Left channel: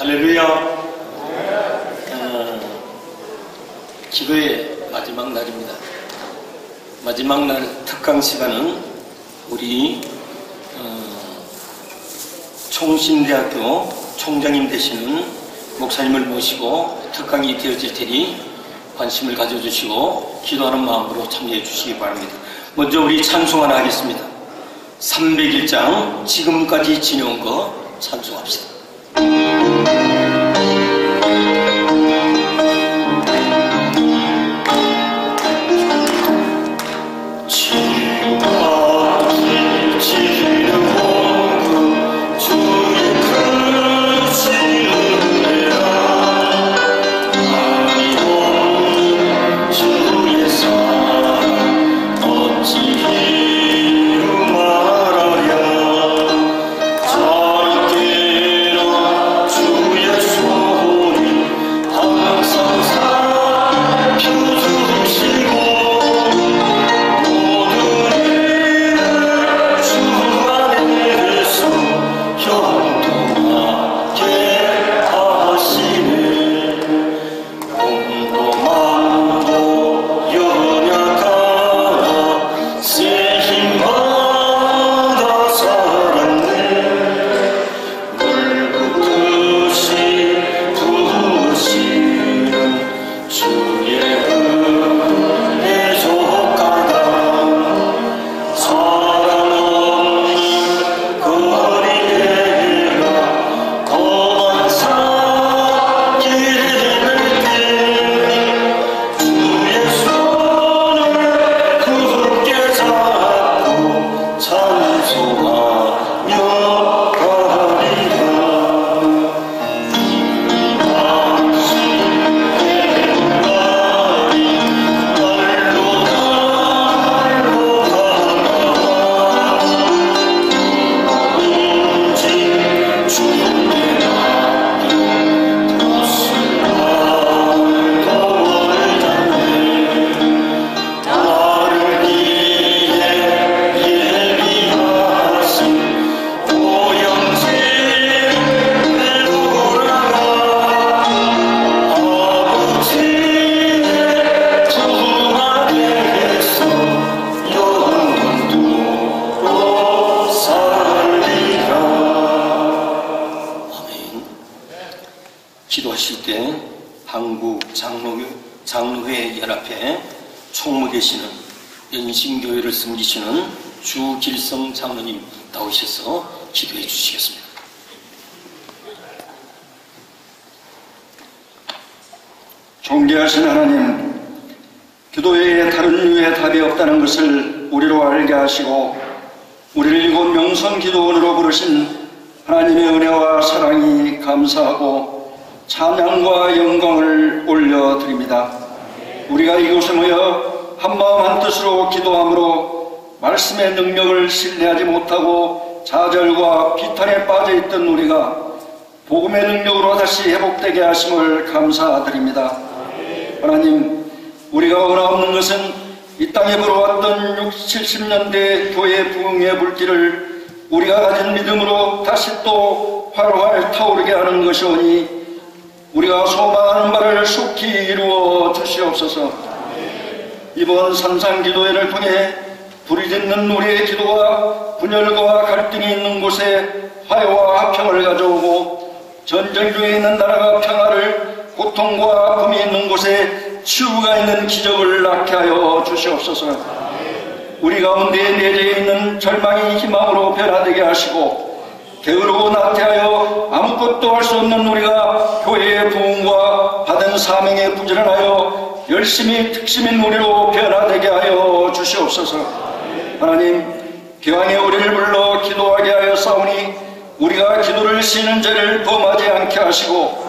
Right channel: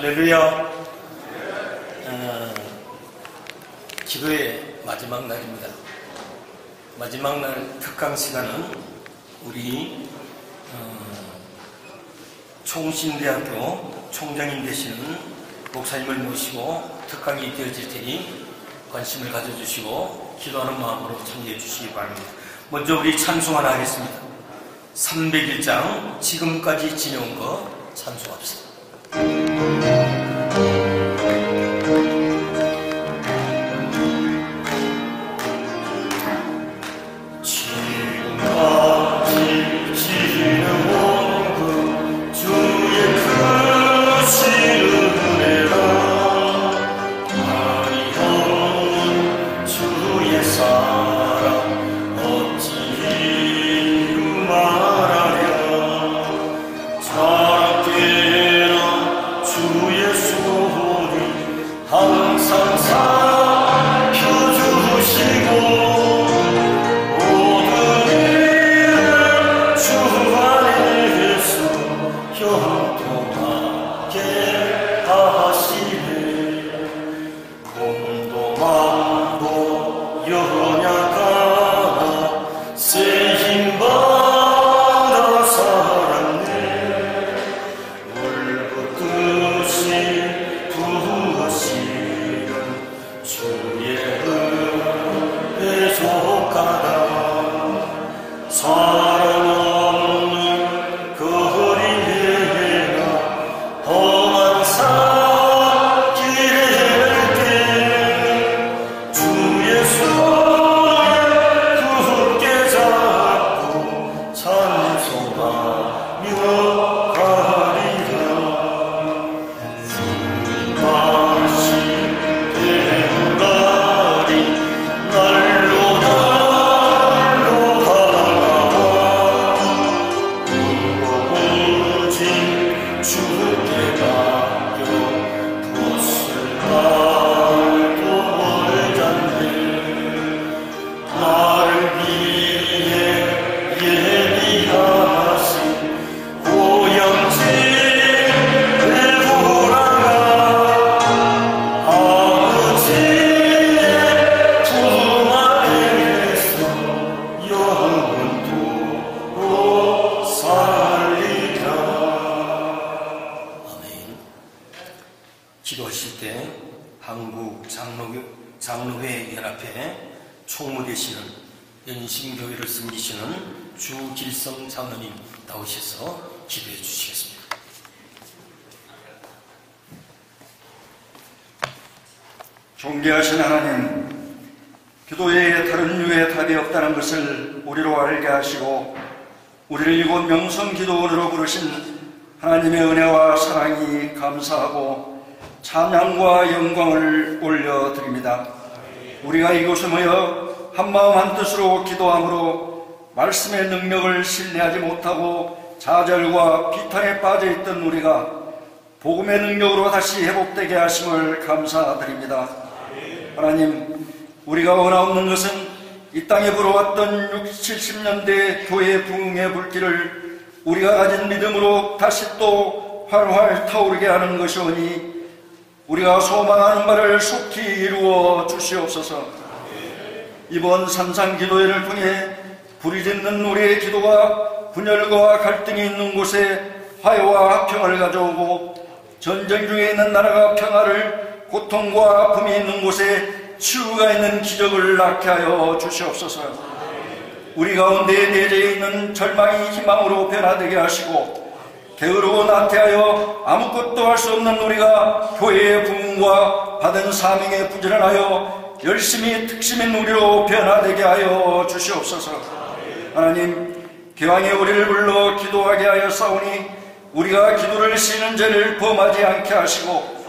할렐루야. 기도의 마지막 날입니다. 마지막 날 특강 시간은 우리 총신대학교 총장님 되시는 목사님을 모시고 특강이 되어질 테니 관심을 가져주시고 기도하는 마음으로 참여해 주시기 바랍니다. 먼저 우리 찬송 하나 하겠습니다. 301장 지금까지 지내온 것 찬송합시다. 기도하실 때 한국 장로회 연합회 총무 되시는 연신교회를 섬기시는 주길성 장로님 나오셔서 기도해 주시겠습니다. 존귀하신 하나님, 기도에 다른 이유에 답이 없다는 것을 우리와 알게 하시고 우리를 이곳 명성기도원으로 부르신 하나님의 은혜와 사랑이 감사하고 찬양과 영광을 올려드립니다. 우리가 이곳에 모여 한마음 한뜻으로 기도함으로 말씀의 능력을 신뢰하지 못하고 좌절과 비탄에 빠져있던 우리가 복음의 능력으로 다시 회복되게 하심을 감사드립니다. 하나님, 우리가 원하는 것은 이 땅에 걸어왔던 60, 70년대의 교회의 부흥의 물질을 우리가 가진 믿음으로 다시 또 활활 타오르게 하는 것이오니 우리가 소망하는 바를 속히 이루어 주시옵소서. 이번 산상기도회를 통해 부르짖는 우리의 기도가 분열과 갈등이 있는 곳에 화해와 화평을 가져오고 전쟁 중에 있는 나라가 평화를, 고통과 금이 있는 곳에 치유가 있는 기적을 낳게 하여 주시옵소서. 우리 가운데 내려 있는 절망이 희망으로 변화되게 하시고 게으르고 나태하여 아무것도 할 수 없는 우리가 교회의 부흥과 받은 사명에 부전하여 열심히 특심 인물로 변화되게 하여 주시옵소서. 하나님, 교황의 우리를 불러 기도하게 하여 사오니 우리가 기도를 쉬는 죄를 범하지 않게 하시고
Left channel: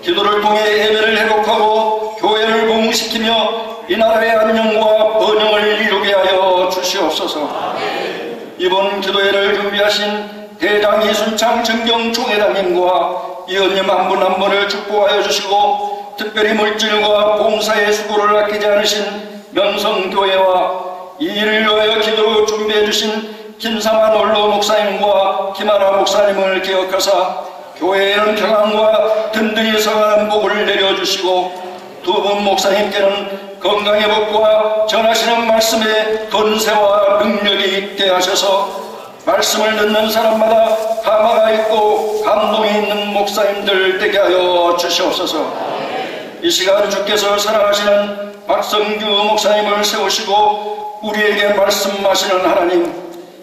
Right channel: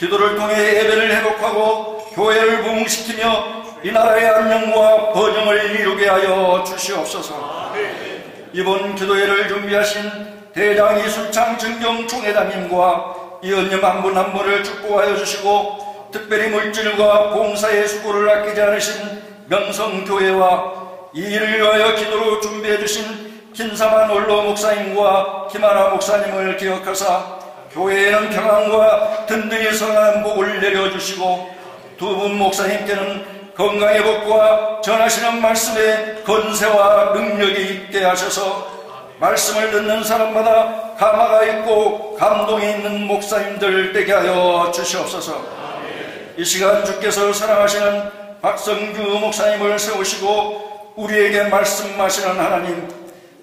기도를 통해 예배를 회복하고 교회를 부흥시키며 이 나라의 안녕과 번영을 이루게 하여 주시옵소서. 이번 기도회를 준비하신 대장 이순창 증경 총회장님과 이은영 한 분 한 분을 축복하여 주시고 특별히 물질과 봉사의 수고를 아끼지 않으신 명성교회와 이 일을 위하여 기도로 준비해 주신 김상환 원로 목사님과 김하나 목사님을 기억하사 교회의 평안과 든든히 서가 복을 내려주시고 두 분 목사님께는 건강의 복과 전하시는 말씀에 권세와 능력이 있게 하셔서 말씀을 듣는 사람마다 감화가 있고 감동이 있는 목사님들 되게 하여 주시옵소서. 이 시간 주께서 사랑하시는 박성규 목사님을 세우시고 우리에게 말씀하시는 하나님,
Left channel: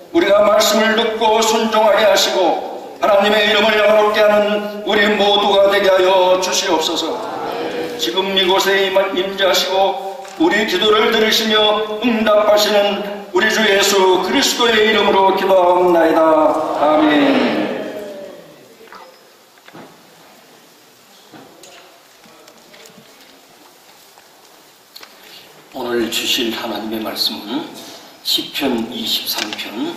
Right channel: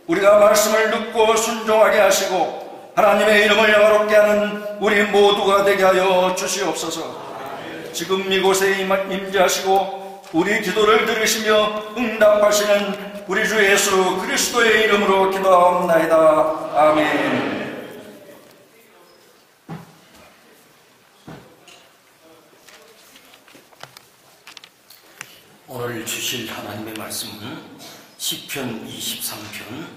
우리가 말씀을 듣고 순종하게 하시고 하나님의 이름을 거룩게 하는 우리 모두가 되게 하여 주시옵소서. 지금 이곳에 임재하시고 우리 기도를 들으시며 응답하시는 우리 주 예수 그리스도의 이름으로 기도하옵나이다. 아멘. 오늘 주실 하나님의 말씀은 시편 23편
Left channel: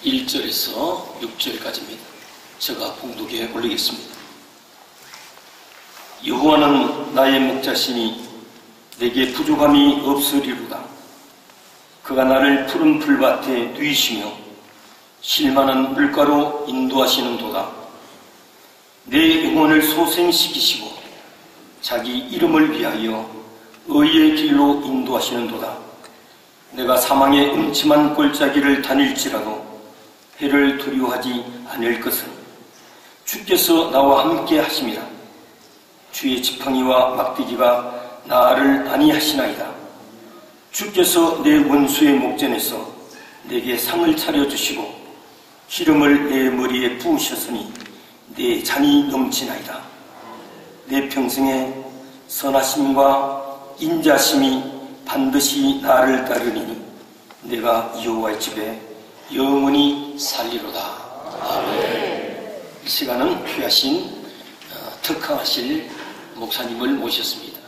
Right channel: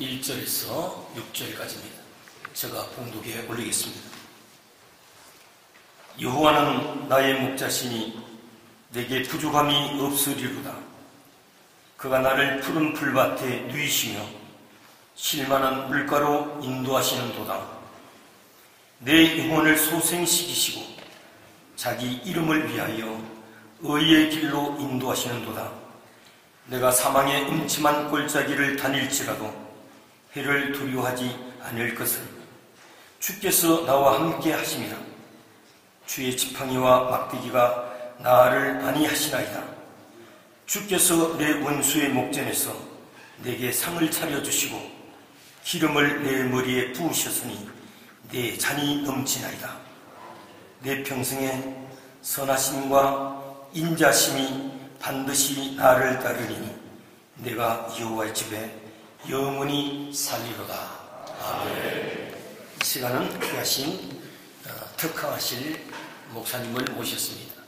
1절에서 6절까지입니다. 제가 봉독해 보리겠습니다. 여호와는 나의 목자시니 내게 부족함이 없으리로다. 그가 나를 푸른 풀밭에 누이시며 실만한 물가로 인도하시는도다. 내 영혼을 소생시키시고 자기 이름을 위하여 의의 길로 인도하시는도다. 내가 사망의 음침한 골짜기를 다닐지라도 해를 두려워하지 않을 것은 주께서 나와 함께 하심이라. 주의 지팡이와 막대기가 나를 안위하시나이다. 주께서 내 원수의 목전에서 내게 상을 차려주시고 기름을 내 머리에 부으셨으니 내 잔이 넘치나이다. 내 평생에 선하심과 인자심이 반드시 나를 따르니 내가 여호와의 집에 영원히 살리로다. 아멘. 시간은 귀하신 특화하실 목사님을 모셨습니다.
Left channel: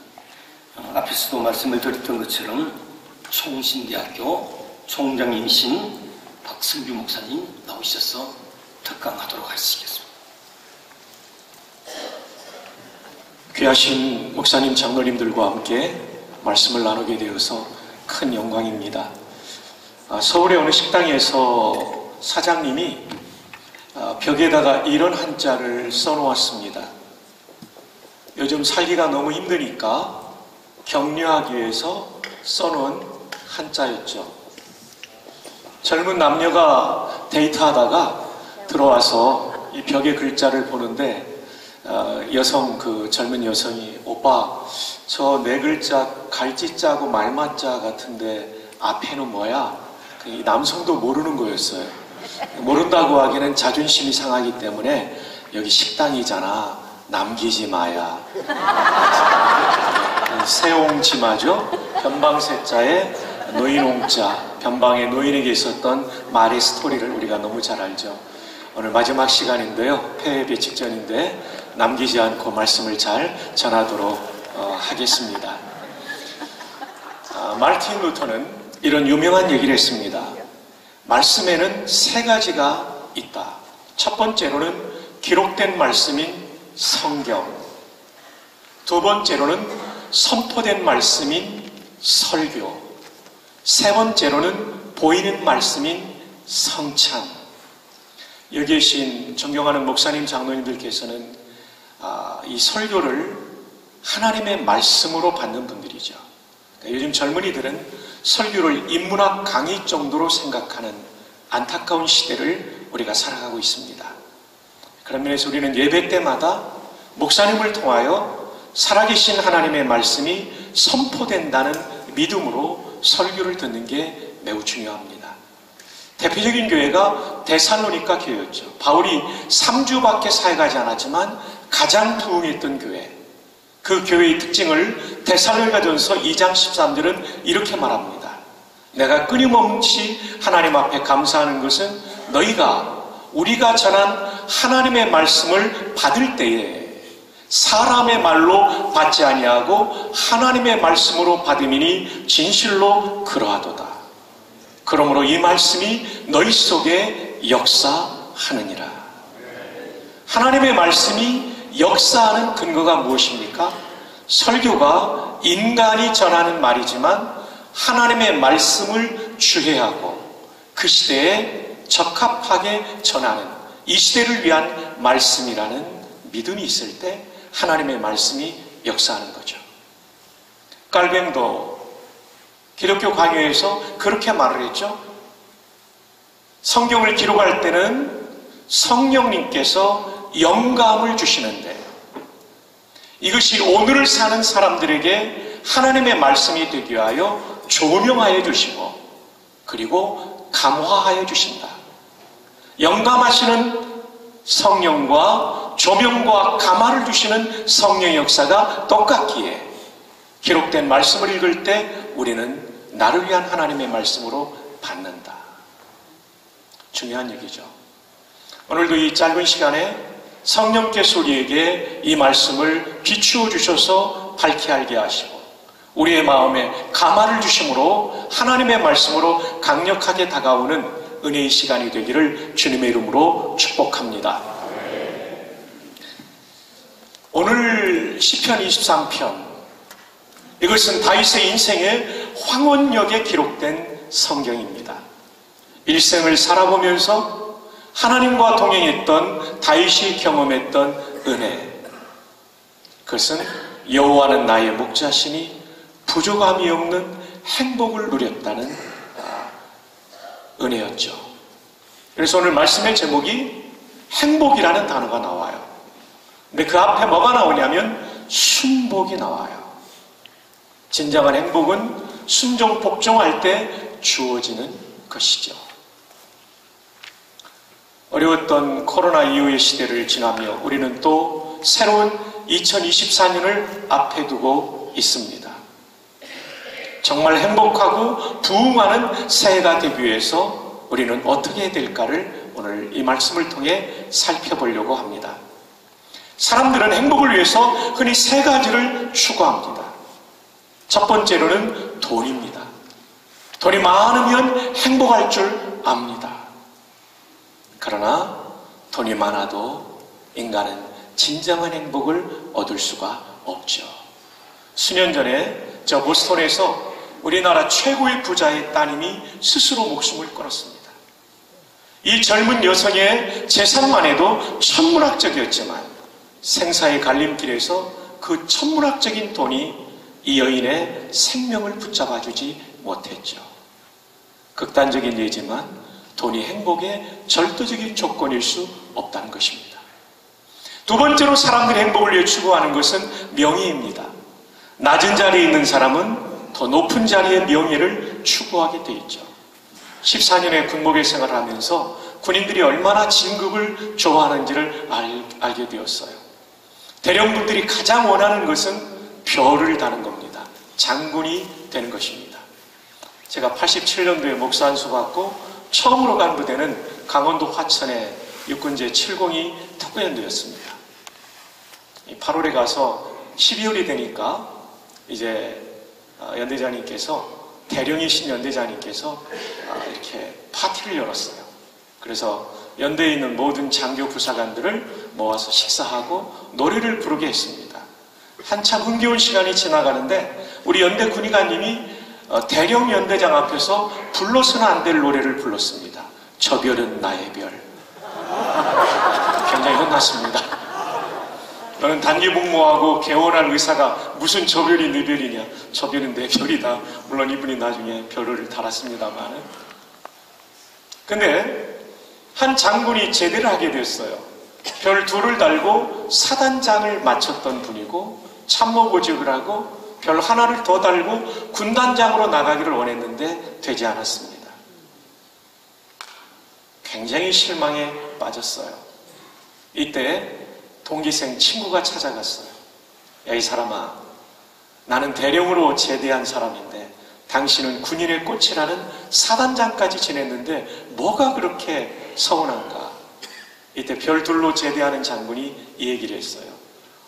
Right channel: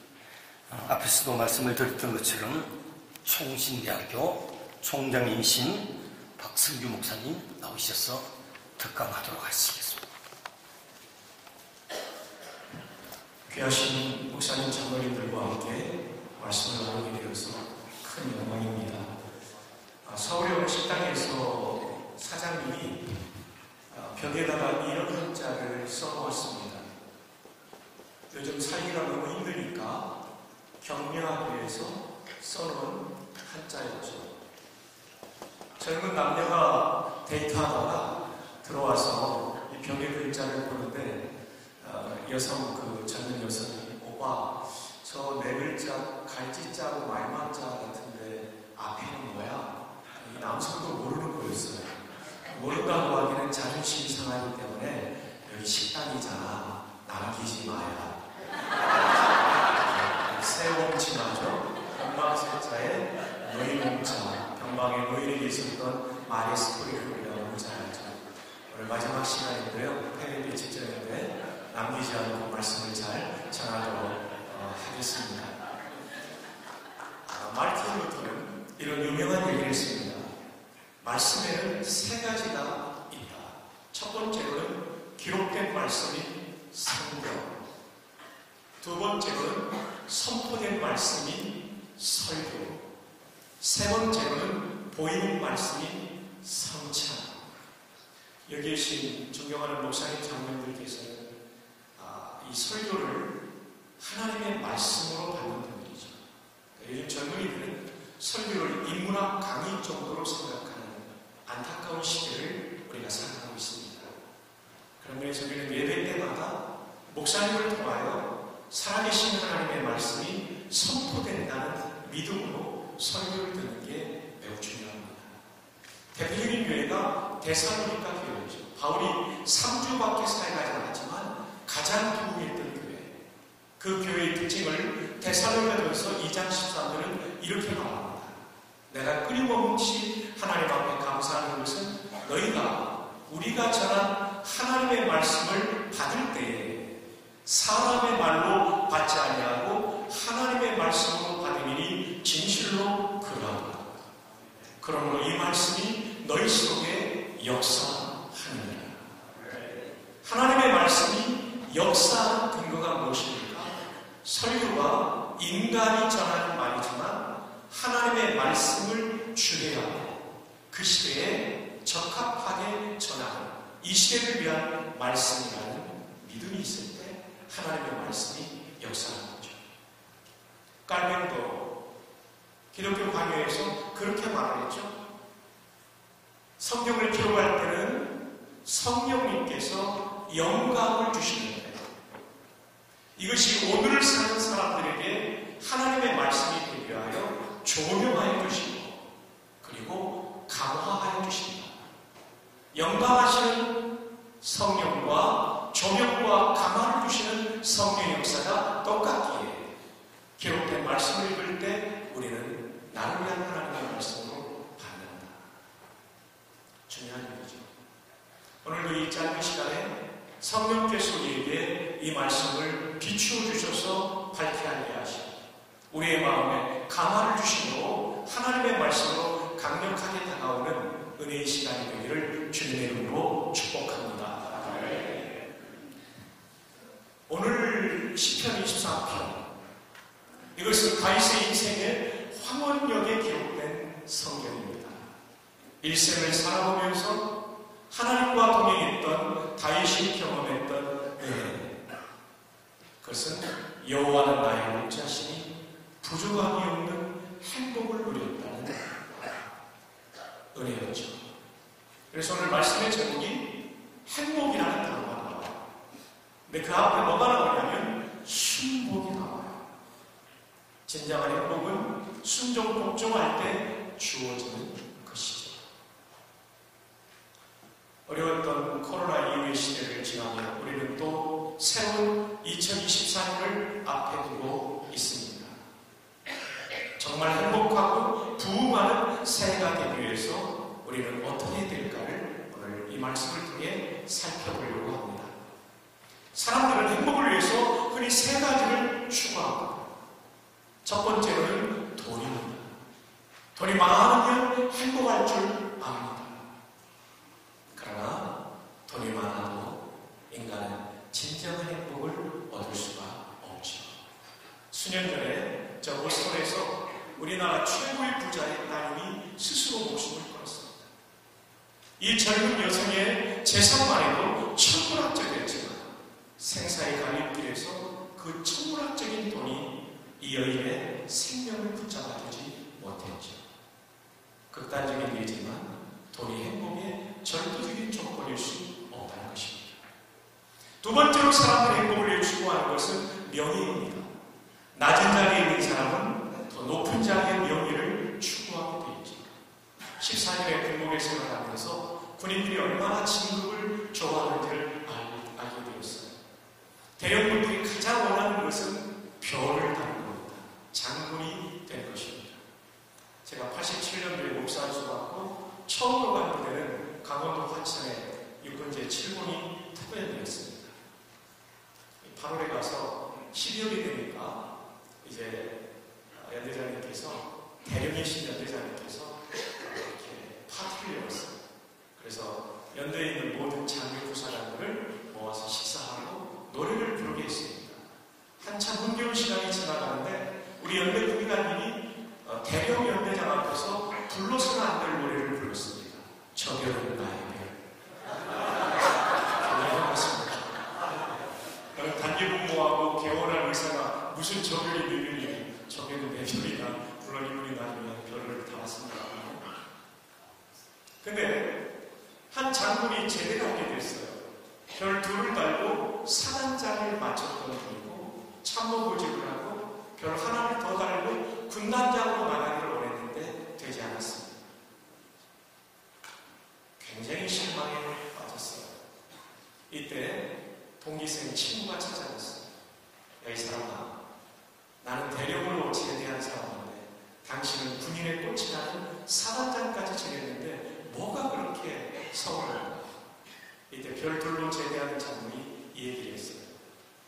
앞에서 말씀을 드렸던 것처럼 총신대학교 총장이신 박승규 목사님 나오셔서 특강하도록 하시겠습니다. 귀하신 목사님 장로님들과 함께 말씀을 나누게 되어서 큰 영광입니다. 서울의 어느 식당에서 사장님이 벽에다가 이런 한자를 써놓았습니다. 요즘 살기가 너무 힘드니까 격려하기 위해서 써놓은 한자였죠. 젊은 남녀가 데이트하다가 들어와서 이 벽의 글자를 보는데 젊은 여성이 오빠 저 네 글자 갈지자고 말만자 같은데 앞에는 뭐야? 이 남성도 모르는 거였어요. 모른다고 하기에는 자존심이 상하기 때문에 여기 식당이잖아. 남기지 마야. 세옹지마죠. 변방세자에 노인옹자. 변방의 노인에게 있었던 말의 스토리를 우리가 너무 잘 알죠. 오늘 마지막 시간인데요. 폐회비 직전인데 남기지 않고 말씀을 잘 전하도록 하겠습니다. 마르틴 루터는 이런 유명한 얘기를 했습니다. 말씀에는 세 가지가 있다. 첫 번째로는 기록된 말씀인 성경, 두 번째로는 선포된 말씀인 설교, 세 번째로는 보이는 말씀인 성찬. 여기 계신 존경하는 목사님 장로님들께서는 이 설교를 하나님의 말씀으로 받는 분들이죠. 요즘 젊은이들은 설교를 인문학 강의 정도로 생각하는 안타까운 시대를 우리가 살아가고 있습니다. 그런 면에서 우리는 예배 때마다 목사님을 통하여 살아계신 하나님의 말씀이 선포된다는 믿음으로 설교를 듣는 게 매우 중요합니다. 대표적인 교회가 데살로니가 교회였죠. 바울이 3주밖에 사역하지 않았지만 가장 부흥했던 교회. 그 교회의 특징을 데살로니가전서 2장 13절은 이렇게 말합니다. 내가 끊임없이 하나님 앞에 감사하는 것은 너희가 우리가 전한 하나님의 말씀을 받을 때에 사람의 말로 받지 아니하고 하나님의 말씀으로 받음이니 진실로 그러하도다. 그러므로 이 말씀이 너희 속에 역사하느니라. 하나님의 말씀이 역사하는 근거가 무엇입니까? 설교가 인간이 전하는 말이지만 하나님의 말씀을 주해하고 그 시대에 적합하게 전하는 이 시대를 위한 말씀이라는 믿음이 있을 때 하나님의 말씀이 역사하는 거죠. 깔뱅도 기독교 강요에서 그렇게 말을 했죠. 성경을 기록할 때는 성령님께서 영감을 주시는데 이것이 오늘을 사는 사람들에게 하나님의 말씀이 되기 위하여 조명하여 주시고 그리고 감화하여 주신다. 영감하시는 성령과 조명과 감화를 주시는 성령의 역사가 똑같기에 기록된 말씀을 읽을 때 우리는 나를 위한 하나님의 말씀으로 받는다. 중요한 얘기죠. 오늘도 이 짧은 시간에 성령께서 우리에게 이 말씀을 비추어 주셔서 밝히 알게 하시고 우리의 마음에 감화를 주심으로 하나님의 말씀으로 강력하게 다가오는 은혜의 시간이 되기를 주님의 이름으로 축복합니다. 오늘 시편 23편, 이것은 다윗의 인생의 황혼역에 기록된 성경입니다. 일생을 살아보면서 하나님과 동행했던 다윗이 경험했던 은혜, 그것은 여호와는 나의 목자시니 부족함이 없는 행복을 누렸다는 은혜였죠. 그래서 오늘 말씀의 제목이 행복이라는 단어가 나와요. 근데 그 앞에 뭐가 나오냐면 순복이 나와요. 진정한 행복은 순종 복종할 때 주어지는 것이죠. 어려웠던 코로나 이후의 시대를 지나며 우리는 또 새로운 2024년을 앞에 두고 있습니다. 정말 행복하고 부흥하는 새해가 되기 위해서 우리는 어떻게 해야 될까를 오늘 이 말씀을 통해 살펴보려고 합니다. 사람들은 행복을 위해서 흔히 세 가지를 추구합니다. 첫 번째로는 돈입니다. 돈이 많으면 행복할 줄 압니다. 그러나 돈이 많아도 인간은 진정한 행복을 얻을 수가 없죠. 수년 전에 저 보스턴에서 우리나라 최고의 부자의 따님이 스스로 목숨을 끊었습니다. 이 젊은 여성의 재산만 해도 천문학적이었지만 생사의 갈림길에서 그 천문학적인 돈이 이 여인의 생명을 붙잡아주지 못했죠. 극단적인 예지만 돈이 행복의 절대적인 조건일 수 없다는 것입니다. 두 번째로 사람들이 행복을 위해 추구하는 것은 명예입니다. 낮은 자리에 있는 사람은 더 높은 자리의 명예를 추구하게 돼 있죠. 14년의 군복의 생활을 하면서 군인들이 얼마나 진급을 좋아하는지를 알게 되었어요. 대령분들이 가장 원하는 것은 별을 다는 겁니다. 장군이 되는 것입니다. 제가 87년도에 목사 안수 받고 처음으로 간 부대는 강원도 화천의 육군제 702 특구연대였습니다. 8월에 가서 12월이 되니까 이제 연대장님께서, 대령이신 연대장님께서 이렇게 파티를 열었어요. 그래서 연대에 있는 모든 장교 부사관들을 모아서 식사하고 노래를 부르게 했습니다. 한참 흥겨운 시간이 지나가는데 우리 연대 군의관님이 대령 연대장 앞에서 불러서는 안 될 노래를 불렀습니다. 저 별은 나의 별. 굉장히 혼났습니다. 너는 단기 복무하고 개원할 의사가 무슨 저 별이 네 별이냐. 저 별은 내 별이다. 물론 이분이 나중에 별을 달았습니다만. 근데 한 장군이 제대를 하게 됐어요. 별 둘을 달고 사단장을 마쳤던 분이고 참모보직을 하고 별 하나를 더 달고 군단장으로 나가기를 원했는데 되지 않았습니다. 굉장히 실망에 빠졌어요. 이때 동기생 친구가 찾아갔어요. 야, 이 사람아, 나는 대령으로 제대한 사람인데 당신은 군인의 꽃이라는 사단장까지 지냈는데 뭐가 그렇게 서운한가? 이때 별둘로 제대하는 장군이 이 얘기를 했어요.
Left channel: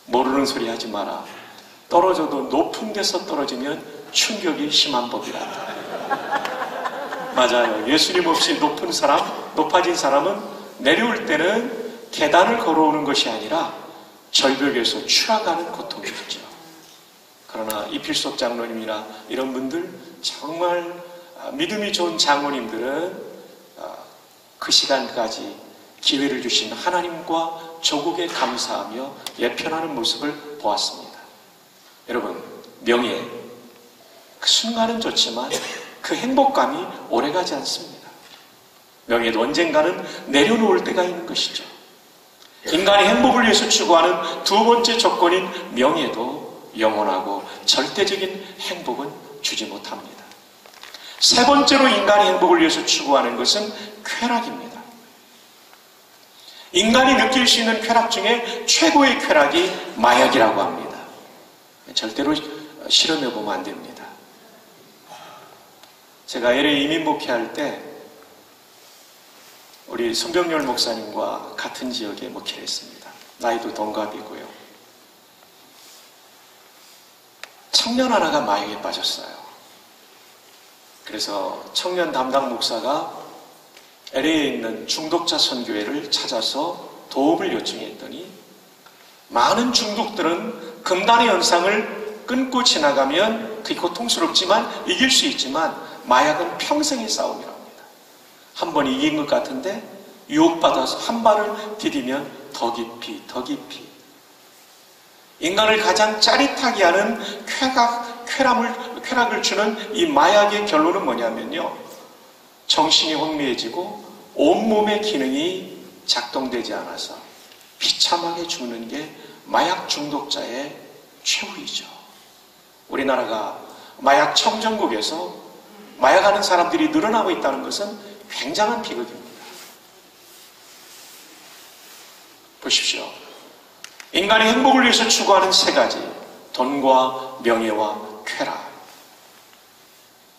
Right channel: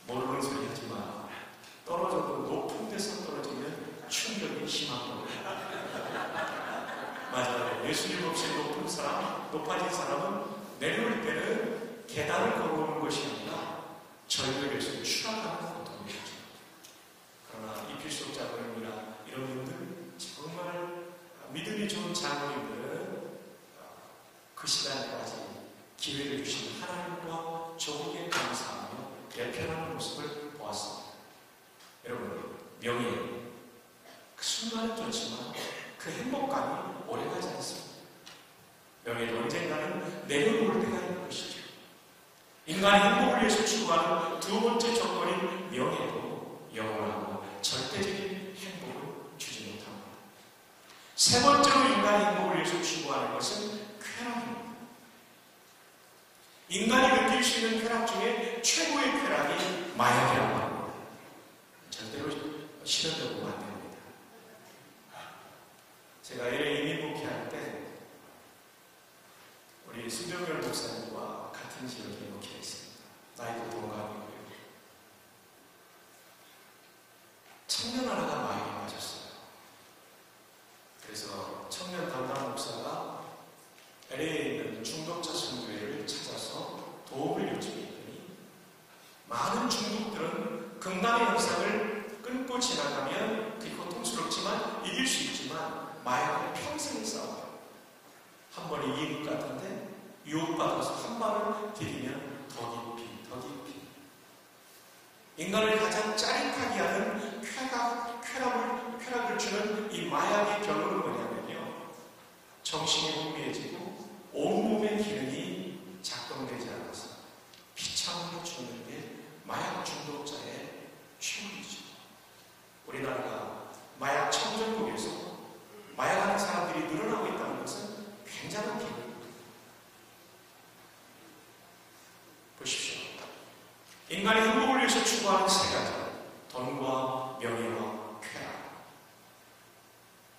모르는 소리 하지 마라. 떨어져도 높은 데서 떨어지면 충격이 심한 법이란다. 맞아요. 예수님 없이 높은 사람, 높아진 사람은 내려올 때는 계단을 걸어오는 것이 아니라 절벽에서 추락하는 고통이 있죠. 그러나 이필석 장로님이나 이런 분들, 정말 믿음이 좋은 장로님들은 그 시간까지 기회를 주신 하나님과 조국에 감사하며 예편하는 모습을 보았습니다. 여러분, 명예, 그 순간은 좋지만 그 행복감이 오래가지 않습니다. 명예도 언젠가는 내려놓을 때가 있는 것이죠. 인간의 행복을 위해서 추구하는 두 번째 조건인 명예도 영원하고 절대적인 행복은 주지 못합니다. 세 번째로 인간의 행복을 위해서 추구하는 것은 쾌락입니다. 인간이 느낄 수 있는 쾌락 중에 최고의 쾌락이 마약이라고 합니다. 절대로 실험해보면 안 됩니다. 제가 LA 이민 목회할 때 우리 손병렬 목사님과 같은 지역에 목회를 했습니다. 나이도 동갑이고요. 청년 하나가 마약에 빠졌어요. 그래서 청년 담당 목사가 LA에 있는 중독자 선교회를 찾아서 도움을 요청했더니 많은 중독들은 금단의 연상을 끊고 지나가면 그게 고통스럽지만 이길 수 있지만 마약은 평생의 싸움이랍니다. 한 번 이긴 것 같은데 유혹받아서 한 발을 디디면 더 깊이 더 깊이 인간을 가장 짜릿하게 하는 쾌락을 주는 이 마약의 결론은 뭐냐면요, 정신이 혼미해지고 온몸의 기능이 작동되지 않아서 비참하게 죽는 게 마약 중독자의 최후이죠. 우리나라가 마약 청정국에서 마약하는 사람들이 늘어나고 있다는 것은 굉장한 비극입니다. 보십시오. 인간의 행복을 위해서 추구하는 세 가지, 돈과 명예와 쾌락.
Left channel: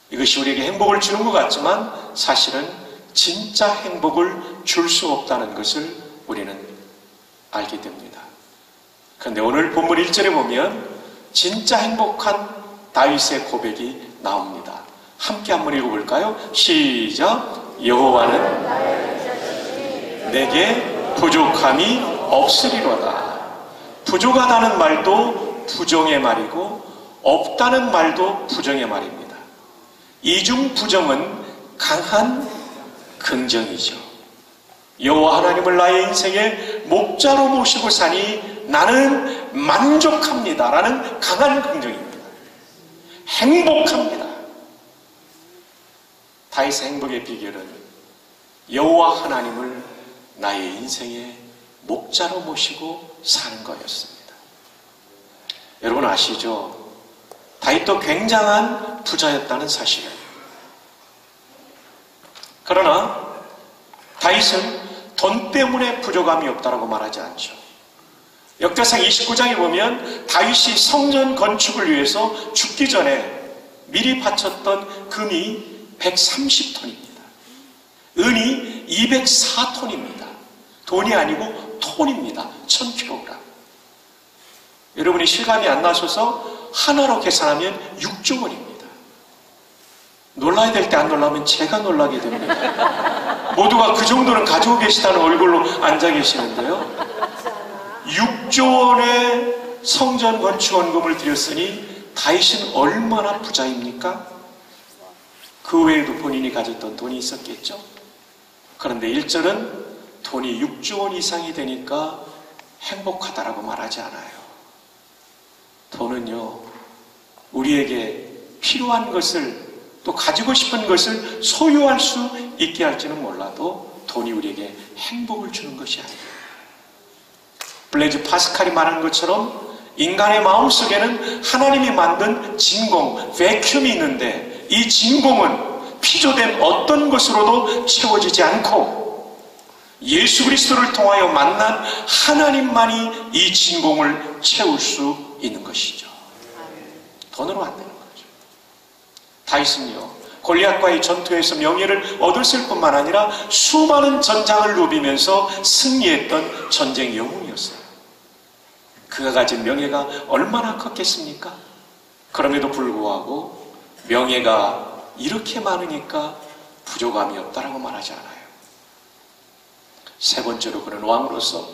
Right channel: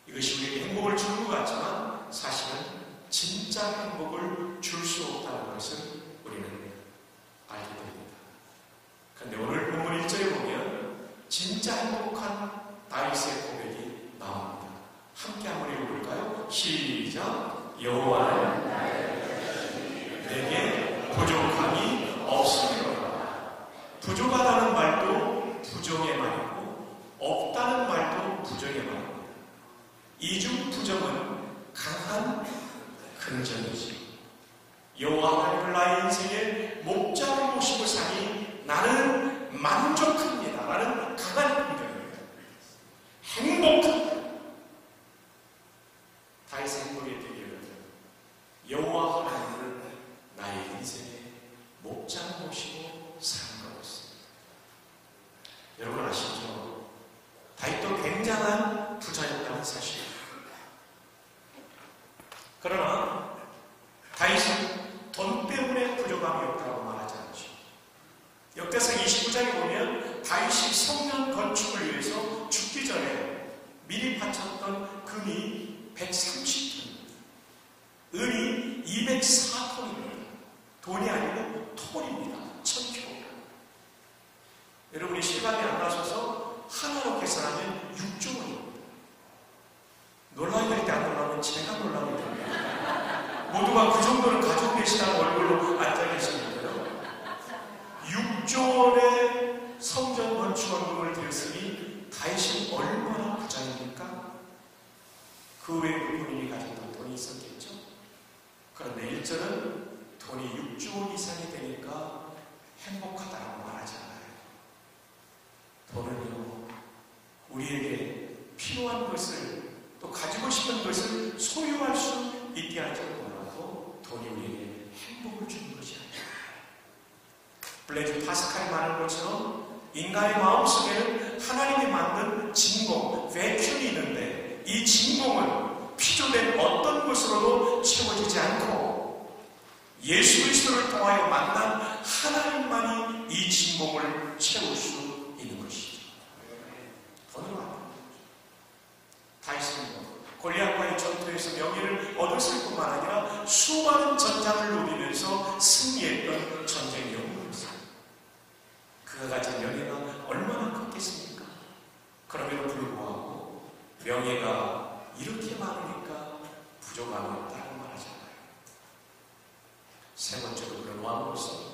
이것이 우리에게 행복을 주는 것 같지만 사실은 진짜 행복을 줄 수 없다는 것을 우리는 알게 됩니다. 그런데 오늘 본문 1절에 보면 진짜 행복한 다윗의 고백이 나옵니다. 함께 한번 읽어볼까요? 시작! 여호와는 내게 부족함이 없으리로다. 부족하다는 말도 부정의 말이고 없다는 말도 부정의 말입니다. 이중 부정은 강한 긍정이죠. 여호와 하나님을 나의 인생의 목자로 모시고 사니 나는 만족합니다 라는 강한 긍정입니다. 행복합니다. 다윗의 행복의 비결은 여호와 하나님을 나의 인생의 목자로 모시고 사는 거였습니다. 여러분 아시죠? 다윗도 굉장한 부자였다는 사실을. 그러나 다윗은 돈 때문에 부족함이 없다라고 말하지 않죠. 역대상 29장에 보면 다윗이 성전 건축을 위해서 죽기 전에 미리 바쳤던 금이 130톤입니다. 은이 204톤입니다. 돈이 아니고 톤입니다. 1000kg. 여러분이 실감이 안 나셔서 하나로 계산하면 6조 원입니다. 놀라야 될 때 안 놀라면 제가 놀라게 됩니다. 모두가 그 정도는 가지고 계시다는 얼굴로 앉아 계시는데요. 6조 원의 성전 건축 원금을 드렸으니 다윗은 얼마나 부자입니까? 그 외에도 본인이 가졌던 돈이 있었겠죠. 그런데 1절은 돈이 6조 원 이상이 되니까 행복하다라고 말하지 않아요. 돈은요, 우리에게 필요한 것을 또 가지고 싶은 것을 소유할 수 있게 할지는 몰라도 돈이 우리에게 행복을 주는 것이 아니에요. 블레이즈 파스칼이 말한 것처럼 인간의 마음속에는 하나님이 만든 진공, 베큐움이 있는데 이 진공은 피조된 어떤 것으로도 채워지지 않고 예수 그리스도를 통하여 만난 하나님만이 이 진공을 채울 수 있는 것이죠. 돈으로 안 되는 거죠. 다윗은요, 골리앗과의 전투에서 명예를 얻었을 뿐만 아니라 수많은 전장을 누비면서 승리했던 전쟁 영웅이었어요. 그가 가진 명예가 얼마나 컸겠습니까? 그럼에도 불구하고 명예가 이렇게 많으니까 부족함이 없다라고 말하지 않아요. 세 번째로 그는 왕으로서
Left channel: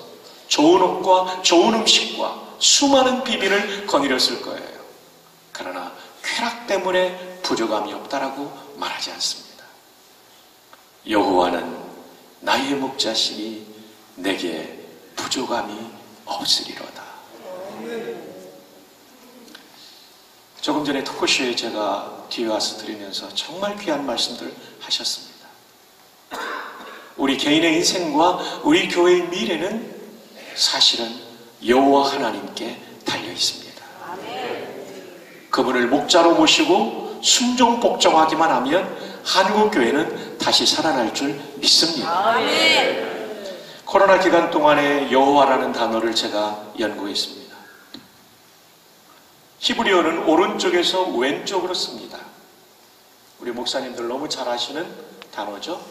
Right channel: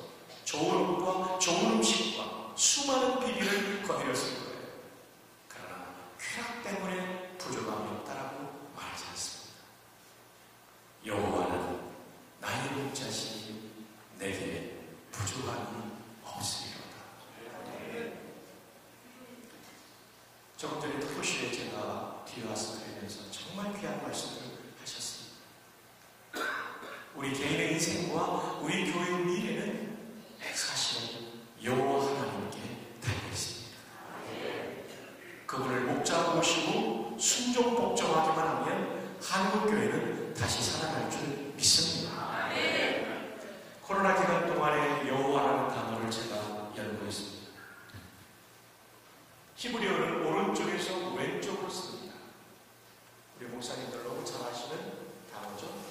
좋은 옷과 좋은 음식과 수많은 비밀을 거느렸을 거예요. 그러나 쾌락 때문에 부족함이 없다라고 말하지 않습니다. 여호와는 나의 목자시니 내게 부족함이 없으리로다. 조금 전에 토크쇼에 제가 뒤에 와서 들으면서 정말 귀한 말씀들 하셨습니다. 우리 개인의 인생과 우리 교회의 미래는 사실은 여호와 하나님께 달려 있습니다. 그분을 목자로 모시고 순종 복종하기만 하면 한국 교회는 다시 살아날 줄 믿습니다. 코로나 기간 동안에 여호와라는 단어를 제가 연구했습니다. 히브리어는 오른쪽에서 왼쪽으로 씁니다. 우리 목사님들 너무 잘 아시는 단어죠.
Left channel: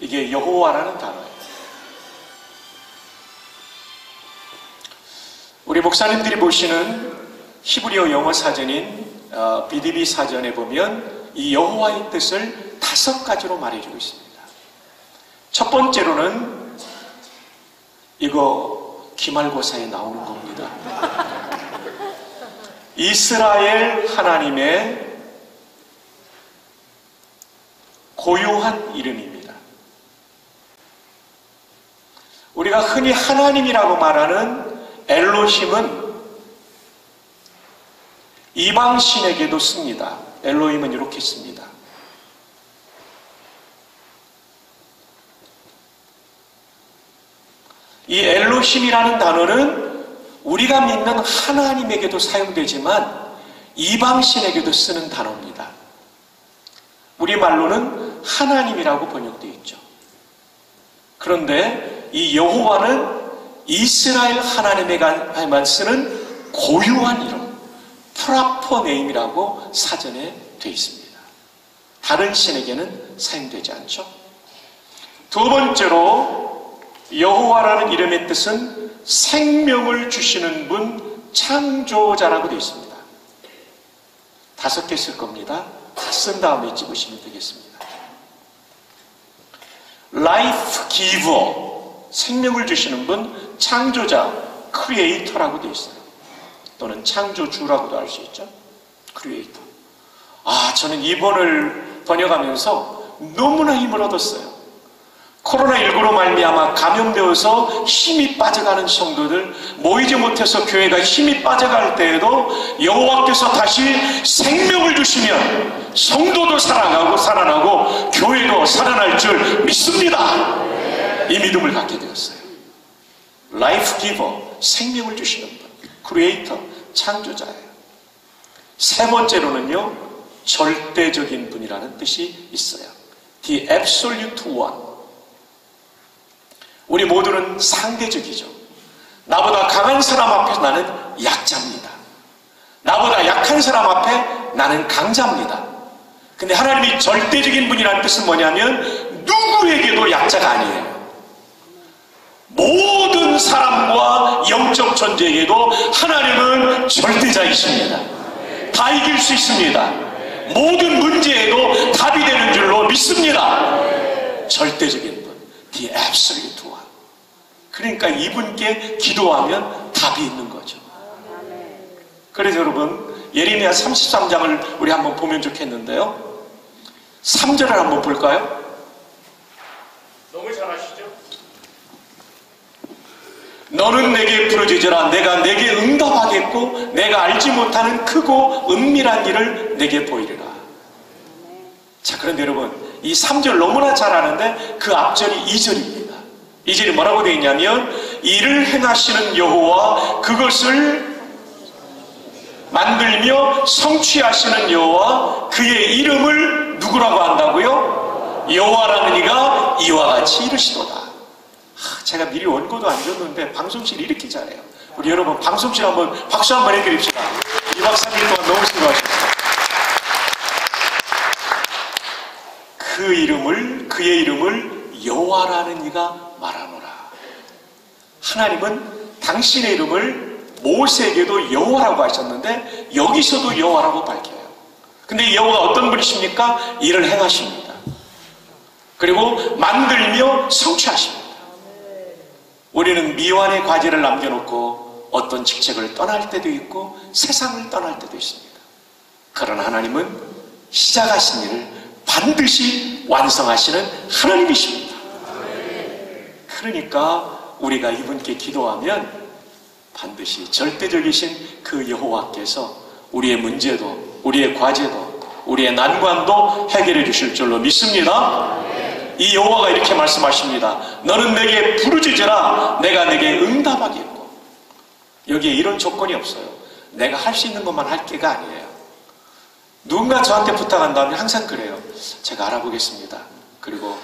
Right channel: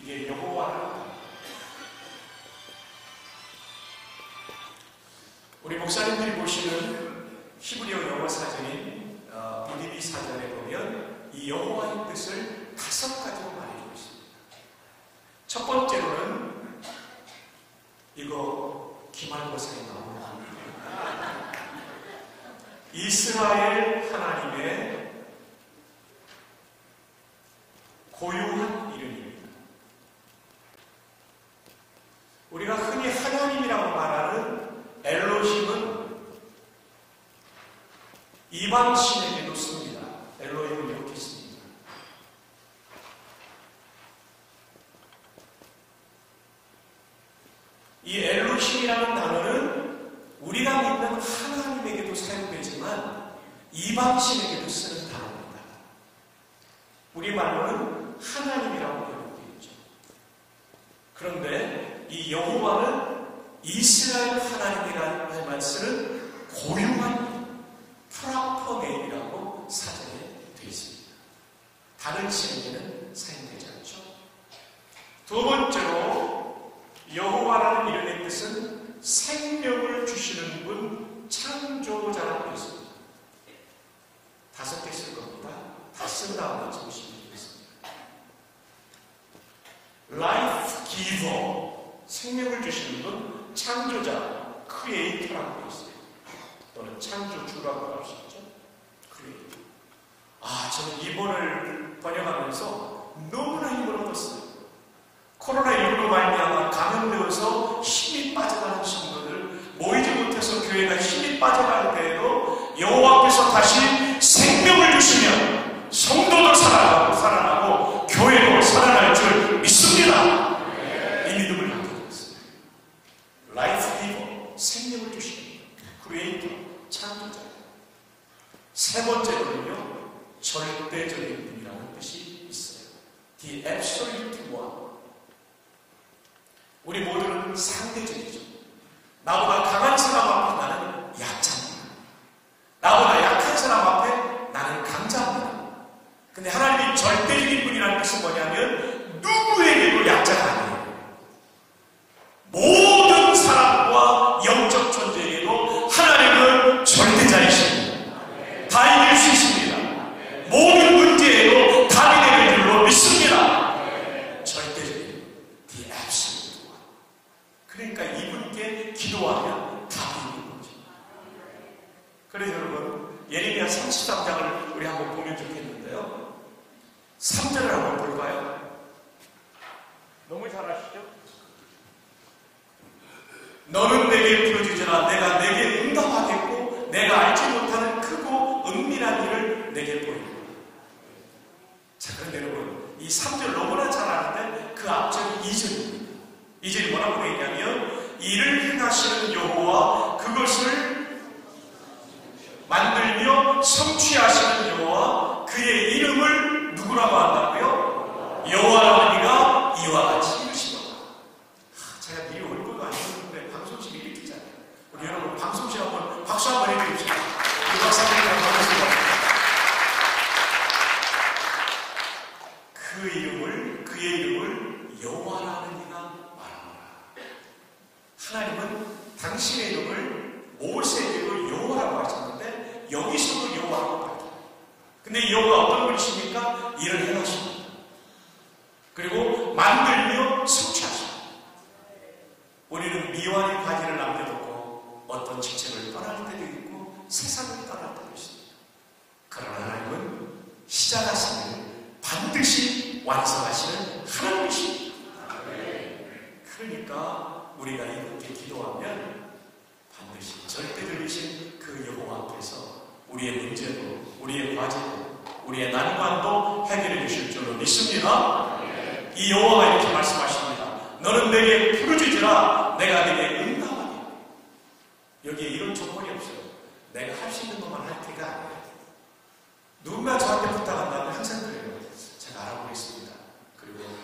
이게 여호와라는 단어예요. 우리 목사님들이 보시는 히브리어 영어 사전인 BDB 사전에 보면 이 여호와의 뜻을 5가지로 말해주고 있습니다. 첫 번째로는 이거 기말고사에 나오는 겁니다. 이스라엘 하나님의 고유한 이름입니다. 우리가 흔히 하나님이라고 말하는 엘로힘은 이방신에게도 씁니다. 엘로힘은 이렇게 씁니다. 이 엘로힘이라는 단어는 우리가 믿는 하나님에게도 사용되지만 이방신에게도 쓰는 단어입니다. 우리말로는 하나님이라고 번역되어 있죠. 그런데 이 여호와는 이스라엘 하나님에게만 쓰는 고유한 이름, 프라퍼 네임이라고 사전에 되어 있습니다. 다른 신에게는 사용되지 않죠. 두 번째로 여호와라는 이름의 뜻은 생명을 주시는 분, 창조자라고 되어 있습니다. 5개 쓸 겁니다. 다 쓴 다음에 찍으시면 되겠습니다. Life Giver, 생명을 주시는 분, 창조자, Creator라고 되어 있어요. 또는 창조주라고도 할 수 있죠. Creator. 저는 이번을 번역하면서 너무나 힘을 얻었어요. 코로나19로 말미암아 감염되어서 힘이 빠져가는 성도들, 모이지 못해서 교회가 힘이 빠져갈 때에도 여호와께서 다시 생명을 주시면 성도도 살아나고 교회도 살아날 줄 믿습니다. 이 믿음을 갖게 되었어요. 라이프 기버, 생명을 주시는 분, 크리에이터, 창조자예요. 세 번째로는요, 절대적인 분이라는 뜻이 있어요. The absolute one. 우리 모두는 상대적이죠. 나보다 강한 사람 앞에 나는 약자입니다. 나보다 약한 사람 앞에 나는 강자입니다. 근데 하나님이 절대적인 분이라는 뜻은 뭐냐면 누구에게도 약자가 아니에요. 모든 사람과 영적 존재에게도 하나님은 절대자이십니다. 다 이길 수 있습니다. 모든 문제에도 답이 되는 줄로 믿습니다. 절대적인 분, The absolute one. 그러니까 이분께 기도하면 답이 있는 거죠. 그래서 여러분, 예레미야 33장을 우리 한번 보면 좋겠는데요. 3절을 한번 볼까요? 너무 잘 아시죠? 너는 내게 부르짖으라. 내가 내게 응답하겠고 내가 알지 못하는 크고 은밀한 일을 내게 보이리라. 자, 그런데 여러분, 이 3절 너무나 잘 아는데 그 앞절이 2절입니다. 2절이 뭐라고 되어 있냐면 이를 행하시는 여호와, 그것을 만들며 성취하시는 여호와, 그의 이름을 누구라고 한다고요? 여호와라는 이가 이와 같이 이르시도다. 제가 미리 원고도 안 줬는데 방송실 이렇게 잘해요. 우리 여러분 방송실 한번 박수 한번 해드립시다. 이 박수들 동안 너무 수고하셨습니다. 그의 이름을 여호와라는 이가 말하노라. 하나님은 당신의 이름을 모세에게도 여호와라고 하셨는데 여기서도 여호와라고 밝혀요. 근데 이 여호와 어떤 분이십니까? 일을 행하십니다. 그리고 만들며 성취하십니다. 우리는 미완의 과제를 남겨놓고 어떤 직책을 떠날 때도 있고 세상을 떠날 때도 있습니다. 그러나 하나님은 시작하신 일을 반드시 완성하시는 하나님이십니다. 그러니까 우리가 이분께 기도하면 반드시 절대적이신 그 여호와께서 우리의 문제도, 우리의 과제도, 우리의 난관도 해결해 주실 줄로 믿습니다. 이 여호와가 이렇게 말씀하십니다. 너는 내게 부르짖으라 내가 내게 응답하겠고. 여기에 이런 조건이 없어요. 내가 할 수 있는 것만 할 게가 아니에요. 누군가 저한테 부탁한다면 항상 그래요. 제가 알아보겠습니다. 그리고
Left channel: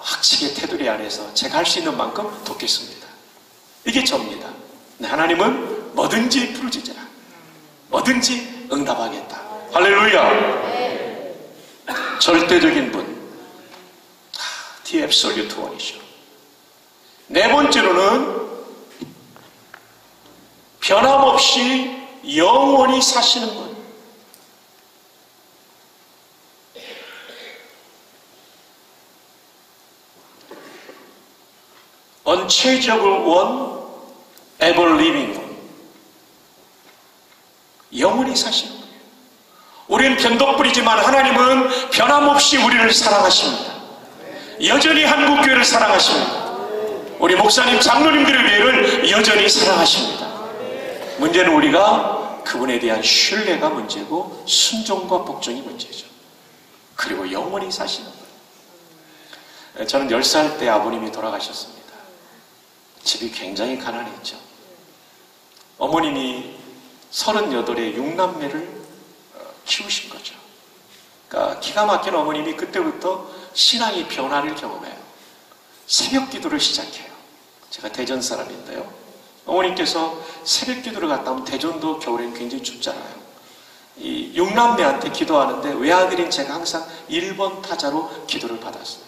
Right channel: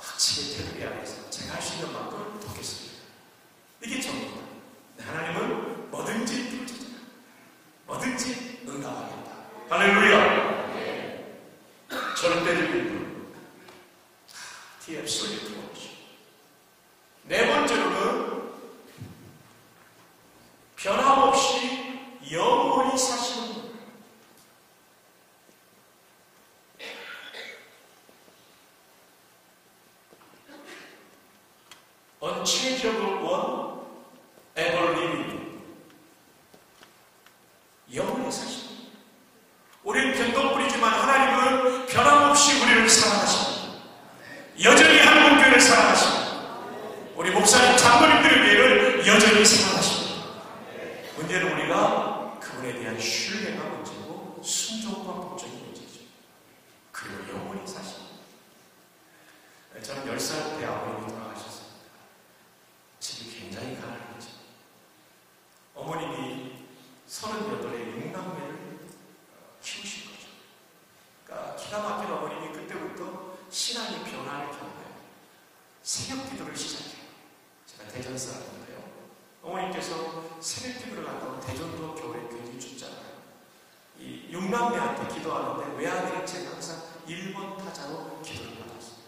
학식의 테두리 안에서 제가 할 수 있는 만큼 돕겠습니다. 이게 접니다. 하나님은 뭐든지 부르짖으라 뭐든지 응답하겠다. 할렐루야. 절대적인 분, The Absolute One이죠. 네 번째로는 변함없이 영원히 사시는 분. Unchangeable One, Ever Living One. 영원히 사시는 분. 우리는 변덕불이지만 하나님은 변함없이 우리를 사랑하십니다. 여전히 한국교회를 사랑하십니다. 우리 목사님, 장로님들의 교회를 여전히 사랑하십니다. 문제는 우리가 그분에 대한 신뢰가 문제고 순종과 복종이 문제죠. 그리고 영원히 사시는 분. 저는 10살 때 아버님이 돌아가셨습니다. 집이 굉장히 가난했죠. 어머님이 38의 6남매를 키우신 거죠. 그러니까 기가 막힌 어머님이 그때부터 신앙의 변화를 경험해요. 새벽 기도를 시작해요. 제가 대전 사람인데요. 어머님께서 새벽 기도를 갔다 오면 대전도 겨울엔 굉장히 춥잖아요. 이 6남매한테 기도하는데 외아들인 제가 항상 1번 타자로 기도를 받았어요.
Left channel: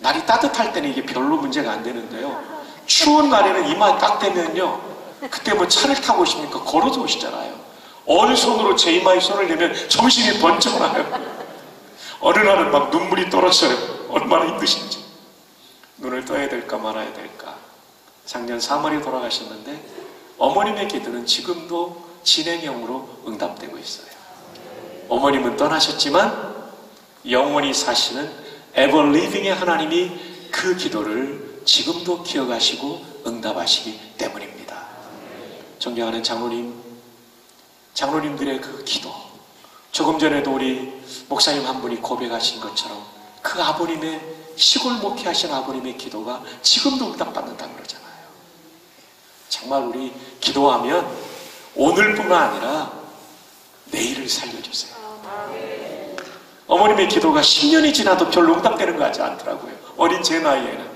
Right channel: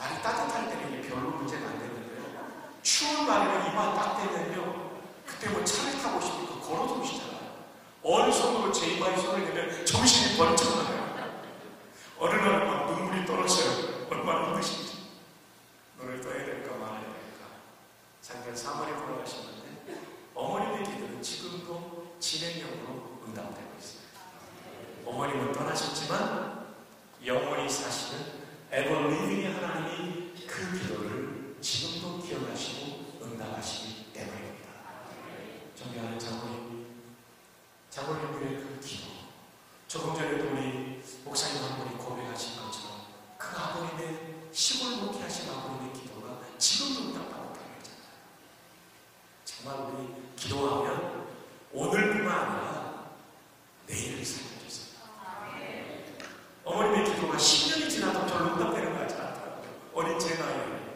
날이 따뜻할 때는 이게 별로 문제가 안 되는데요. 추운 날에는 이마 딱 대면요. 그때 뭐 차를 타고 오십니까? 걸어서 오시잖아요. 어느 손으로 제 이마에 손을 대면 정신이 번쩍 나요. 어느 날은 막 눈물이 떨어져요. 얼마나 힘드신지. 눈을 떠야 될까 말아야 될까. 작년 3월에 돌아가셨는데 어머님의 기도는 지금도 진행형으로 응답되고 있어요. 어머님은 떠나셨지만 영원히 사시는 ever living의 하나님이 그 기도를 지금도 기억하시고 응답하시기 때문입니다. 존경하는 장로님들의 그 기도, 조금 전에도 우리 목사님 한 분이 고백하신 것처럼 그 아버님의 시골 목회하신 아버님의 기도가 지금도 응답받는다고 그러잖아요. 정말 우리 기도하면 오늘뿐만 아니라 내일을 살려주세요. 어머님의 기도가 10년이 지나도 별로 응답되는 거 같지 않더라고요. 어린 제 나이에는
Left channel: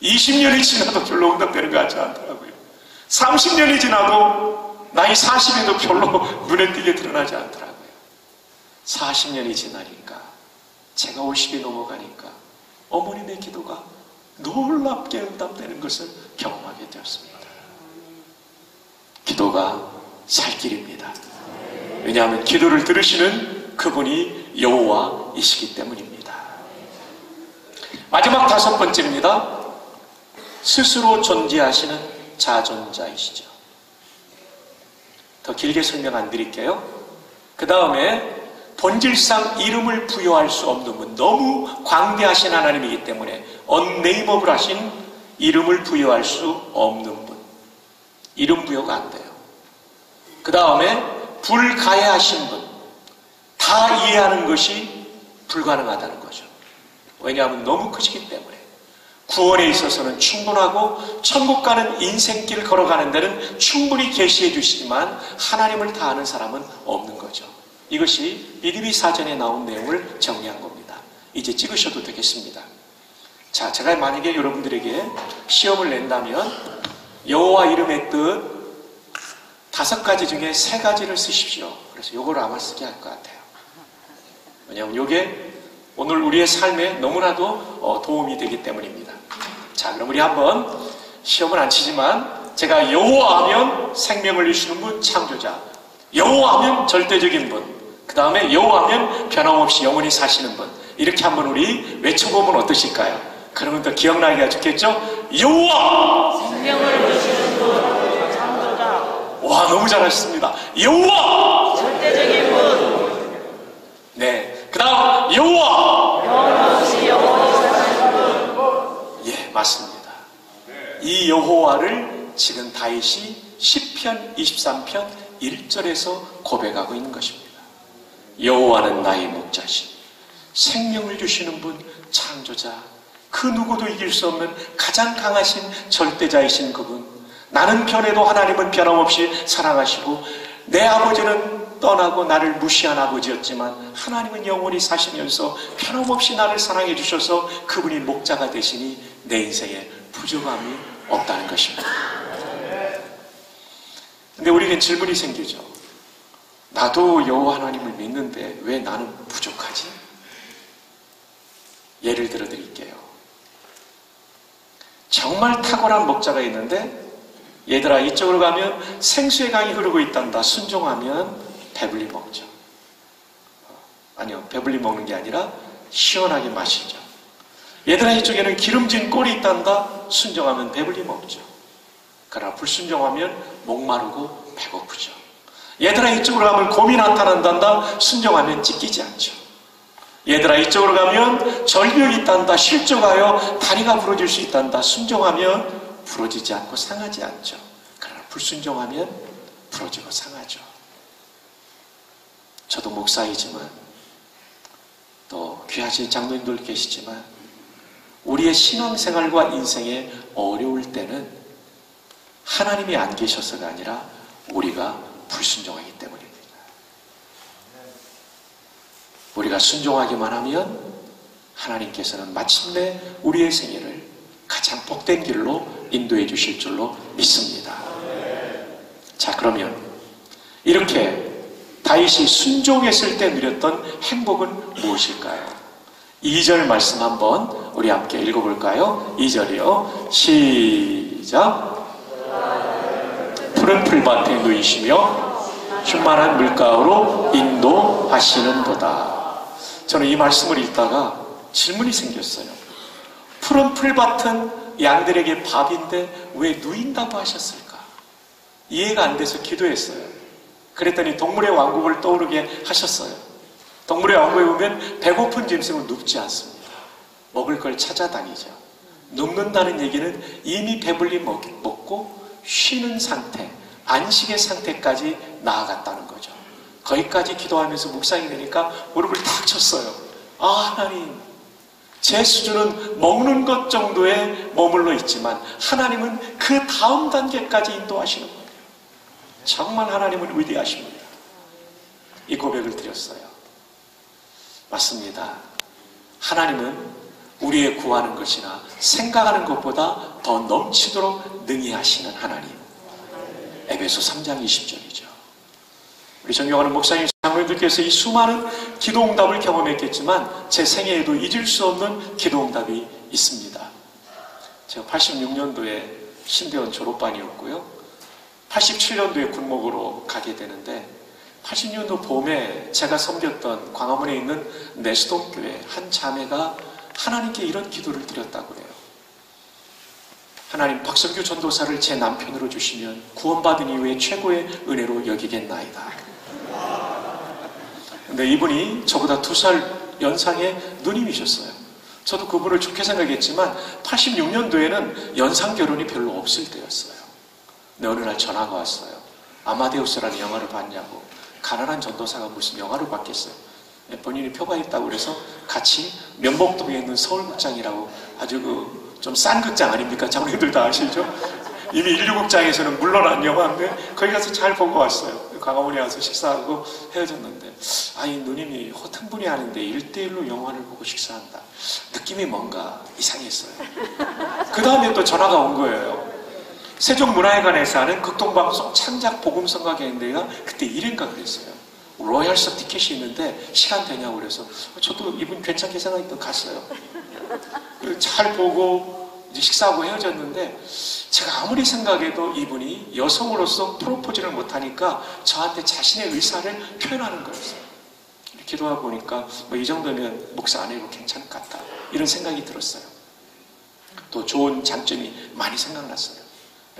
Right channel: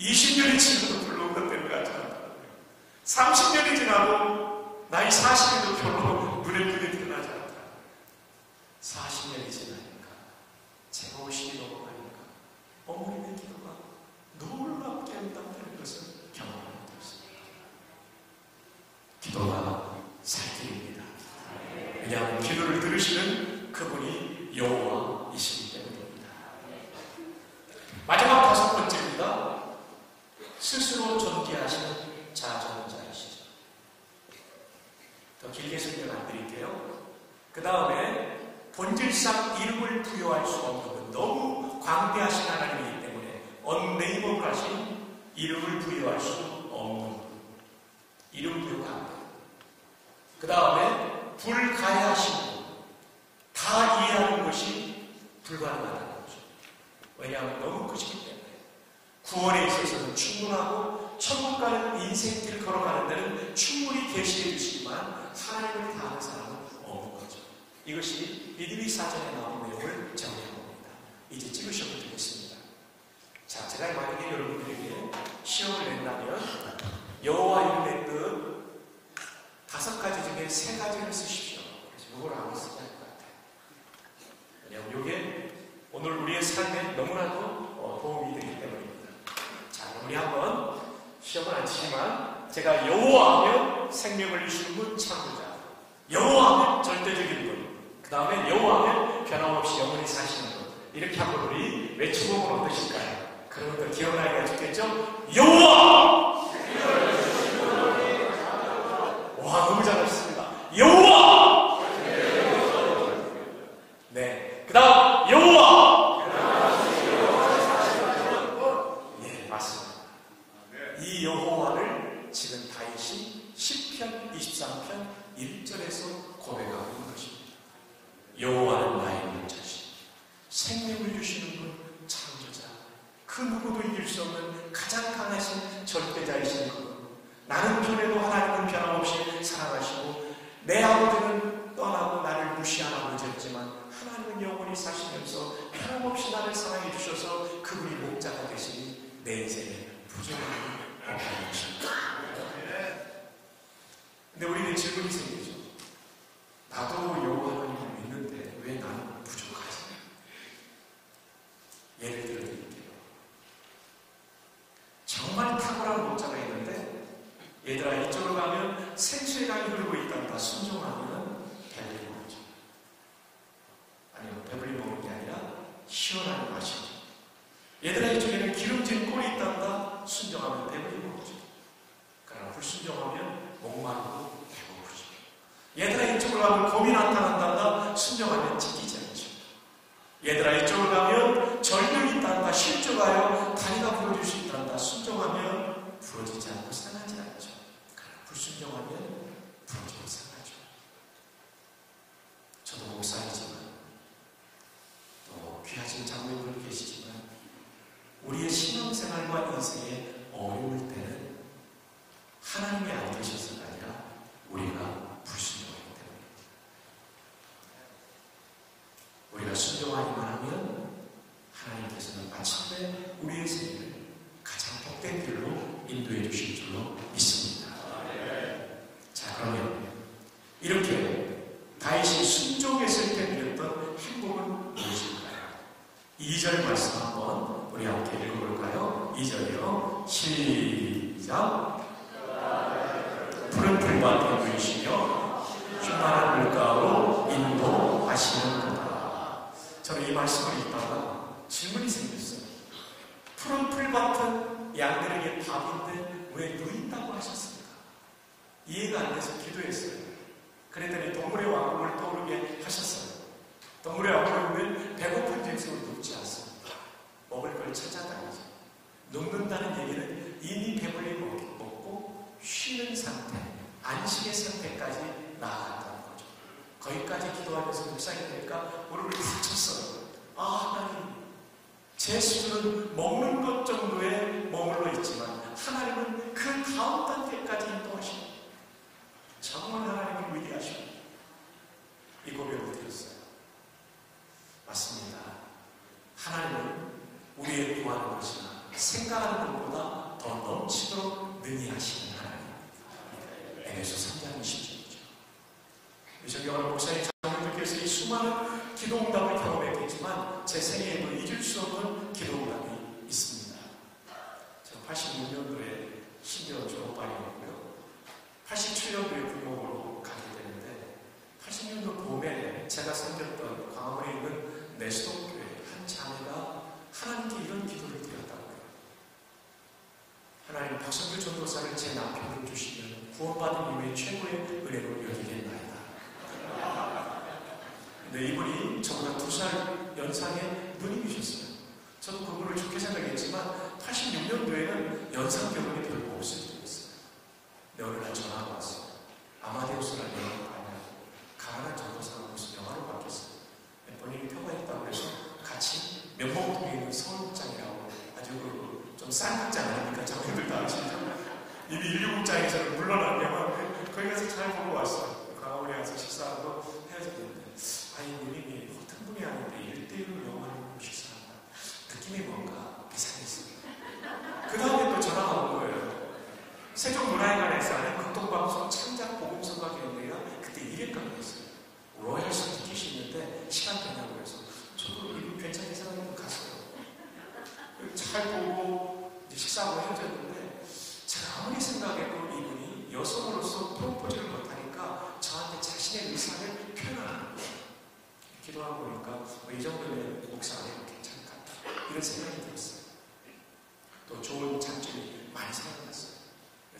20년이 지나도 별로 응답되는 거 같지 않더라고요. 30년이 지나도 나이 40에도 별로 눈에 띄게 드러나지 않더라고요. 40년이 지나니까 제가 50이 넘어가니까 어머님의 기도가 놀랍게 응답되는 것을 경험하게 되었습니다. 기도가 살 길입니다. 왜냐하면 기도를 들으시는 그분이 여호와이시기 때문입니다. 마지막 5번째입니다. 스스로 존재하시는 자존자이시죠. 더 길게 설명 안 드릴게요. 그 다음에 본질상 이름을 부여할 수 없는 분, 너무 광대하신 하나님이기 때문에 unnameable 하신 이름을 부여할 수 없는 분, 이름 부여가 안 돼요. 그 다음에 불가해하신 분, 다 이해하는 것이 불가능하다는 거죠. 왜냐하면 너무 크시기 때문에. 구원에 있어서는 충분하고 천국 가는 인생길 걸어가는 데는 충분히 계시해 주시지만 하나님을 다 아는 사람은 없는 거죠. 이것이 니느웨 사전에 나온 내용을 정리한 겁니다. 이제 찍으셔도 되겠습니다. 자, 제가 만약에 여러분들에게 시험을 낸다면 여호와 이름의 뜻 5가지 중에 3가지를 쓰십시오. 그래서 요거를 아마 쓰게 할 것 같아요. 왜냐하면 요게 오늘 우리의 삶에 너무나도 도움이 되기 때문입니다. 자, 그럼 우리 한번 시험을 안 치지만 제가 여호와 하면 생명을 주시는 분, 창조자. 여호와 하면 절대적인 분. 그 다음에 여호와 하면 변함없이 영원히 사시는 분. 이렇게 한번 우리 외쳐보면 어떠실까요? 그러면 더 기억나게 하셨겠죠? 여호와! 생명을 주시는 분, 창조자. 와, 너무 잘하셨습니다. 여호와! 절대적인 분. 네. 그 다음 여호와! 변함없이 영원히 사시는 분. 예, 맞습니다. 23편 1절에서 고백하고 있는 것입니다. 여호와는 나의 목자시, 생명을 주시는 분, 창조자, 그 누구도 이길 수 없는 가장 강하신 절대자이신 그분. 나는 변해도 하나님은 변함없이 사랑하시고, 내 아버지는 떠나고 나를 무시한 아버지였지만 하나님은 영원히 사시면서 변함없이 나를 사랑해 주셔서 그분이 목자가 되시니 내 인생에 부족함이 없다는 것입니다. 근데 우리에게 질문이 생기죠. 나도 여호와 하나님을 믿는데 왜 나는 부족하지? 예를 들어 드릴게요. 정말 탁월한 목자가 있는데, 얘들아 이쪽으로 가면 생수의 강이 흐르고 있단다. 순종하면 배불리 먹죠. 아니요, 배불리 먹는 게 아니라 시원하게 마시죠. 얘들아 이쪽에는 기름진 꼴이 있단다. 순종하면 배불리 먹죠. 그러나 불순종하면 목마르고 배고프죠. 얘들아 이쪽으로 가면 곰이 나타난단다. 순종하면 찢기지 않죠. 얘들아 이쪽으로 가면 절벽이 있단다. 실족하여 다리가 부러질 수 있단다. 순종하면 부러지지 않고 상하지 않죠. 그러나 불순종하면 부러지고 상하죠. 저도 목사이지만 또 귀하신 장로님들 계시지만 우리의 신앙생활과 인생에 어려울 때는 하나님이 안 계셔서가 아니라 우리가 불순종하기 때문입니다. 우리가 순종하기만 하면 하나님께서는 마침내 우리의 생애를 가장 복된 길로 인도해 주실 줄로 믿습니다. 자, 그러면 이렇게 다윗이 순종했을 때 누렸던 행복은 무엇일까요? 2절 말씀 한번 우리 함께 읽어볼까요? 2절이요. 시작. 푸른 풀밭에 누이시며 충만한 물가로 인도하시는도다. 저는 이 말씀을 읽다가 질문이 생겼어요. 푸른 풀밭은 양들에게 밥인데 왜 누인다고 하셨을까? 이해가 안 돼서 기도했어요. 그랬더니 동물의 왕국을 떠오르게 하셨어요. 동물의 왕국에 보면 배고픈 짐승은 눕지 않습니다. 먹을 걸 찾아다니죠. 눕는다는 얘기는 이미 배불리 먹고 쉬는 상태, 안식의 상태까지 나아갔다는 거죠. 거기까지 기도하면서 묵상이 되니까 무릎을 탁 쳤어요. 아, 하나님, 제 수준은 먹는 것 정도에 머물러 있지만 하나님은 그 다음 단계까지 인도하시는 거예요. 정말 하나님은 위대하십니다. 이 고백을 드렸어요. 맞습니다. 하나님은 우리의 구하는 것이나 생각하는 것보다 더 넘치도록 능히 하시는 하나님. 에베소 3장 20절이죠. 우리 존경하는 목사님, 장로님들께서 이 수많은 기도응답을 경험했겠지만 제 생애에도 잊을 수 없는 기도응답이 있습니다. 제가 86년도에 신대원 졸업반이었고요. 87년도에 군목으로 가게 되는데 80년도 봄에 제가 섬겼던 광화문에 있는 내수독교회 한 자매가 하나님께 이런 기도를 드렸다고 해요. 하나님, 박성규 전도사를 제 남편으로 주시면 구원받은 이후에 최고의 은혜로 여기겠나이다. 근데 이분이 저보다 2살 연상의 누님이셨어요. 저도 그분을 좋게 생각했지만 86년도에는 연상 결혼이 별로 없을 때였어요. 근데 어느 날 전화가 왔어요. 아마데우스라는 영화를 봤냐고. 가난한 전도사가 무슨 영화를 봤겠어요. 본인이 표가 있다고 그래서 같이 면목동에 있는 서울극장이라고 아주 좀 싼 극장 아닙니까? 장로님들 다 아시죠? 이미 16극장에서는 물러난 영화인데 거기 가서 잘 보고 왔어요. 광화문에 와서 식사하고 헤어졌는데 이 누님이 허튼 분이 아닌데 1대1로 영화를 보고 식사한다. 느낌이 뭔가 이상했어요. 그 다음에 또 전화가 온 거예요. 세종문화회관에서 하는 극동방송 창작 복음성가경인데가 그때 1회인가 그랬어요. 로얄석 티켓이 있는데 시간 되냐고 그래서 저도 이분 괜찮게 생각했던 갔어요. 잘 보고 이제 식사하고 헤어졌는데 제가 아무리 생각해도 이분이 여성으로서 프로포즈를 못하니까 저한테 자신의 의사를 표현하는 거였어요. 기도하고 보니까 이 정도면 목사 안 해도 괜찮을 것 같다 이런 생각이 들었어요. 또 좋은 장점이 많이 생각났어요.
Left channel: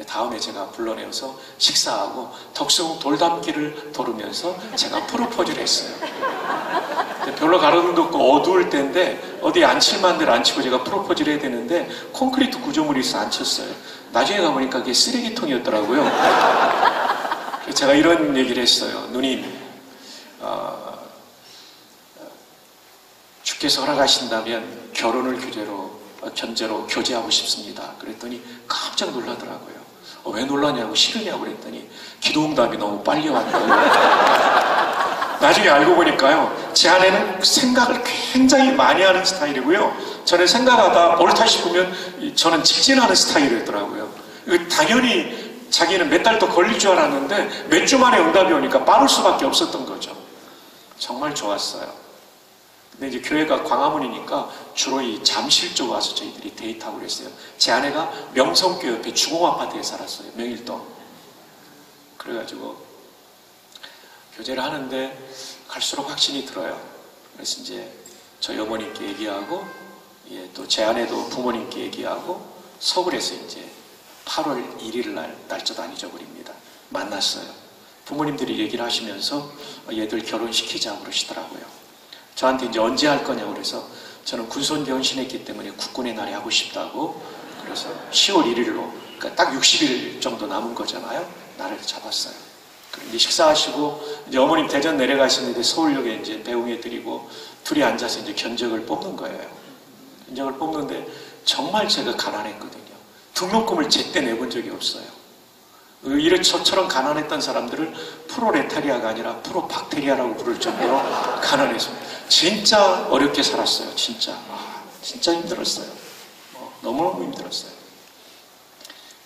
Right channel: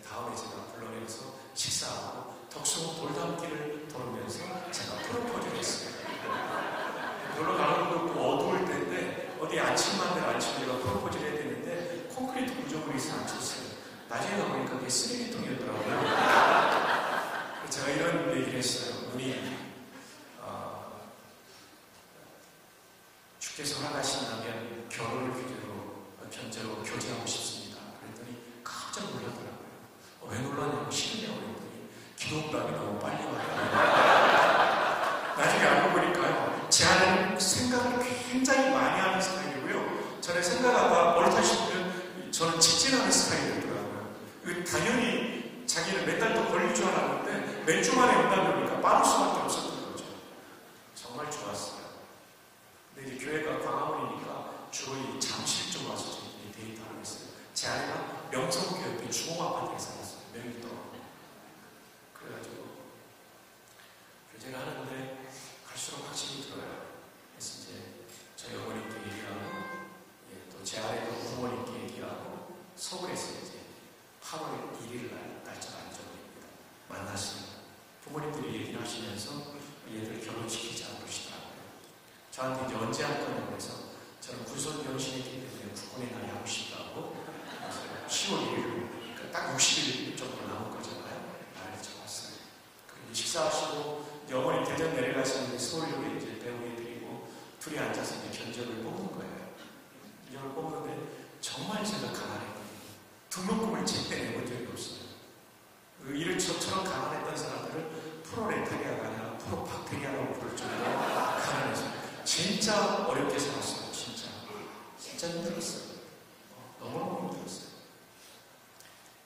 다음에 제가 불러내어서 식사하고 덕수궁 돌담길을 돌으면서 제가 프로포즈를 했어요. 별로 가로등도 없고 어두울 때인데 어디 앉힐만 대로 앉히고 제가 프로포즈를 해야 되는데 콘크리트 구조물이 있어 앉혔어요. 나중에 가보니까 그게 쓰레기통이었더라고요. 제가 이런 얘기를 했어요. 누님, 주께서 허락하신다면 결혼을 견제로 교제하고 싶습니다. 그랬더니 깜짝 놀라더라고요. 왜 놀라냐고, 싫으냐고 그랬더니 기도응답이 너무 빨리 왔다고. 나중에 알고 보니까요, 제 아내는 생각을 굉장히 많이 하는 스타일이고요, 저는 생각하다 옳다 싶으면 저는 직진하는 스타일이더라고요. 당연히 자기는 몇 달 더 걸릴 줄 알았는데 몇 주 만에 응답이 오니까 빠를 수밖에 없었던 거죠. 정말 좋았어요. 근데 이제 교회가 광화문이니까 주로 이 잠실 쪽 와서 저희들이 데이트하고 그랬어요. 제 아내가 명성교 옆에 주공아파트에 살았어요. 명일동. 그래가지고 교제를 하는데 갈수록 확신이 들어요. 그래서 이제 저희 어머님께 얘기하고, 또 제 아내도 부모님께 얘기하고, 서울에서 이제 8월 1일 날 날짜도 안 잊어버립니다. 만났어요. 부모님들이 얘기를 하시면서 얘들 결혼시키자고 그러시더라고요. 저한테 이제 언제 할 거냐고 그래서 저는 군소년 변신했기 때문에 국군의 날에 하고 싶다고, 그래서 10월 1일로, 그러니까 딱 60일 정도 남은 거잖아요. 날을 잡았어요. 이제 식사하시고 이제 어머님 대전 내려가시는데 서울역에 이제 배웅해드리고 둘이 앉아서 이제 견적을 뽑는 거예요. 견적을 뽑는데 정말 제가 가난했거든요. 등록금을 제때 내본 적이 없어요. 저처럼 가난했던 사람들을 프로레타리아가 아니라 프로박테리아라고 부를 정도로 가난했습니다. 진짜 어렵게 살았어요. 진짜 힘들었어요. 너무너무 힘들었어요.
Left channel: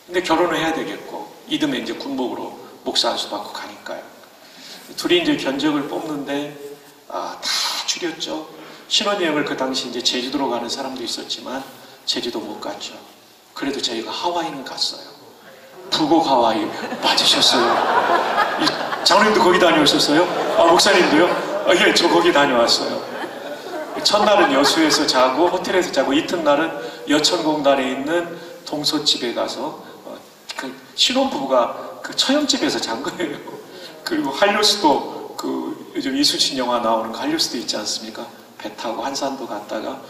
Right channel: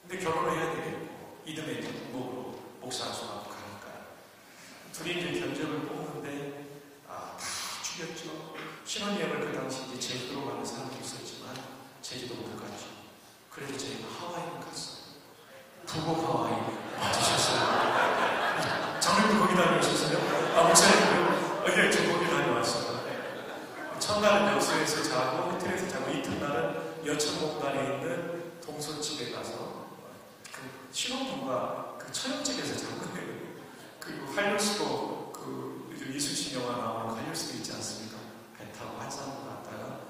근데 결혼을 해야 되겠고, 이듬해 이제 군복으로 목사 안수 받고 가니까요. 둘이 이제 견적을 뽑는데 다 줄였죠. 신혼여행을 그 당시 이제 제주도로 가는 사람도 있었지만 제주도 못 갔죠. 그래도 저희가 하와이는 갔어요. 북옥 하와이 맞으셨어요? 장로님도 거기 다녀오셨어요? 목사님도요? 예, 저 거기 다녀왔어요. 첫날은 여수에서 자고 호텔에서 자고, 이튿날은 여천공단에 있는 동서집에 가서 그 신혼부부가 그 처형집에서 잔 거예요. 그리고 한류수도, 요즘 이수진 영화 나오는 그 한류수도 있지 않습니까? 배 타고 한산도 갔다가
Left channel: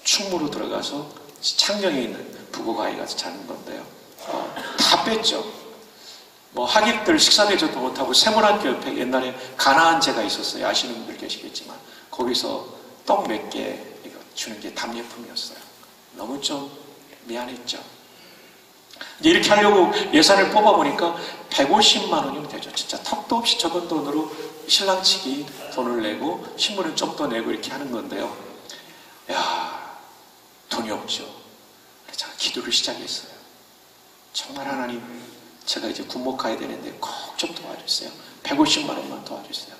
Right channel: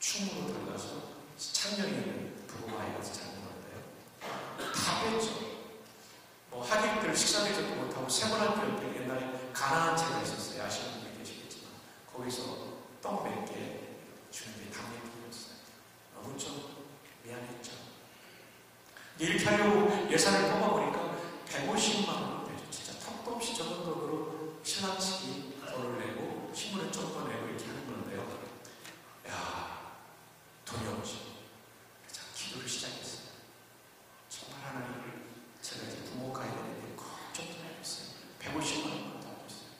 충무로 들어가서 창녕에 있는 부고가에 가서 자는 건데요. 다 뺐죠. 하객들 식사 대접도 못하고 세문학교 옆에 옛날에 가나안제가 있었어요. 아시는 분들 계시겠지만 거기서 떡 몇 개 주는 게 답례품이었어요. 너무 좀 미안했죠. 이렇게 하려고 예산을 뽑아보니까 150만 원이면 되죠. 진짜 턱도 없이 적은 돈으로 신랑 측이 돈을 내고 신부는 좀 더 내고 이렇게 하는 건데요. 돈이 없죠. 그래서 제가 기도를 시작했어요. 정말 하나님, 제가 이제 군목 가야 되는데 꼭 좀 도와주세요. 150만 원만 도와주세요.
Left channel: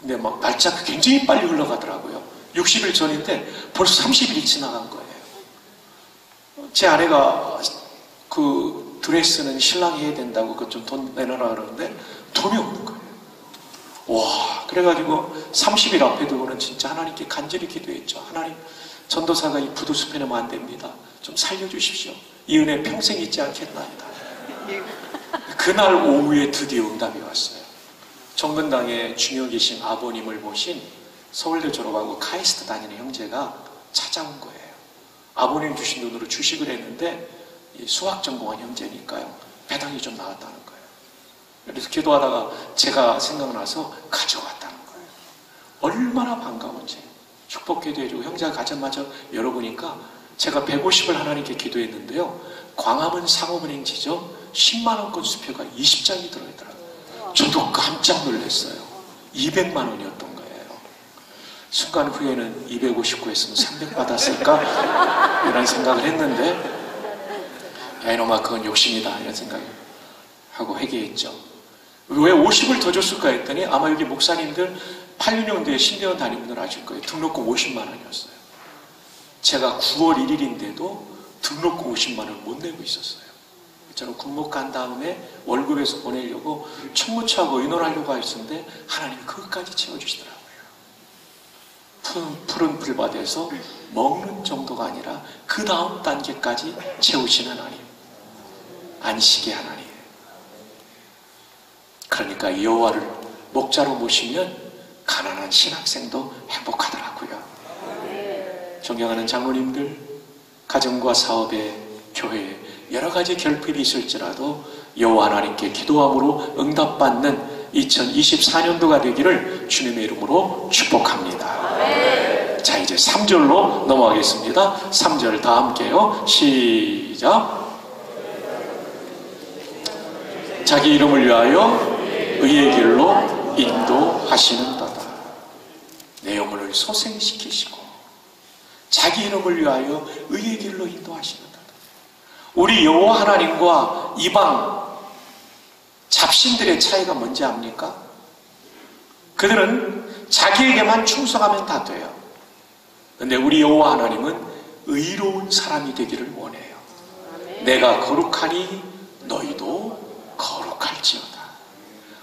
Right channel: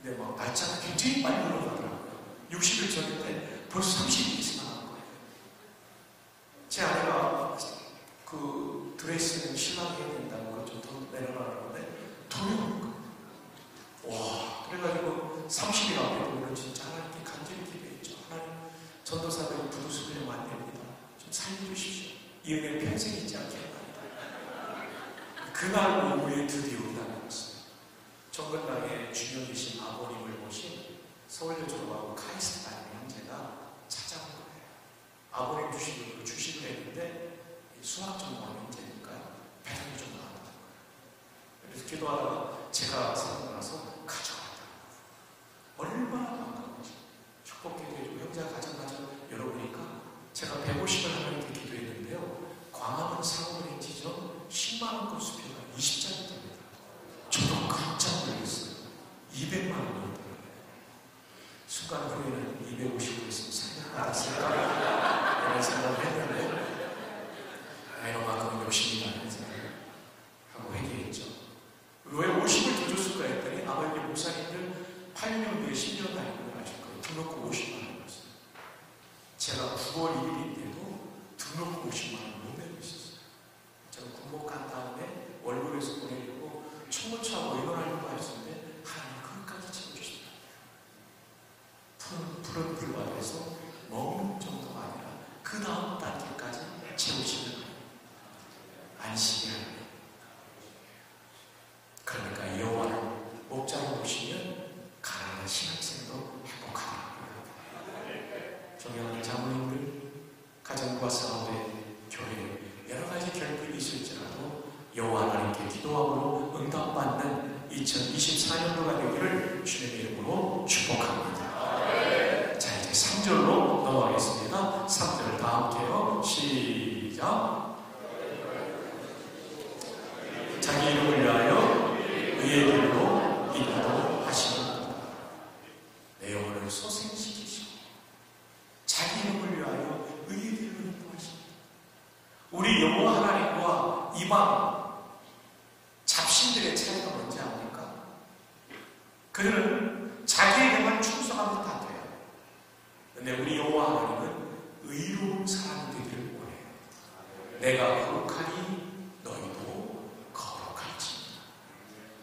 근데 날짜가 굉장히 빨리 흘러가더라고요. 60일 전인데 벌써 30일이 지나간 거예요. 제 아내가 그 드레스는 신랑이 해야 된다고 그것 좀 돈 내놔라 그러는데 돈이 없는 거예요. 그래가지고 30일 앞에 두고는 진짜 하나님께 간절히 기도했죠. 하나님, 전도사가 이 부두숲에 놓으면 안 됩니다. 좀 살려주십시오. 이 은혜 평생 잊지 않겠나이다. 그날 오후에 드디어 응답이 왔어요. 정근당에 중요 계신 아버님을 모신 서울대 졸업하고 카이스트 다니는 형제가 찾아온 거예요. 아버님 주신 돈으로 주식을 했는데 수학 전공한 형제니까요, 배당이 좀 나왔다는 거예요. 그래서 기도하다가 제가 생각나서 가져갔다는 거예요. 얼마나 반가운지. 축복기도 해주고 형제가 가자마자 열어보니까 제가 150을 하나님께 기도했는데요, 광화문 상업은행지죠, 10만원권 수표가 20장이 들어있더라고요. 저도 깜짝 놀랐어요. 200만 원이었던 거예요. 순간 후에는 259 했으면 300 받았을까? 이런 생각을 했는데, 이놈아 그건 욕심이다 이런 생각을 하고 회개했죠. 왜 50을 더 줬을까 했더니 아마 여기 목사님들 86년도에 신대원 다니는 아실 거예요. 등록금 50만 원이었어요. 제가 9월 1일인데도 등록금 50만 원을 못 내고 있었어요. 저는 군목 간 다음에 월급에서 보내려고 총무처하고 의논하려고 했었는데 하나님이 그것까지 채워주시더라고요. 푸른 불밭에서 먹는 정도가 아니라 그 다음 단계까지 채우시는 하나님, 안식의 하나님. 그러니까 여호와를 목자로 모시면 가난한 신학생도 행복하더라고요. 존경하는 장로님들, 가정과 사업에, 교회에 여러 가지 결핍이 있을지라도 여호와 하나님께 기도함으로 응답받는 2024년도가 되기를 주님의 이름으로 축복합니다. 자, 이제 3절로 넘어가겠습니다. 3절 다 함께요. 시작. 자기 이름을 위하여 의의 길로 인도하시는도다. 내 영혼을 소생시키시고 자기 이름을 위하여 의의 길로 인도하시는도다. 우리 여호와 하나님과 이방 잡신들의 차이가 뭔지 압니까? 그들은 자기에게만 충성하면 다 돼요. 그런데 우리 여호와 하나님은 의로운 사람이 되기를 원해요. 내가 거룩하니 너희도 거룩할지어다.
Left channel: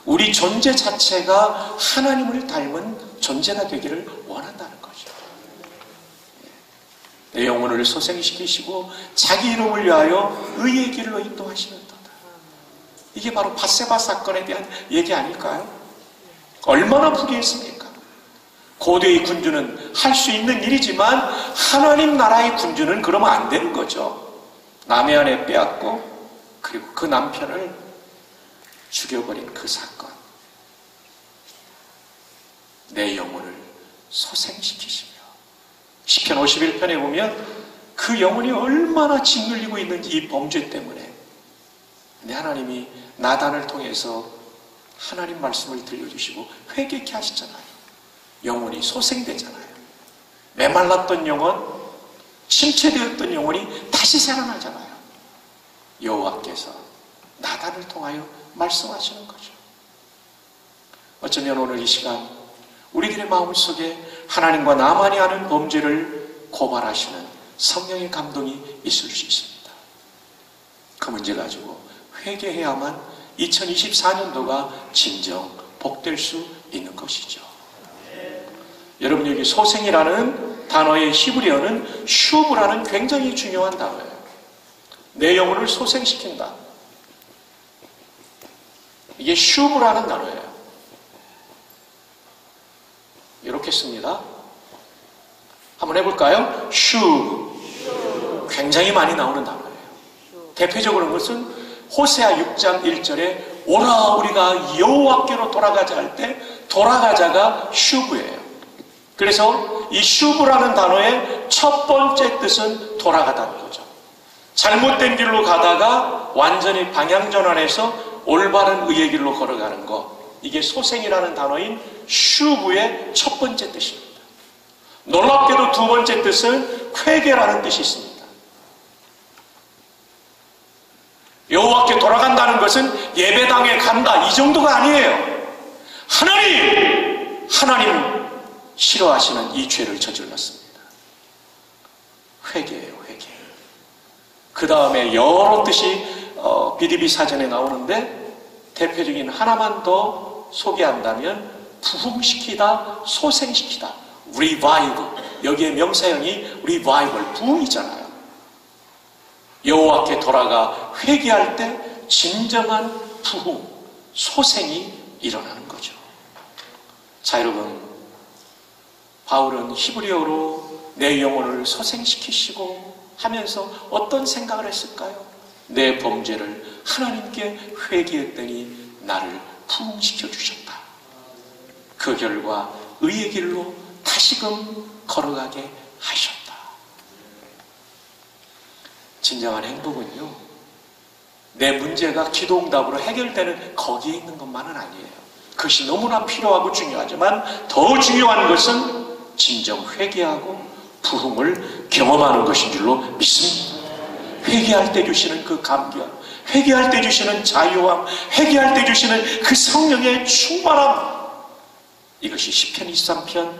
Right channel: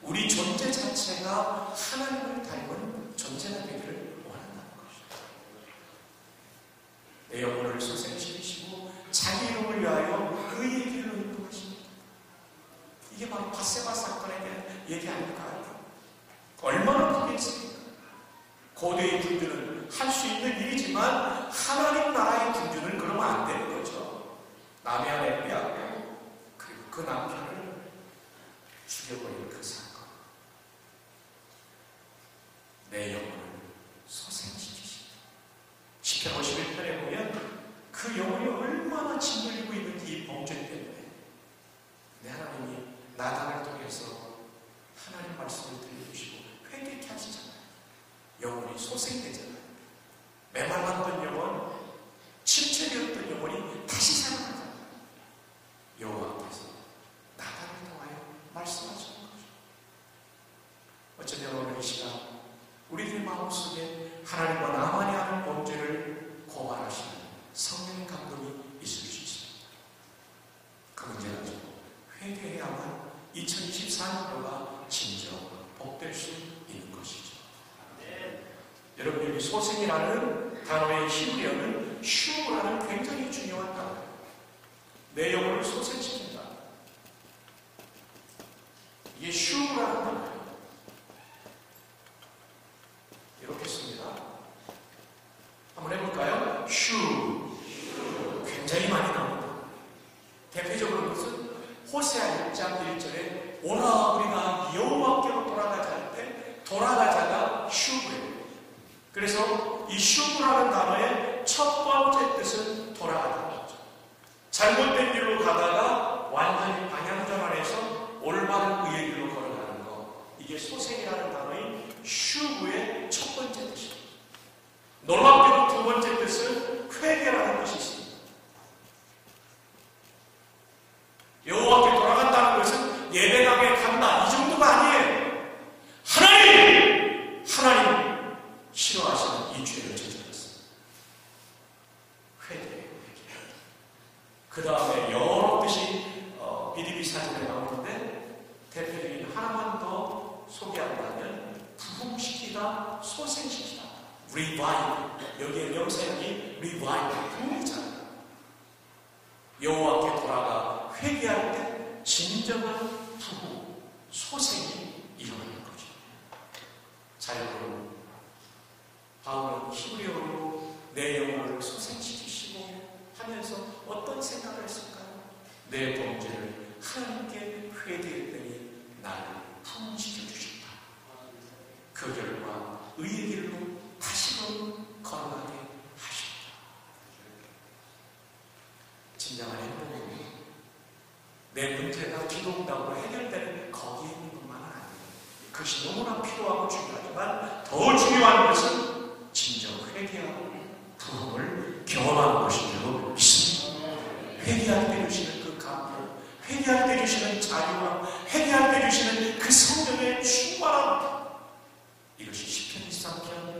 우리 존재 자체가 하나님을 닮은 존재가 되기를 원한다는 거죠. 내 영혼을 소생시키시고 자기 이름을 위하여 의의 길로 인도하시는도다. 이게 바로 밧세바 사건에 대한 얘기 아닐까요? 얼마나 부귀했습니까? 고대의 군주는 할 수 있는 일이지만 하나님 나라의 군주는 그러면 안 되는 거죠. 남의 아내 빼앗고 그리고 그 남편을 죽여버린 그 사건. 내 영혼을 소생시키시며 시편 51편에 보면 그 영혼이 얼마나 짓눌리고 있는지 이 범죄 때문에. 근데 하나님이 나단을 통해서 하나님 말씀을 들려주시고 회개케 하시잖아요. 영혼이 소생되잖아요. 메말랐던 영혼, 침체되었던 영혼이 다시 살아나잖아요. 여호와께서 나단을 통하여 말씀하시는 거죠. 어쩌면 오늘 이 시간 우리들의 마음속에 하나님과 나만이 아는 범죄를 고발하시는 성령의 감동이 있을 수 있습니다. 그 문제 가지고 회개해야만 2024년도가 진정 복될 수 있는 것이죠. 여러분, 여기 소생이라는 단어의 히브리어는 슈브라는 굉장히 중요한 단어예요. 내 영혼을 소생시킨다. 이게 슈브라는 단어예요. 이렇게 씁니다. 한번 해볼까요? 슈브. 굉장히 많이 나오는 단어예요. 대표적으로 것은 호세아 6장 1절에 오라 우리가 여호와께로 돌아가자 할 때 돌아가자가 슈브예요. 그래서 이 슈브라는 단어의 첫 번째 뜻은 돌아가다는 거죠. 잘못된 길로 가다가 완전히 방향 전환해서 올바른 의의 길로 걸어가는 것. 이게 소생이라는 단어인 슈브의 첫 번째 뜻입니다. 놀랍게도 두 번째 뜻은 회개라는 뜻이 있습니다. 여호와께 돌아간다는 것은 예배당에 간다 이 정도가 아니에요. 하나님 싫어하시는 이 죄를 저질렀습니다. 회개예요, 회개. 그 다음에 여러 뜻이 BDB 사전에 나오는데 대표적인 하나만 더 소개한다면 부흥시키다, 소생시키다, revive. 여기에 명사형이 revival, 부흥이잖아요. 여호와께 돌아가 회개할 때 진정한 부흥, 소생이 일어나는 거죠. 자, 여러분, 바울은 히브리어로 내 영혼을 소생시키시고 하면서 어떤 생각을 했을까요? 내 범죄를 하나님께 회개했더니 나를 부흥시켜 주셨다. 그 결과 의의 길로 다시금 걸어가게 하셨다. 진정한 행복은요, 내 문제가 기도응답으로 해결되는 거기에 있는 것만은 아니에요. 그것이 너무나 필요하고 중요하지만 더 중요한 것은 진정 회개하고 부흥을 경험하는 것인 줄로 믿습니다. 회개할 때 주시는 그 감격, 회개할 때 주시는 자유함, 회개할 때 주시는 그 성령의 충만함, 이것이 시편 23편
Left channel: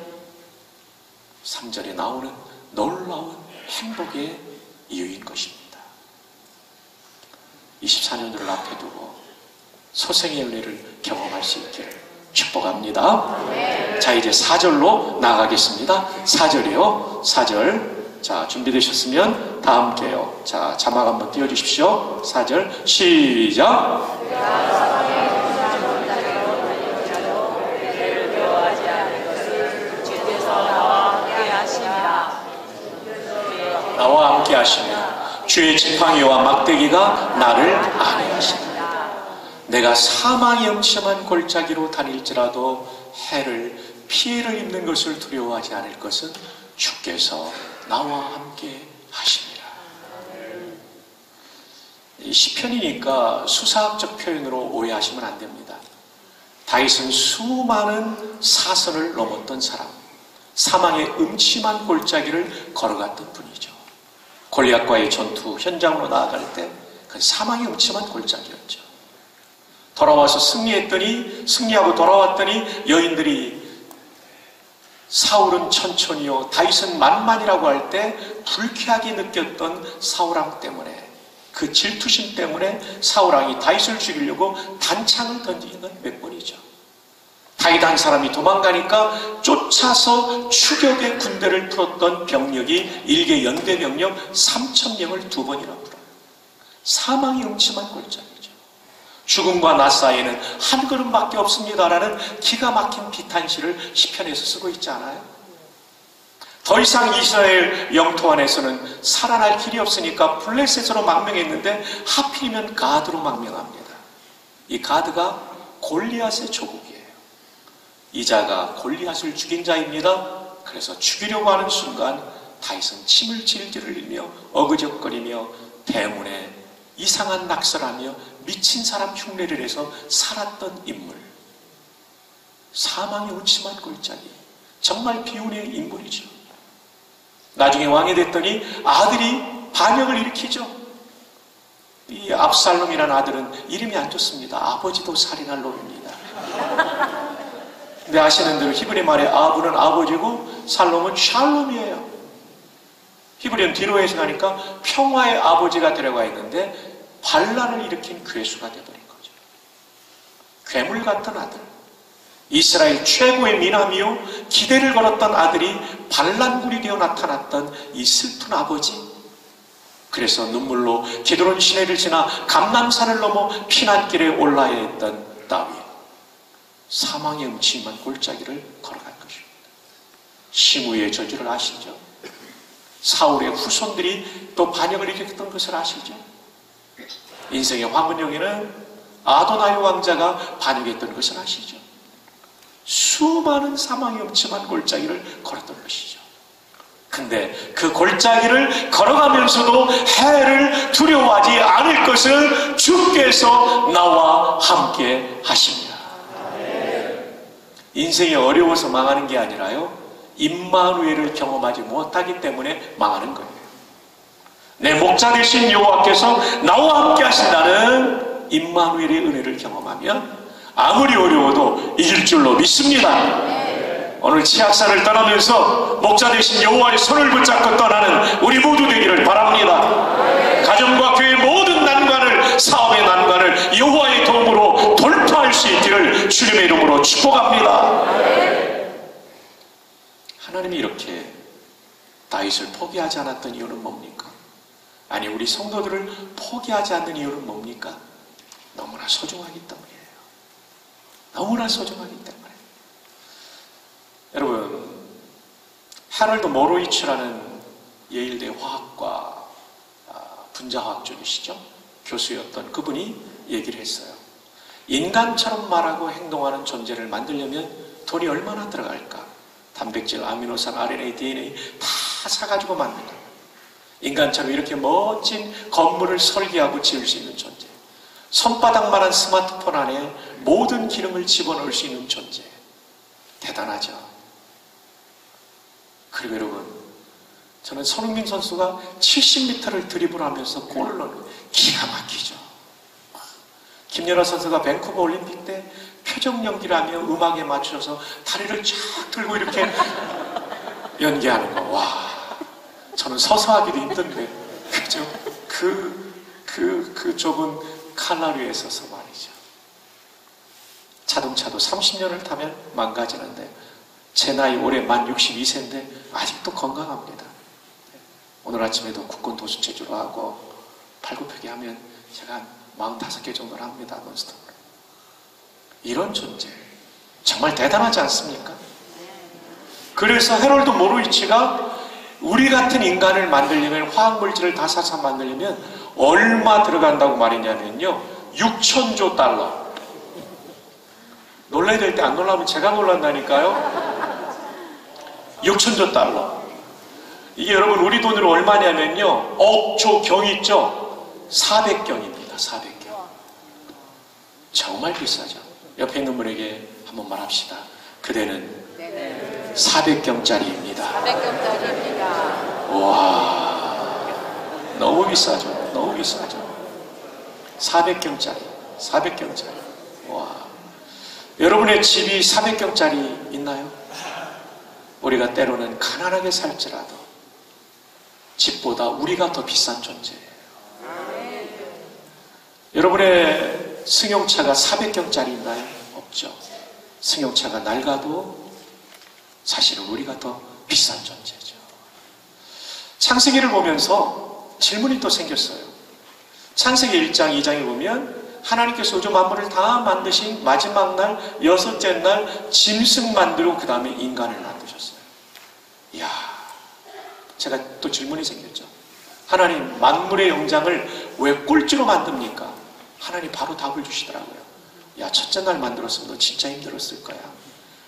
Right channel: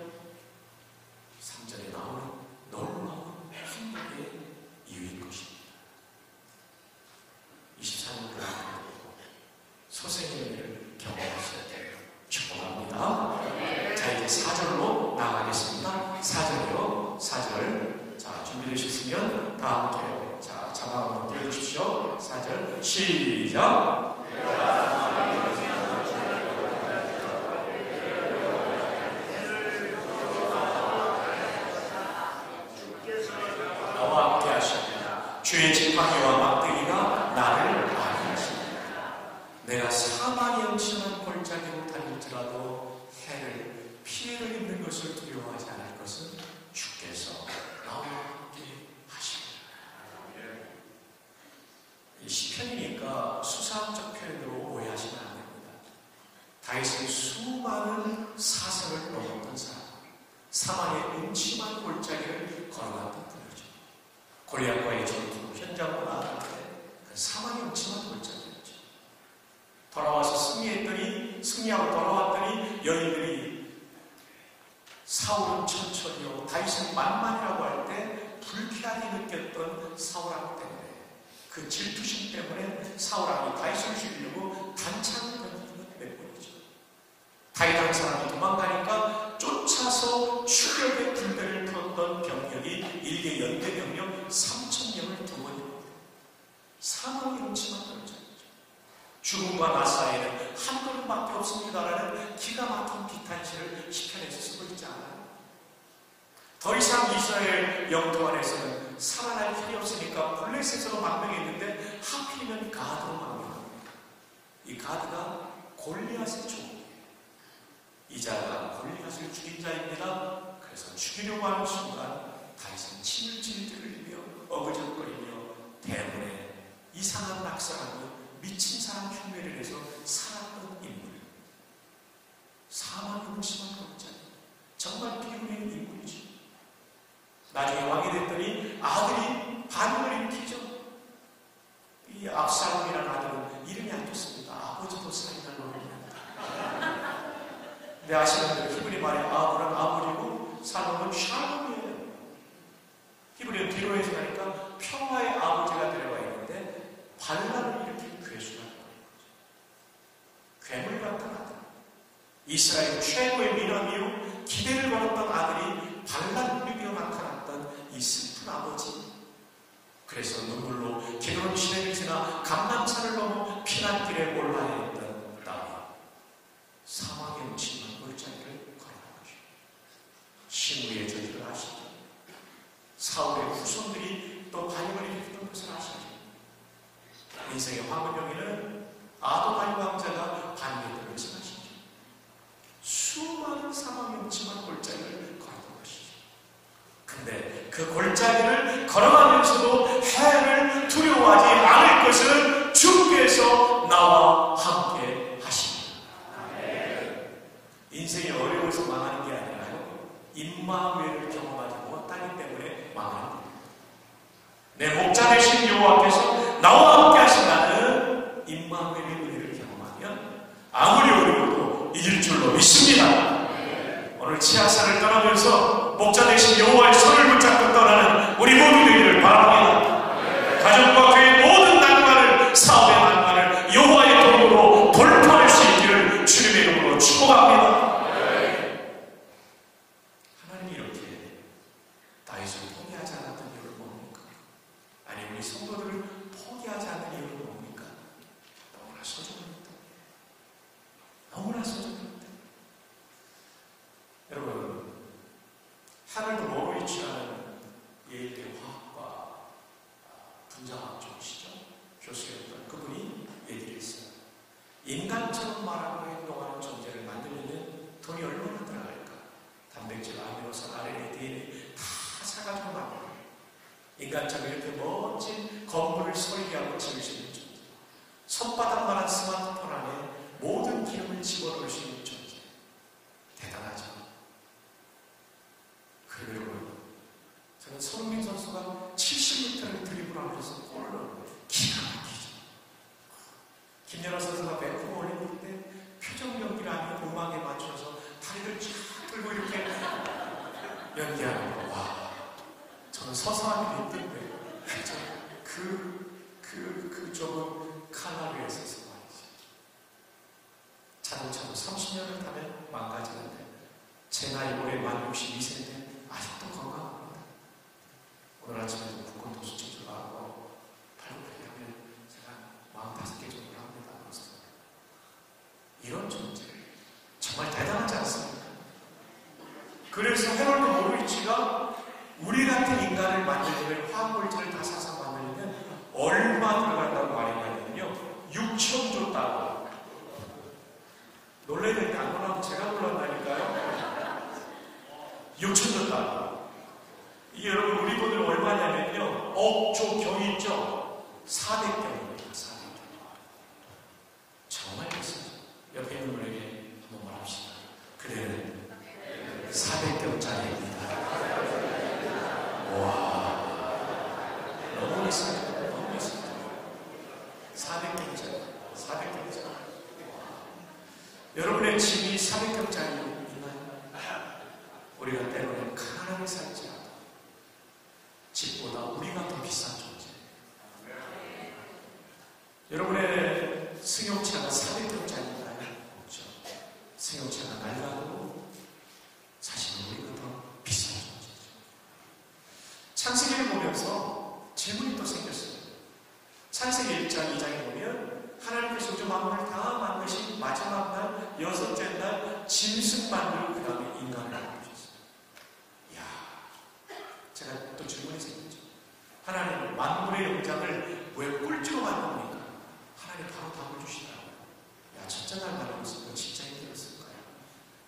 3절에 나오는 놀라운 행복의 이유인 것입니다. 24년도를 앞에 두고 소생의 은혜를 경험할 수 있기를 축복합니다. 자, 이제 4절로 나가겠습니다. 4절이요. 4절. 자, 준비되셨으면 다 함께요. 자, 자막 한번 띄워주십시오. 4절 시작. 나와 함께 하시며 주의 지팡이와 막대기가 나를 안위하시니 내가 사망의 음침한 골짜기로 다닐지라도 해를 피해를 입는 것을 두려워하지 않을 것은 주께서 나와 함께 하십니다. 이 시편이니까 수사학적 표현으로 오해하시면 안 됩니다. 다윗은 수많은 사선을 넘었던 사람, 사망의 음침한 골짜기를 걸어갔던 분이죠. 골리앗과의 전투 현장으로 나아갈 때 그 사망의 음침한 골짜기였죠. 돌아와서 승리하고 돌아왔더니 여인들이 사울은 천천히요 다윗은 만만이라고 할 때 불쾌하게 느꼈던 사울왕 때문에, 그 질투심 때문에 사울왕이 다윗을 죽이려고 단창을 던지는 건 몇 번이죠. 다윗 한 사람이 도망가니까 쫓아서 추격의 군대를 풀었던 병력이 일개 연대 병력 3,000명을 2번이나 풀어요. 사망이 음침한 골짜기죠. 죽음과 나 사이에는 한 걸음밖에 없습니다라는 기가 막힌 비탄시를 시편에서 쓰고 있지 않아요? 더 이상 이스라엘 영토 안에서는 살아날 길이 없으니까 블레셋으로 망명했는데 하필이면 가드로 망명합니다. 이 가드가 골리앗의 조국이에요. 이 자가 골리앗을 죽인 자입니다. 그래서 죽이려고 하는 순간 다윗은 침을 질질 흘리며 어그적거리며 대문에 이상한 낙서라며 미친 사람 흉내를 해서 살았던 인물. 사망의 음침한 골짜기, 정말 비운의 인물이죠. 나중에 왕이 됐더니 아들이 반역을 일으키죠. 이 압살롬이라는 아들은 이름이 안 좋습니다. 아버지도 살인할 놈입니다. 근데 아시는 대로 히브리 말에 아브는 아버지고 살롬은 샬롬이에요. 히브리는 뒤로 해석하니까 평화의 아버지가 들어가 있는데 환란을 일으킨 괴수가 되어버린 거죠. 괴물 같은 아들, 이스라엘 최고의 미남이요 기대를 걸었던 아들이 반란군이 되어 나타났던 이 슬픈 아버지. 그래서 눈물로 기드론 시내를 지나 감람산을 넘어 피난길에 올라야 했던 다윗. 사망의 음침한 골짜기를 걸어간 것입니다. 시므의 저주를 아시죠? 사울의 후손들이 또 반역을 일으켰던 것을 아시죠? 인생의 화문역에는 아도나이 왕자가 반역했던 것을 아시죠? 수많은 사망의 음침한 골짜기를 걸었던 것이죠. 근데 그 골짜기를 걸어가면서도 해를 두려워하지 않을 것은 주께서 나와 함께 하십니다. 인생이 어려워서 망하는 게 아니라요, 임마누엘을 경험하지 못하기 때문에 망하는 거예요. 내 목자 되신 여호와께서 나와 함께 하신다는 임마누엘의 은혜를 경험하면 아무리 어려워도 이길 줄로 믿습니다. 오늘 지하산을 떠나면서 목자 되신 여호와의 손을 붙잡고 떠나는 우리 모두 되기를 바랍니다. 가정과 교회의 모든 난관을, 사업의 난관을 여호와의 도움으로 돌파할 수 있기를 주님의 이름으로 축복합니다. 하나님이 이렇게 다윗을 포기하지 않았던 이유는 뭡니까? 아니, 우리 성도들을 포기하지 않는 이유는 뭡니까? 너무나 소중하기 때문이에요. 너무나 소중하기 때문에. 여러분, 하럴드 모로이츠라는 예일대 화학과 분자화학적이시죠? 교수였던 그분이 얘기를 했어요. 인간처럼 말하고 행동하는 존재를 만들려면 돈이 얼마나 들어갈까? 단백질, 아미노산, RNA, DNA 다 사가지고 만든다. 인간처럼 이렇게 멋진 건물을 설계하고 지을 수 있는 존재, 손바닥만한 스마트폰 안에 모든 기능을 집어넣을 수 있는 존재, 대단하죠. 그리고 여러분, 저는 손흥민 선수가 70m를 드리블하면서 골을 넣는 기가 막히죠. 김연아 선수가 밴쿠버 올림픽 때 표정 연기를 하며 음악에 맞춰서 다리를 쫙 들고 이렇게 연기하는 거. 와, 저는 서서 하기도 힘든데, 그죠? 그 좁은 칼라리에 서서 말이죠. 자동차도 30년을 타면 망가지는데, 제 나이 올해 만 62세인데 아직도 건강합니다. 오늘 아침에도 국군 도수 체조를 하고 팔굽혀펴기 하면 제가 한 45개 정도를 합니다. 논스톱으로. 이런 존재 정말 대단하지 않습니까? 그래서 헤럴드 모로이치가 우리 같은 인간을 만들려면, 화학물질을 다 사서 만들려면 얼마 들어간다고 말했냐면요, 6,000조 달러, 놀라야 될 때 안 놀라면 제가 놀란다니까요. 6천조 달러. 이게 여러분 우리 돈으로 얼마냐면요. 억조 경 있죠? 400경입니다. 400경. 정말 비싸죠. 옆에 있는 분에게 한번 말합시다. 그대는 400경짜리입니다. 400경짜리입니다. 와, 너무 비싸죠. 너무 비싸죠. 400경짜리. 400경짜리. 와. 여러분의 집이 400경짜리 있나요? 우리가 때로는 가난하게 살지라도 집보다 우리가 더 비싼 존재예요. 여러분의 승용차가 400경짜리 있나요? 없죠. 승용차가 낡아도 사실은 우리가 더 비싼 존재죠. 창세기를 보면서 질문이 또 생겼어요. 창세기 1장, 2장에 보면 하나님께서 우주 만물을 다 만드신 마지막 날, 6째 날 짐승 만들고 그 다음에 인간을 만드셨어요. 이야, 제가 또 질문이 생겼죠. 하나님 만물의 영장을 왜 꼴찌로 만듭니까? 하나님 바로 답을 주시더라고요. 야, 첫째 날 만들었으면 너 진짜 힘들었을 거야.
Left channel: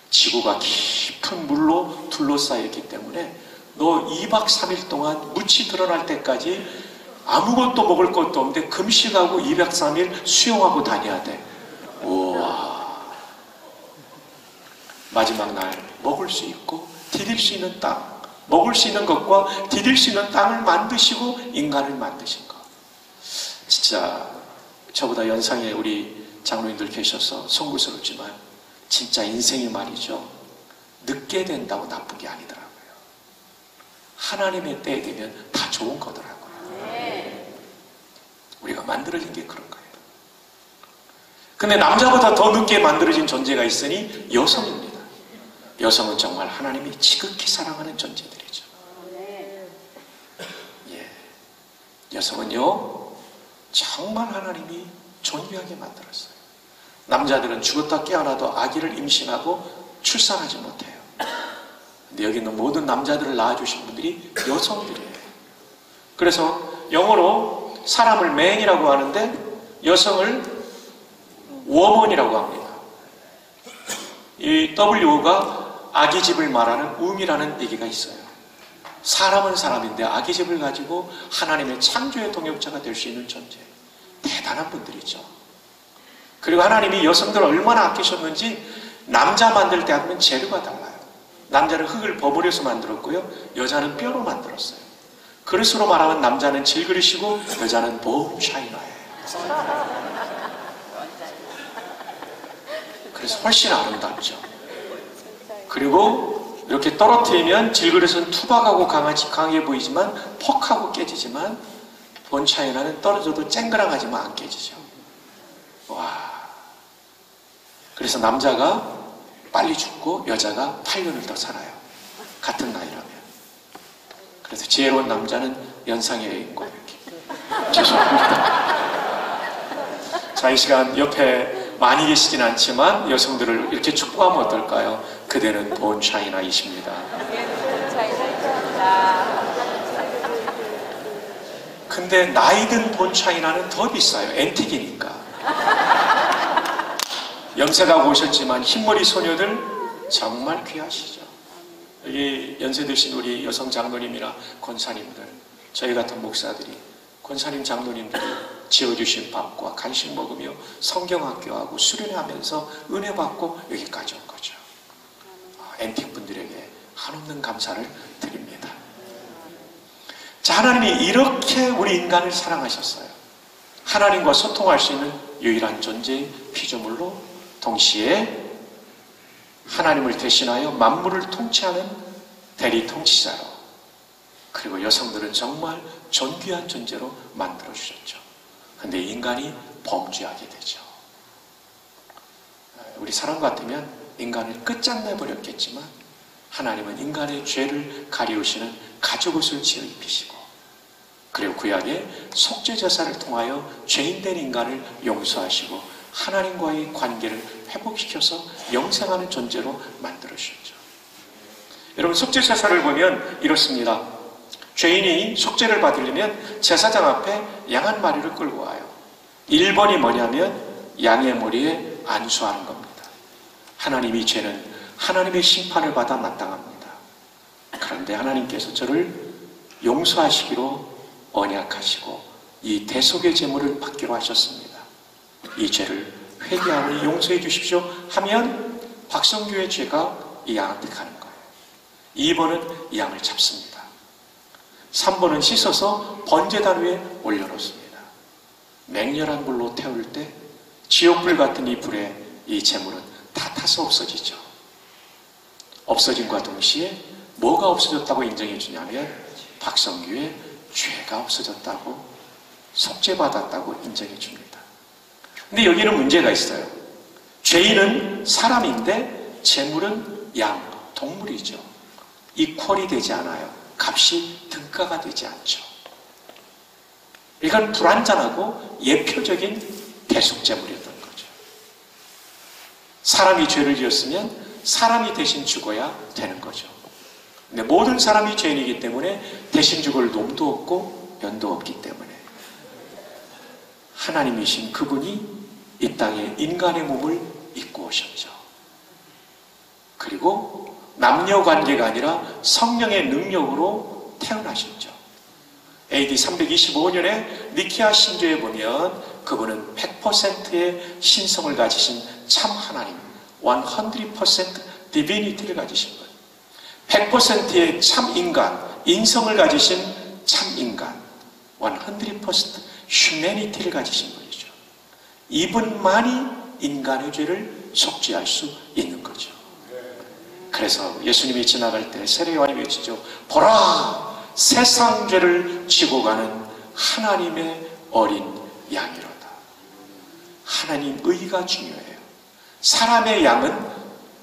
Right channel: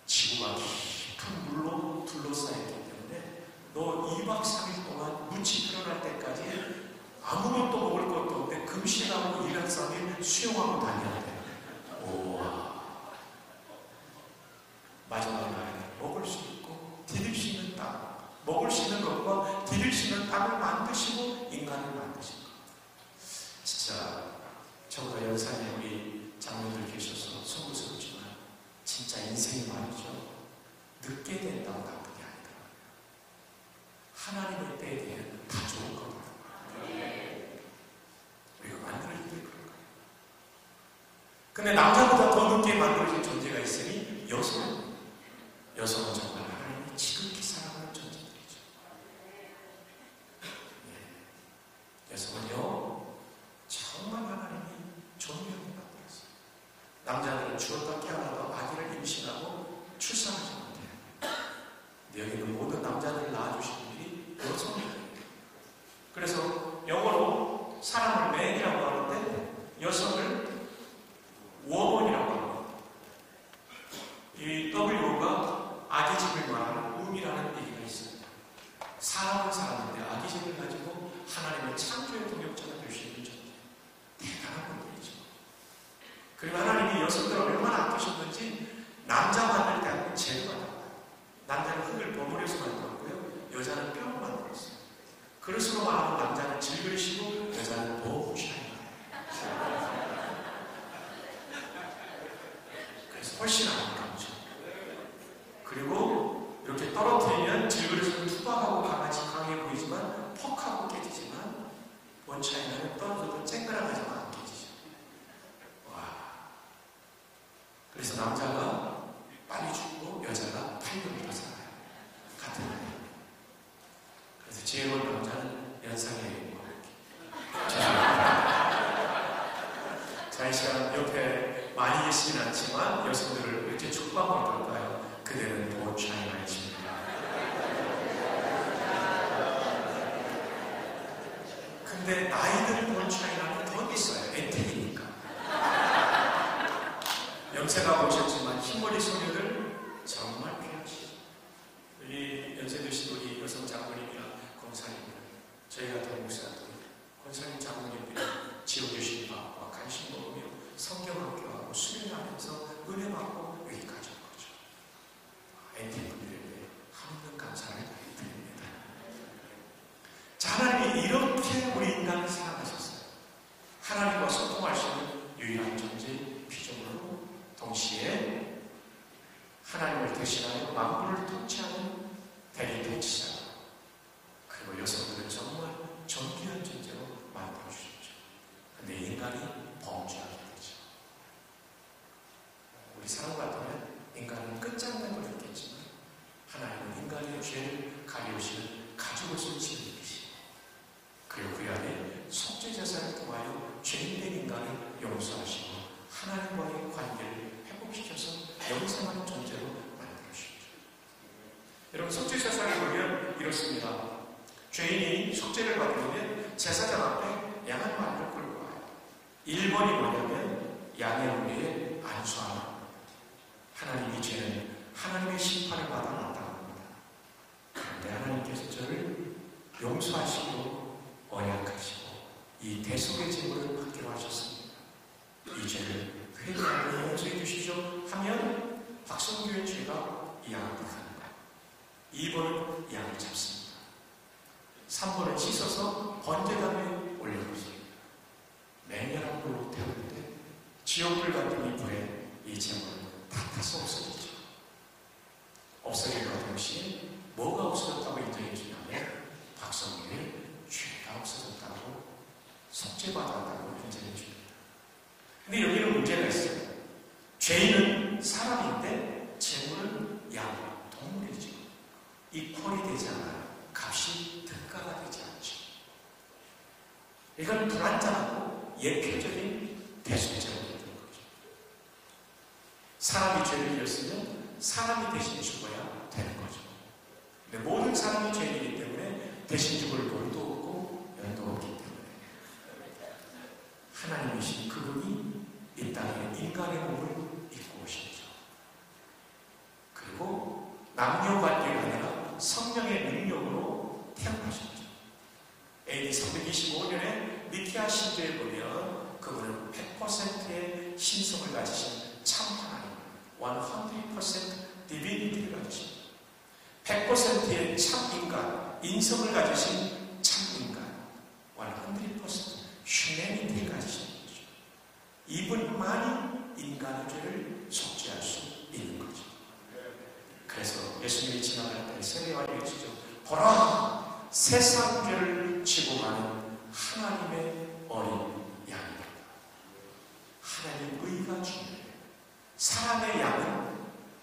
지구가 깊은 물로 둘러싸였기 때문에 너 2박 3일 동안 묻이 드러날 때까지 아무것도 먹을 것도 없는데 금식하고 2박 3일 수영하고 다녀야 돼. 우와. 마지막 날 먹을 수 있고 디딜 수 있는 땅, 먹을 수 있는 것과 디딜 수 있는 땅을 만드시고 인간을 만드신 것. 진짜 저보다 연상에 우리 장로님들 계셔서 송구스럽지만 진짜 인생이 말이죠. 늦게 된다고 나쁜 게 아니더라고요. 하나님의 때에 되면 다 좋은 거더라고요. 우리가 만들어진 게 그런 거예요. 근데 남자보다 더 늦게 만들어진 존재가 있으니 여성입니다. 여성은 정말 하나님이 지극히 사랑하는 존재들이죠. 예. 여성은요, 정말 하나님이 존귀하게 만들었어요. 남자들은 죽었다 깨어나도 아기를 임신하고 출산하지 못해요. 근데 여기 있는 모든 남자들을 낳아주신 분들이 여성들이에요. 그래서 영어로 사람을 man이라고 하는데 여성을 woman이라고 합니다. 이 W가 아기집을 말하는 wom이라는 얘기가 있어요. 사람은 사람인데 아기집을 가지고 하나님의 창조의 동역자가 될 수 있는 존재. 대단한 분들이죠. 그리고 하나님이 여성들을 얼마나 아끼셨는지 남자 만들 때 하면 재료가 달라요. 남자는 흙을 버무려서 만들었고요. 여자는 뼈로 만들었어요. 그릇으로 말하면 남자는 질그릇이고 여자는 본 샤이너예요. 그래서 훨씬 아름답죠. 그리고 이렇게 떨어뜨리면 질그릇은 투박하고 강하게 보이지만 퍽하고 깨지지만 본 샤이너는 떨어져도 쨍그랑하지만 안 깨지죠. 와. 그래서 남자가 빨리 죽고 여자가 8년을 더 살아요. 같은 나이라면. 그래서 지혜로운 남자는 연상에 있고 이렇게. 죄송합니다. 자, 이 시간 옆에 많이 계시진 않지만 여성들을 이렇게 축복하면 어떨까요? 그대는 본 샤이나이십니다. 근데 나이든 본 샤이나는 더 비싸요. 앤틱이니까. 염색하고 오셨지만 흰머리 소녀들 정말 귀하시죠. 여기 연세 드신 우리 여성 장로님이나 권사님들, 저희 같은 목사들이 권사님 장로님들이 지어주신 밥과 간식 먹으며 성경학교하고 수련하면서 은혜 받고 여기까지 온 거죠. 앤틱 분들에게 한없는 감사를 드립니다. 자, 하나님이 이렇게 우리 인간을 사랑하셨어요. 하나님과 소통할 수 있는 유일한 존재의 피조물로 동시에 하나님을 대신하여 만물을 통치하는 대리 통치자로, 그리고 여성들은 정말 존귀한 존재로 만들어 주셨죠. 그런데 인간이 범죄하게 되죠. 우리 사람 같으면 인간을 끝장내 버렸겠지만 하나님은 인간의 죄를 가리우시는 가죽옷을 지어 입히시고, 그리고 구약의 속죄제사를 통하여 죄인된 인간을 용서하시고 하나님과의 관계를 회복시켜서 영생하는 존재로 만들어주셨죠. 여러분, 속죄제사를 보면 이렇습니다. 죄인이 속죄를 받으려면 제사장 앞에 양 한 마리를 끌고 와요. 1번이 뭐냐면 양의 머리에 안수하는 겁니다. 하나님이 죄는 하나님의 심판을 받아 마땅합니다. 그런데 하나님께서 저를 용서하시기로 언약하시고 이 대속의 제물을 받기로 하셨습니다. 이 죄를 회개하오니 용서해 주십시오 하면 박성규의 죄가 이 양한테 가는 거예요. 2번은 이 양을 잡습니다. 3번은 씻어서 번제단 위에 올려놓습니다. 맹렬한 불로 태울 때 지옥불 같은 이 불에 이 제물은 다 타서 없어지죠. 없어짐과 동시에 뭐가 없어졌다고 인정해 주냐면 박성규의 죄가 없어졌다고, 속죄받았다고 인정해 줍니다. 근데 여기는 문제가 있어요. 죄인은 사람인데 제물은 양, 동물이죠. 이퀄이 되지 않아요. 값이 등가가 되지 않죠. 이건 불완전하고 예표적인 대속제물이었던 거죠. 사람이 죄를 지었으면 사람이 대신 죽어야 되는 거죠. 근데 모든 사람이 죄인이기 때문에 대신 죽을 놈도 없고 면도 없기 때문에 하나님이신 그분이 이 땅에 인간의 몸을 입고 오셨죠. 그리고 남녀 관계가 아니라 성령의 능력으로 태어나셨죠. AD 325년에 니케아 신조에 보면 그분은 100%의 신성을 가지신 참 하나님, 100% 디비니티를 가지신 분, 100%의 참 인간, 인성을 가지신 참 인간, 100% 휴메니티를 가지신 분이죠. 이분만이 인간의 죄를 속죄할 수 있는 거죠. 그래서 예수님이 지나갈 때 세례요한이 외치죠. 보라! 세상 죄를 지고 가는 하나님의 어린 양이로다. 하나님 의가 중요해요. 사람의 양은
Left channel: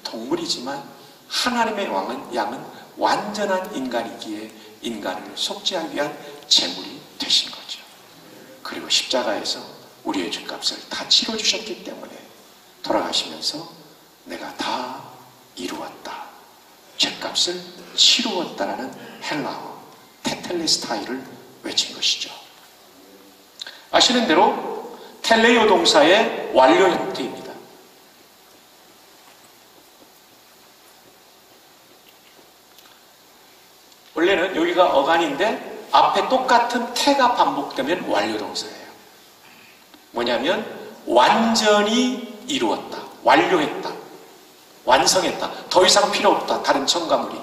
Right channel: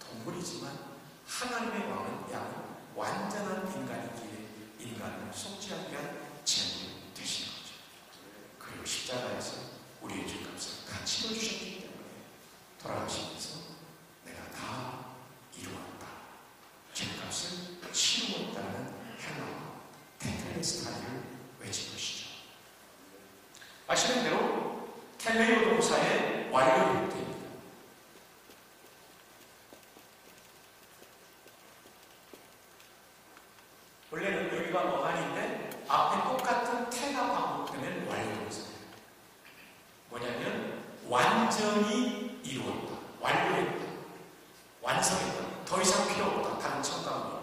동물이지만 하나님의 양은 완전한 인간이기에 인간을 속죄하기 위한 제물이 되신 거죠. 그리고 십자가에서 우리의 죄값을 다 치러주셨기 때문에 돌아가시면서 내가 다 이루었다, 죄값을 치루었다라는 헬라어 테텔레스타이를 외친 것이죠. 아시는 대로 텔레오 동사의 완료 형태입니다. 원래는 여기가 어간인데 앞에 똑같은 태가 반복되면 완료 동사예요. 뭐냐면 완전히 이루었다, 완료했다, 완성했다, 더 이상 필요 없다, 다른 첨가물이.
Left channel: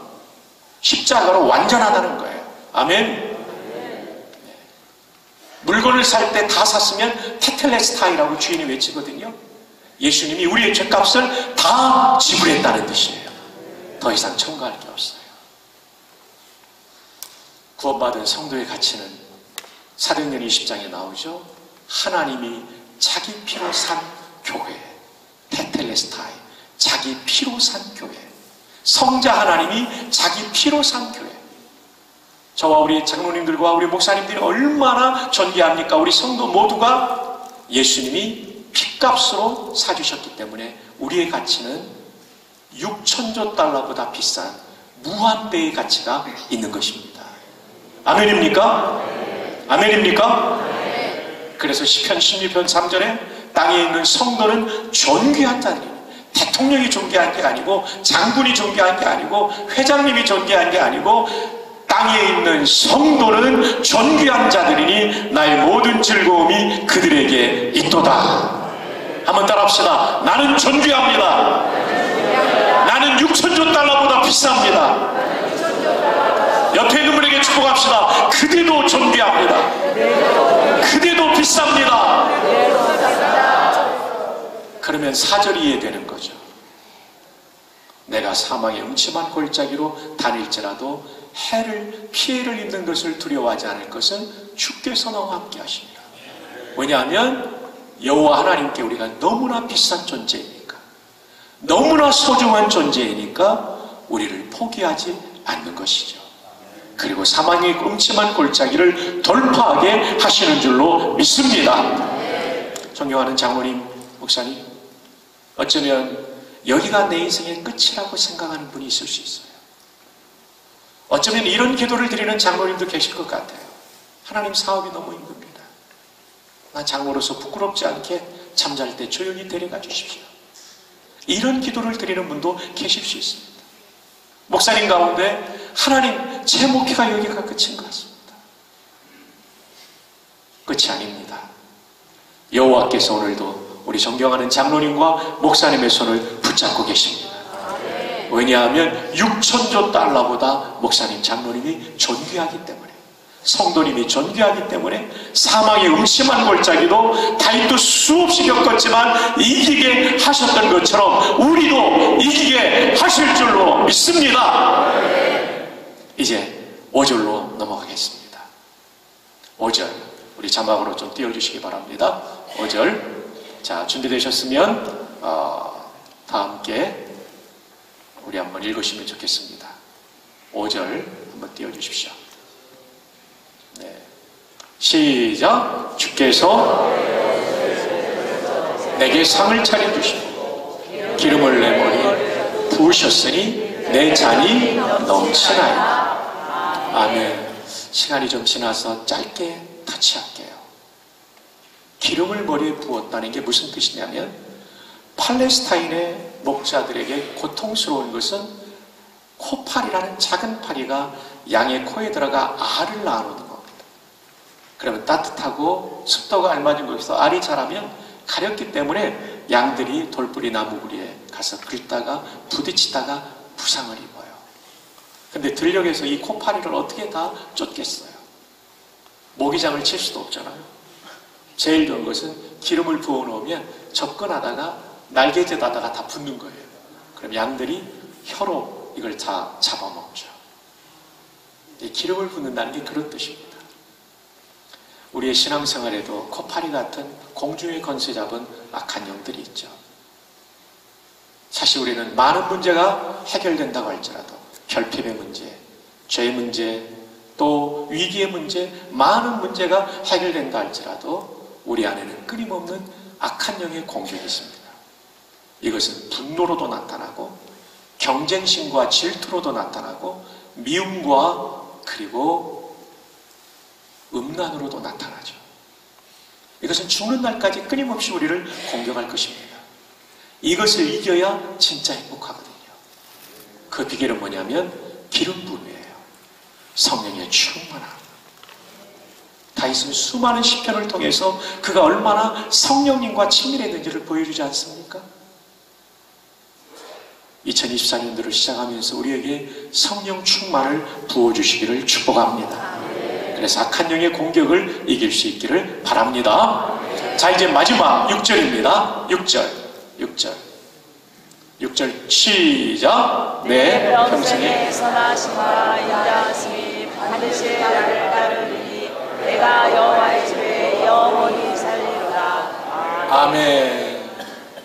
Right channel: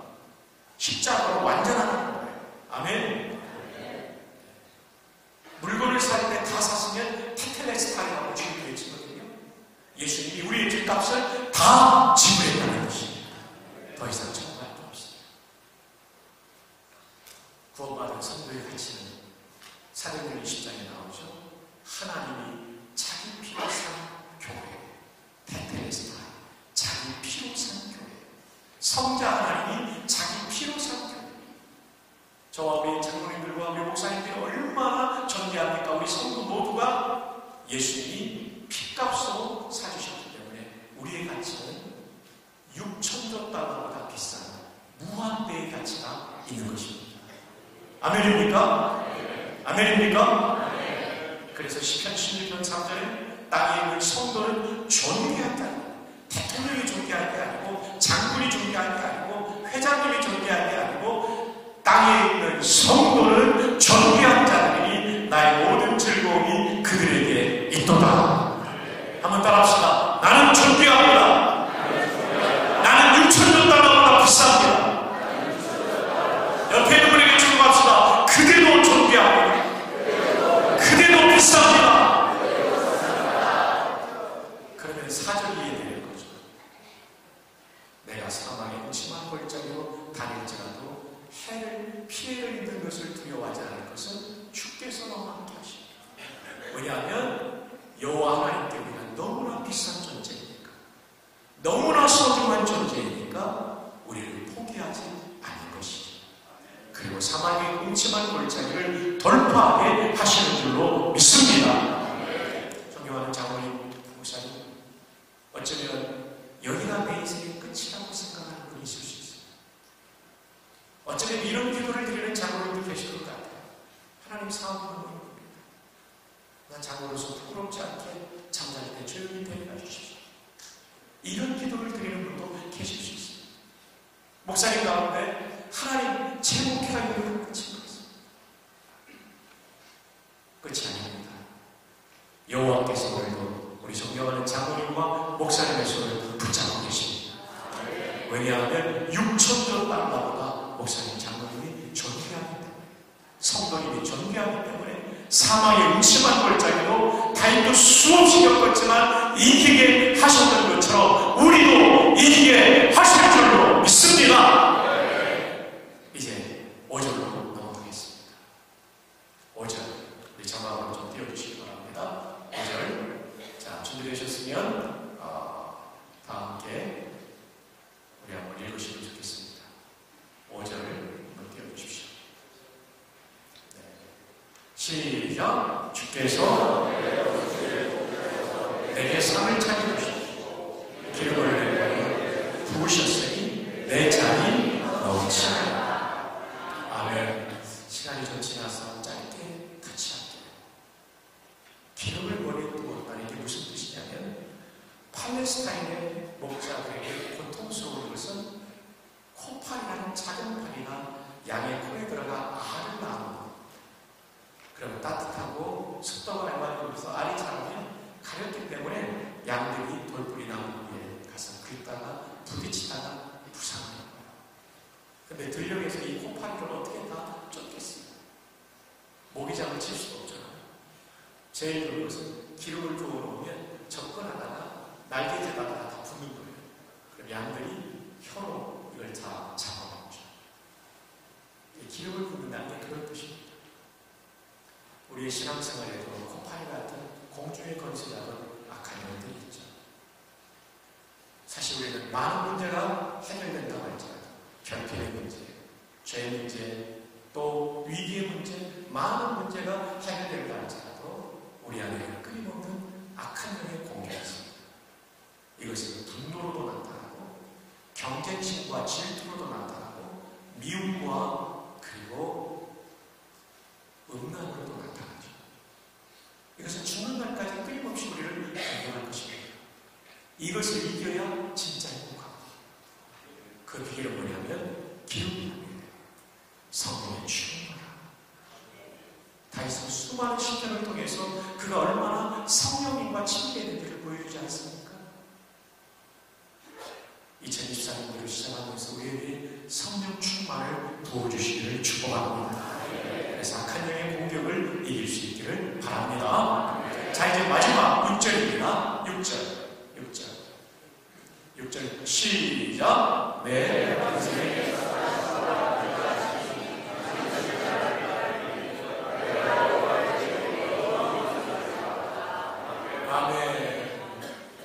십자가로 완전하다는 거예요. 아멘. 물건을 살 때 다 샀으면 테텔레스타이라고 주인이 외치거든요. 예수님이 우리의 죄값을 다 지불했다는 뜻이에요. 더 이상 첨가할 게 없어요. 구원받은 성도의 가치는 사도행전 20장에 나오죠. 하나님이 자기 피로 산 교회, 테텔레스타이, 자기 피로 산 교회, 성자 하나님이 자기 피로 산 교회. 저와 우리 장로님들과 우리 목사님들이 얼마나 존귀합니까? 우리 성도 모두가 예수님이 핏값으로 사주셨기 때문에 우리의 가치는 6천조 달러보다 비싼 무한대의 가치가 있는 것입니다. 아멘입니까? 아멘입니까? 그래서 시편 16편 3절에 땅에 있는 성도는 존귀한 자들이, 대통령이 존귀한 게 아니고 장군이 존귀한 게 아니고 회장님이 존귀한 게 아니고 땅에 있는 성도는 존귀한 자들이니 나의 모든 즐거움이 그들에게 있도다. 한번 따라합시다. 나는 존귀합니다. 나는 6천조 달러보다 비쌉니다. 옆에 있는 분에게 축복합시다. 그대도 존귀합니다. 그대도 비쌉니다. 그러면 4절이 이해되는 거죠. 내가 사망의 음침한 골짜기로 다닐지라도 피해를 입는 것을 두려워하지 않을 것은 주께서 나와 함께 하십니다. 왜냐하면 여호와 하나님께 우리가 너무나 비싼 존재이니까, 너무나 소중한 존재이니까 우리를 포기하지 않는 것이죠. 그리고 사망의 음침한 골짜기를 돌파하게 하시는 줄로 믿습니다. 존경하는 장로님, 목사님, 어쩌면 여기가 내 인생의 끝이라고 생각하는 분이 있을 수 있어요. 어쩌면 이런 기도를 드리는 장로님도 계실 것 같아요. 하나님, 사업이 너무 힘듭니다. 나 장로로서 부끄럽지 않게 잠잘 때 조용히 데려가 주십시오. 이런 기도를 드리는 분도 계실 수 있습니다. 목사님 가운데 하나님 제 목회가 여기가 끝인 것 같습니다. 끝이 아닙니다. 여호와께서 오늘도 우리 존경하는 장로님과 목사님의 손을 붙잡고 계십니다. 왜냐하면 6천조 달러보다 목사님, 장로님이 존귀하기 때문에, 성도님이 존귀하기 때문에 사망의 음침한 골짜기도 다윗도 수없이 겪었지만 이기게 하셨던 것처럼 우리도 이기게 하실 줄로 믿습니다. 이제 5절로 넘어가겠습니다. 5절 우리 자막으로 좀 띄워주시기 바랍니다. 5절. 자, 준비되셨으면 다 함께 우리 한번 읽으시면 좋겠습니다. 5절 한번 띄워주십시오. 네. 시작. 주께서 내게 상을 차려주시고 기름을 내 머리에 부으셨으니 내 잔이 넘치나이다. 아멘. 시간이 좀 지나서 짧게 같이 할게요. 기름을 머리에 부었다는 게 무슨 뜻이냐면 팔레스타인의 목자들에게 고통스러운 것은 코파리라는 작은 파리가 양의 코에 들어가 알을 낳아놓는 겁니다. 그러면 따뜻하고 습도가 알맞은 곳에서 알이 자라면 가렵기 때문에 양들이 돌뿌리 나무구리에 가서 긁다가 부딪히다가 부상을 입어요. 근데 들녘에서 이 코파리를 어떻게 다 쫓겠어요? 모기장을 칠 수도 없잖아요. 제일 좋은 것은 기름을 부어놓으면 접근하다가 날개짓하다가 다 붙는 거예요. 그럼 양들이 혀로 이걸 다 잡아먹죠. 기름을 붓는다는 게 그런 뜻입니다. 우리의 신앙생활에도 코파리 같은 공중의 건세 잡은 악한 영들이 있죠. 사실 우리는 많은 문제가 해결된다고 할지라도 결핍의 문제, 죄의 문제, 또 위기의 문제, 많은 문제가 해결된다 할지라도 우리 안에는 끊임없는 악한 영의 공격이 있습니다. 이것은 분노로도 나타나고 경쟁심과 질투로도 나타나고 미움과 그리고 음란으로도 나타나죠. 이것은 죽는 날까지 끊임없이 우리를 공격할 것입니다. 이것을 이겨야 진짜 행복하거든요. 그 비결은 뭐냐면 기름 부음이에요. 성령의 충만함. 다윗은 수많은 시편을 통해서 그가 얼마나 성령님과 친밀했는지를 보여주지 않습니까? 2024년도를 시작하면서 우리에게 성령 충만을 부어주시기를 축복합니다. 그래서 악한 영의 공격을 이길 수 있기를 바랍니다. 자, 이제 마지막 6절입니다. 6절 시작. 내 평생에 선하심과 인자하심이 반드시 나를 따르리니 내가 여호와의 집에 영원히 살리로다. 아멘.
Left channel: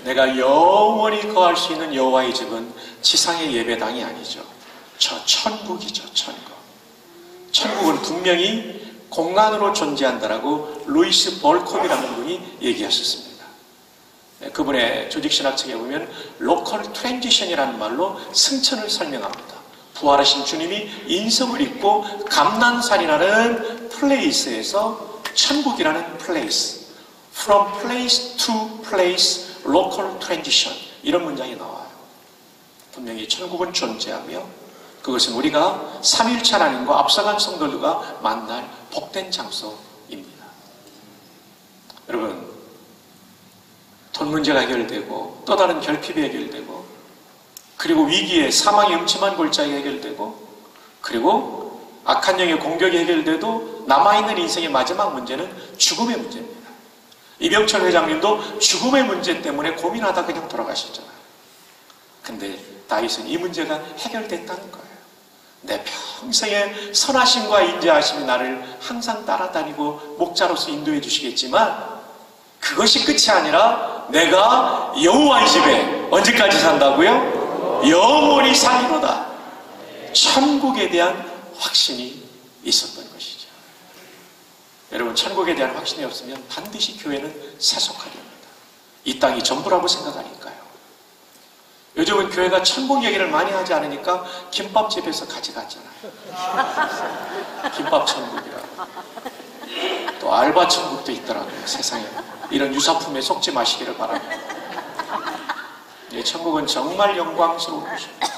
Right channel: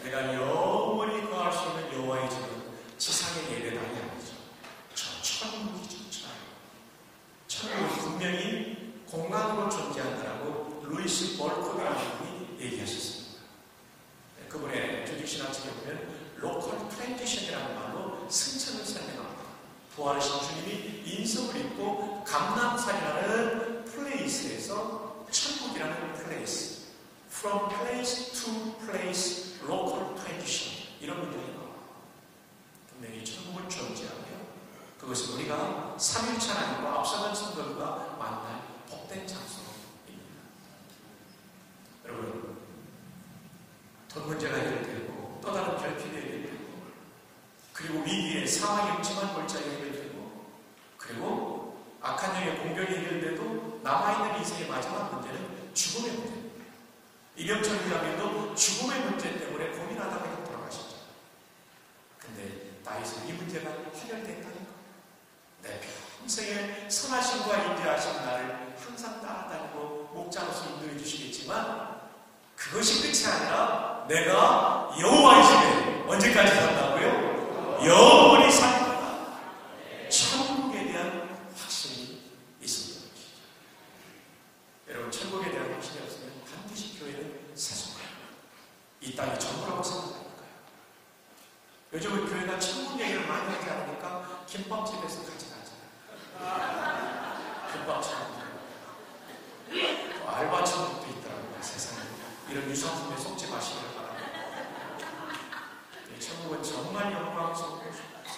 내가 영원히 거할 수 있는 여호와의 집은 지상의 예배당이 아니죠. 저 천국이죠. 천국은 분명히 공간으로 존재한다라고 루이스 볼컵이라는 분이 얘기하셨습니다. 그분의 조직신학책에 보면 로컬 트랜지션이라는 말로 승천을 설명합니다. 부활하신 주님이 인성을 입고 감난산이라는 플레이스에서 천국이라는 플레이스, from place to place, local transition, 이런 문장이 나와요. 분명히 천국은 존재하고요. 그것은 우리가 삼위일체 하나님과 앞서간 성도들과 만날 복된 장소입니다. 여러분, 돈 문제가 해결되고 또 다른 결핍이 해결되고 그리고 위기에 사망의 음침한 골짜기가 해결되고 그리고 악한 영의 공격이 해결돼도 남아있는 인생의 마지막 문제는 죽음의 문제입니다. 이병철 회장님도 죽음의 문제 때문에 고민하다 그냥 돌아가셨잖아요. 근데 다윗은 이 문제가 해결됐다는 거예요. 내 평생의 선하심과 인자하심이 나를 항상 따라다니고 목자로서 인도해 주시겠지만 그것이 끝이 아니라 내가 여호와의 집에 언제까지 산다고요? 영원히 살리로다. 천국에 대한 확신이 있었던 것이죠. 여러분, 천국에 대한 확신이 없으면 반드시 교회는 세속하게 합니다. 이 땅이 전부라고 생각하니까요. 요즘은 교회가 천국 얘기를 많이 하지 않으니까 김밥집에서 가져가잖아요. 김밥 천국이라고. 또 알바 천국도 있더라고요. 세상에. 이런 유사품에 속지 마시기를 바랍니다. 천국은 정말 영광스러운 곳입니다.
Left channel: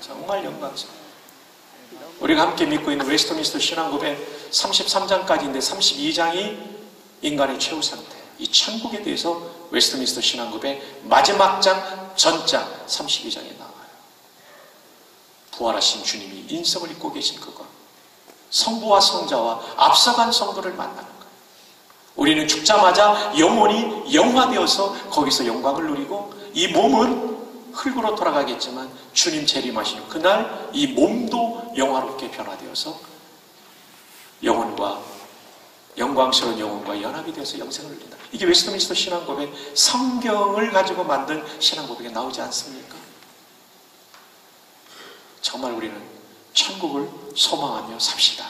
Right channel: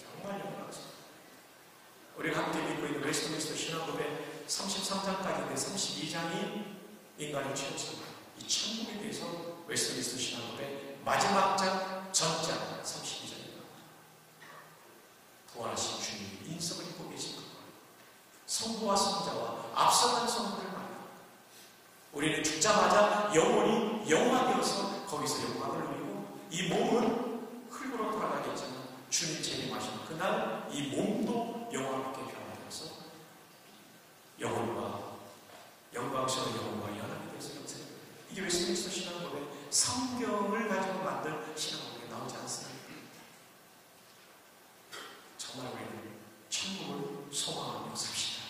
정말 영광스러운. 우리가 함께 믿고 있는 웨스트민스터 신앙고백 33장까지인데 32장이 인간의 최후 상태, 이 천국에 대해서 웨스트민스터 신앙고백 마지막 장, 전장 32장에 나와요. 부활하신 주님이 인성을 입고 계신 그것, 성부와 성자와 앞서간 성도를 만나는 것. 우리는 죽자마자 영혼이 영화되어서 거기서 영광을 누리고, 이 몸은 흙으로 돌아가겠지만 주님 재림하시는 그날 이 몸도 영화롭게 변화되어서 영혼과, 영광스러운 영혼과 연합이 되어서 영생을 누린다. 이게 웨스트민스터 신앙고백, 성경을 가지고 만든 신앙고백에 나오지 않습니까? 정말 우리는 천국을 소망하며 삽시다.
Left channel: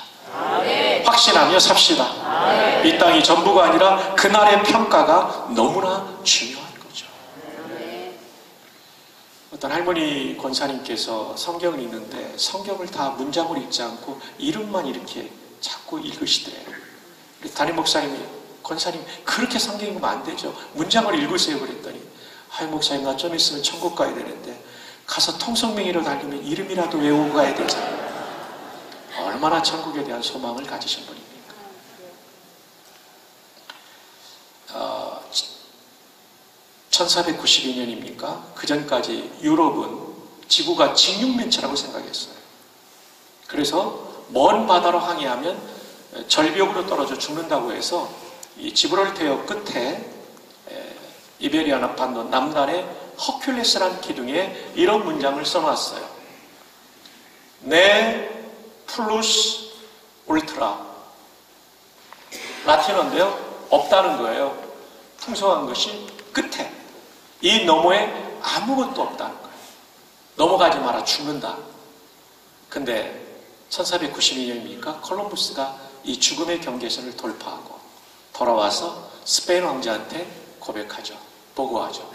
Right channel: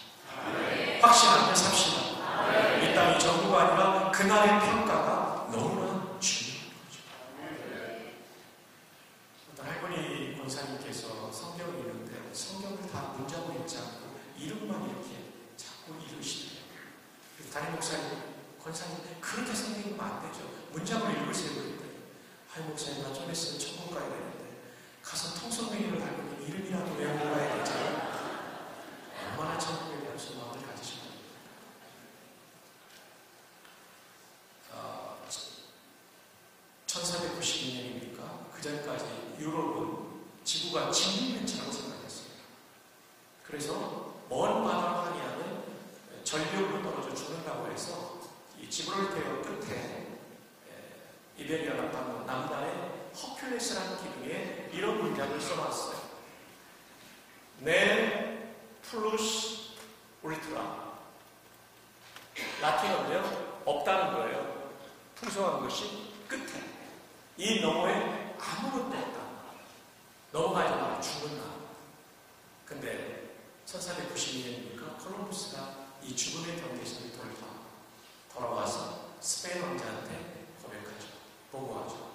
확신하며 삽시다. 이 땅이 전부가 아니라 그날의 평가가 너무나 중요한 거죠. 어떤 할머니 권사님께서 성경을 읽는데 성경을 다 문장으로 읽지 않고 이름만 이렇게 자꾸 읽으시더래요. 담임 목사님이, 권사님 그렇게 성경 읽으면 안 되죠. 문장을 읽으세요. 그랬더니, 아이 목사님 나 좀 있으면 천국 가야 되는데 가서 통성명의로 달리면 이름이라도 외우고 가야 되잖아요. 얼마나 천국에 대한 소망을 가지신 분입니까? 1492년입니까? 그 전까지 유럽은 지구가 직육면체라고 생각했어요. 그래서 먼 바다로 항해하면 절벽으로 떨어져 죽는다고 해서 이 지브롤터 끝에 이베리아 남반도 남단에 허큘레스라는 기둥에 이런 문장을 써놨어요. 네 플루스 울트라. 라틴어인데요, 없다는 거예요. 풍성한 것이 끝에, 이 너머에 아무것도 없다는 거예요. 넘어가지 마라, 죽는다. 근데 1492년입니까? 콜럼부스가 이 죽음의 경계선을 돌파하고 돌아와서 스페인 왕자한테 고백하죠. 보고하죠.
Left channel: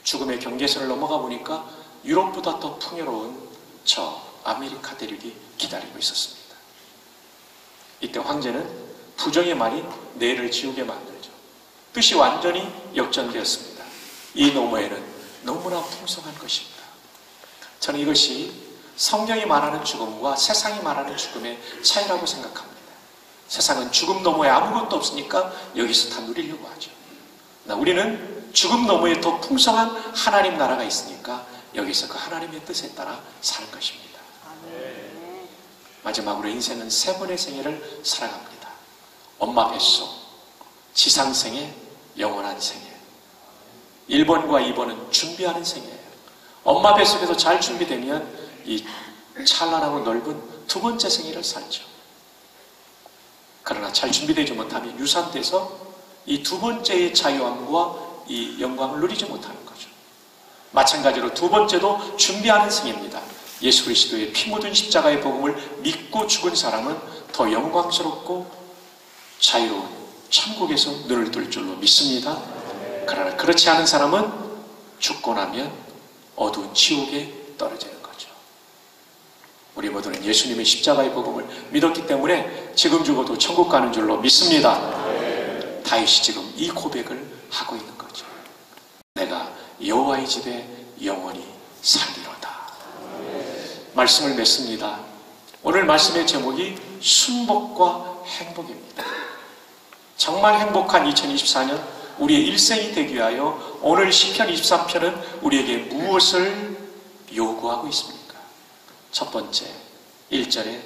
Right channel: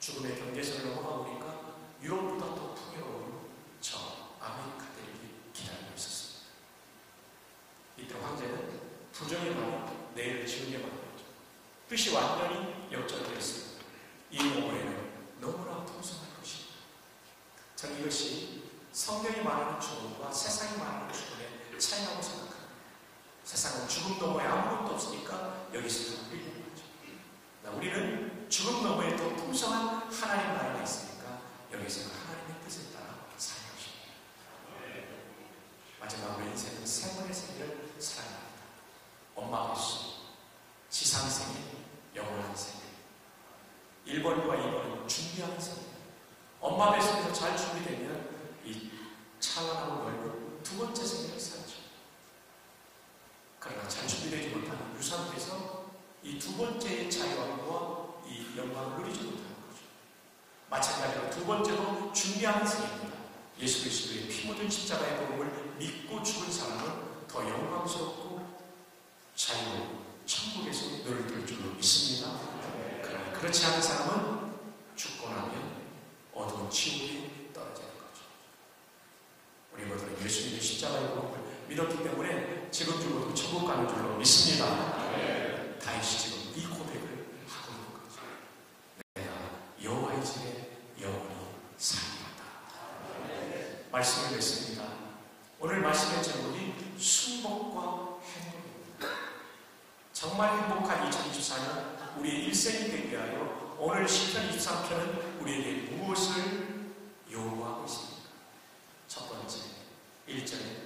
죽음의 경계선을 넘어가 보니까 유럽보다 더 풍요로운 저 아메리카 대륙이 기다리고 있었습니다. 이때 황제는 부정의 말이 뇌를 지우게 만들죠. 뜻이 완전히 역전되었습니다. 이 너머에는 너무나 풍성한 것입니다. 저는 이것이 성경이 말하는 죽음과 세상이 말하는 죽음의 차이라고 생각합니다. 세상은 죽음 너머에 아무것도 없으니까 여기서 다 누리려고 하죠. 우리는 죽음 너머에 더 풍성한 하나님 나라가 있으니까 여기서 그 하나님의 뜻에 따라 사는 것입니다. 마지막으로 인생은 세 번의 생애를 살아갑니다. 엄마 뱃속, 지상생애, 영원한 생애. 1번과 2번은 준비하는 생애예요. 엄마 뱃속에서 잘 준비되면 이 찬란하고 넓은 두 번째 생애를 살죠. 그러나 잘 준비되지 못하면 유산돼서 이 두 번째의 자유함과 이 영광을 누리지 못하는 거죠. 마찬가지로 두 번째도 준비하는 생애입니다. 예수 그리스도의 피 묻은 십자가의 복음을 믿고 죽은 사람은 더 영광스럽고 자유로운 천국에서 눈을 뜰 줄로 믿습니다. 그러나 그렇지 않은 사람은 죽고 나면 어두운 지옥에 떨어지는 거죠. 우리 모두는 예수님의 십자가의 복음을 믿었기 때문에 지금 죽어도 천국 가는 줄로 믿습니다. 다윗이 지금 이 고백을 하고 있는 거죠. 내가 여호와의 집에 영원히 살리로다. 말씀을 맺습니다. 오늘 말씀의 제목이 순복과 행복입니다. 정말 행복한 2024년 우리의 일생이 되기 위하여 오늘 시편 23편은 우리에게 무엇을 요구하고 있습니까? 첫 번째, 1절에